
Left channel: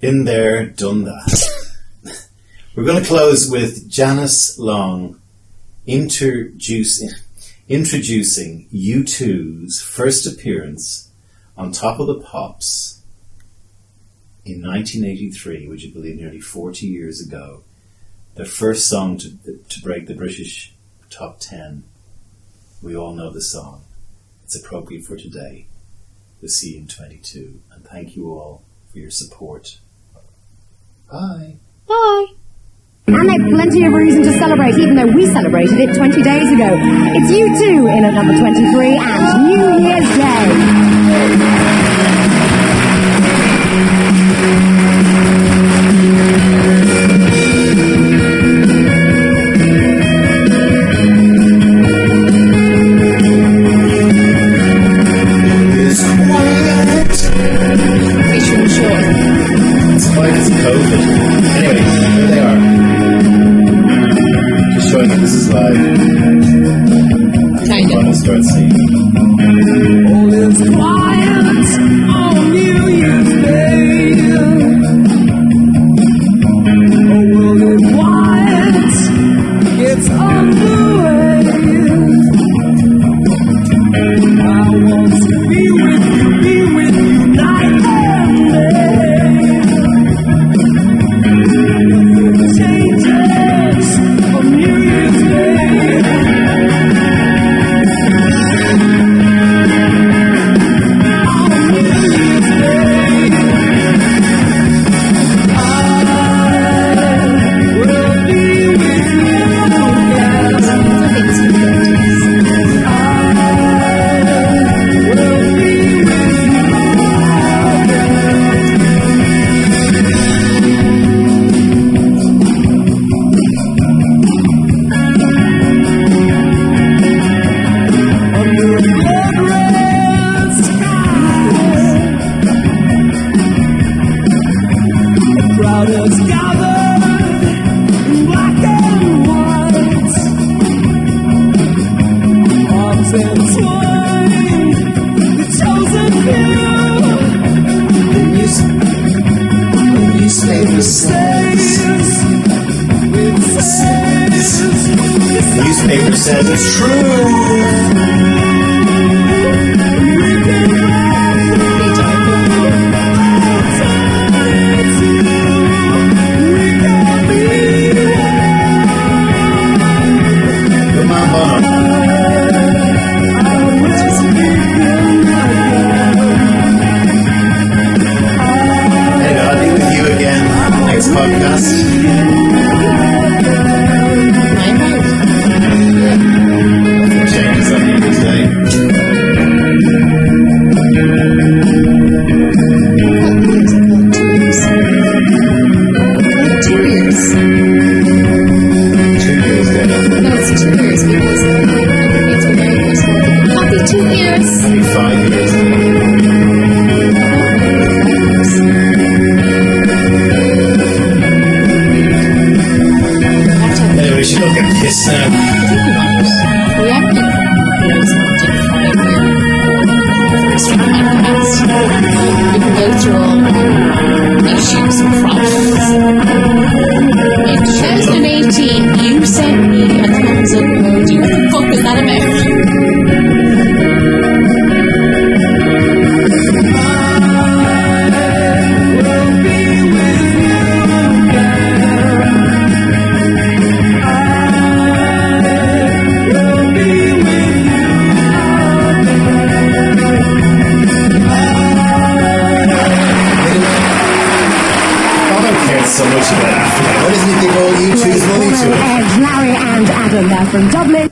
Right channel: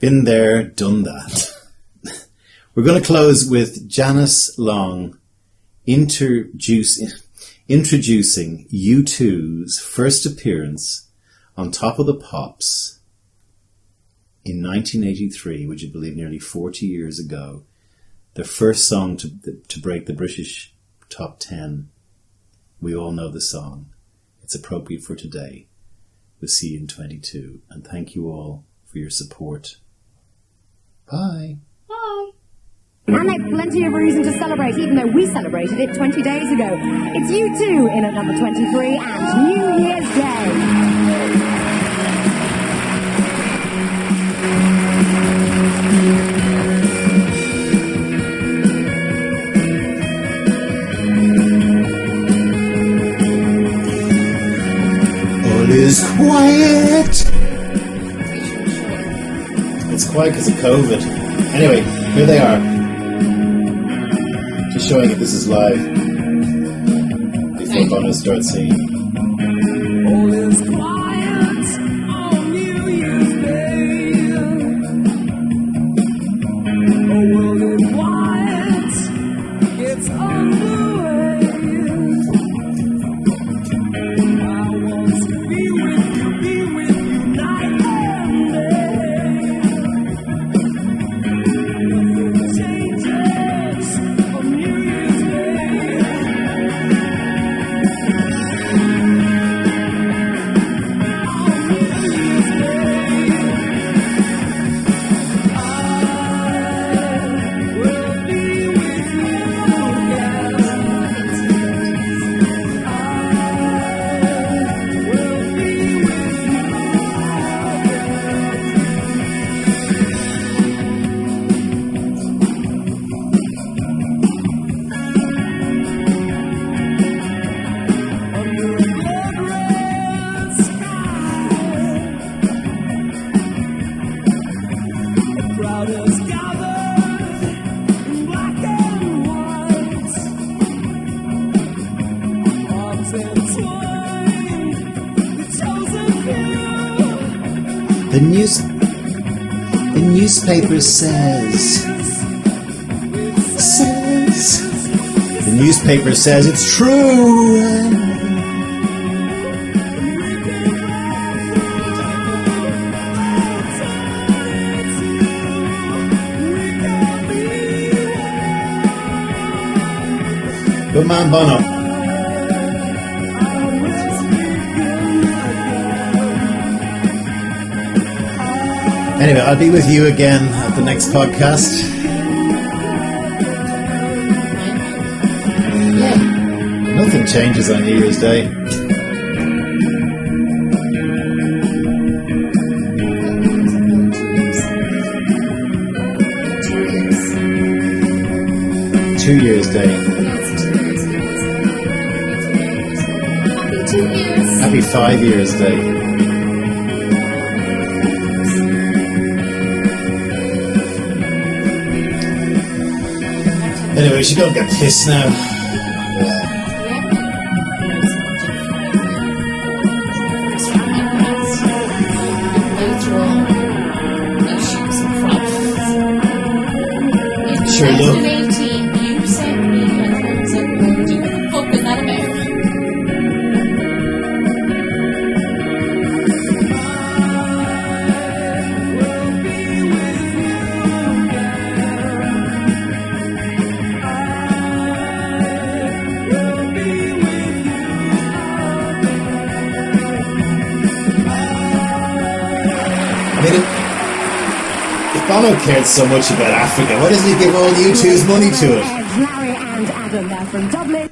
Been there, done that. We're going to close with Janice Long introducing U2's first appearance on Top of the Pops in 1983, would you believe, nearly 40 years ago. The first song to break the British top 10. We all know the song. It's appropriate for today. We'll see you in 22. And thank you all for your support. Bye. Bye. And they've plenty of reason to celebrate, even though we celebrated it 20 days ago. It's U2 in at number 23 and New Year's Day. enjoying it. This is live. Kind I'm going of. to start singing. All is quiet on New Year's Day. A world of quiet gets underway. I want to be with you night and day. Nothing changes on New Year's Day. Crowders gathered in black and white, arms entwined, the chosen few. The newspaper says. The newspaper says it's true. Good man, Bono. Anyway, I'll be with you again on the next podcast. Nothing changes on New Year's Day. New Year's Day. Happy 5 Years Day. Anyway, we should go get pissed now. Issues and problems. In 2018, you sent me a thousand emoji. What the fuck is that about? So much about Africa. Why doesn't he give all YouTube's money to it? Larry and Adam there from Dublin.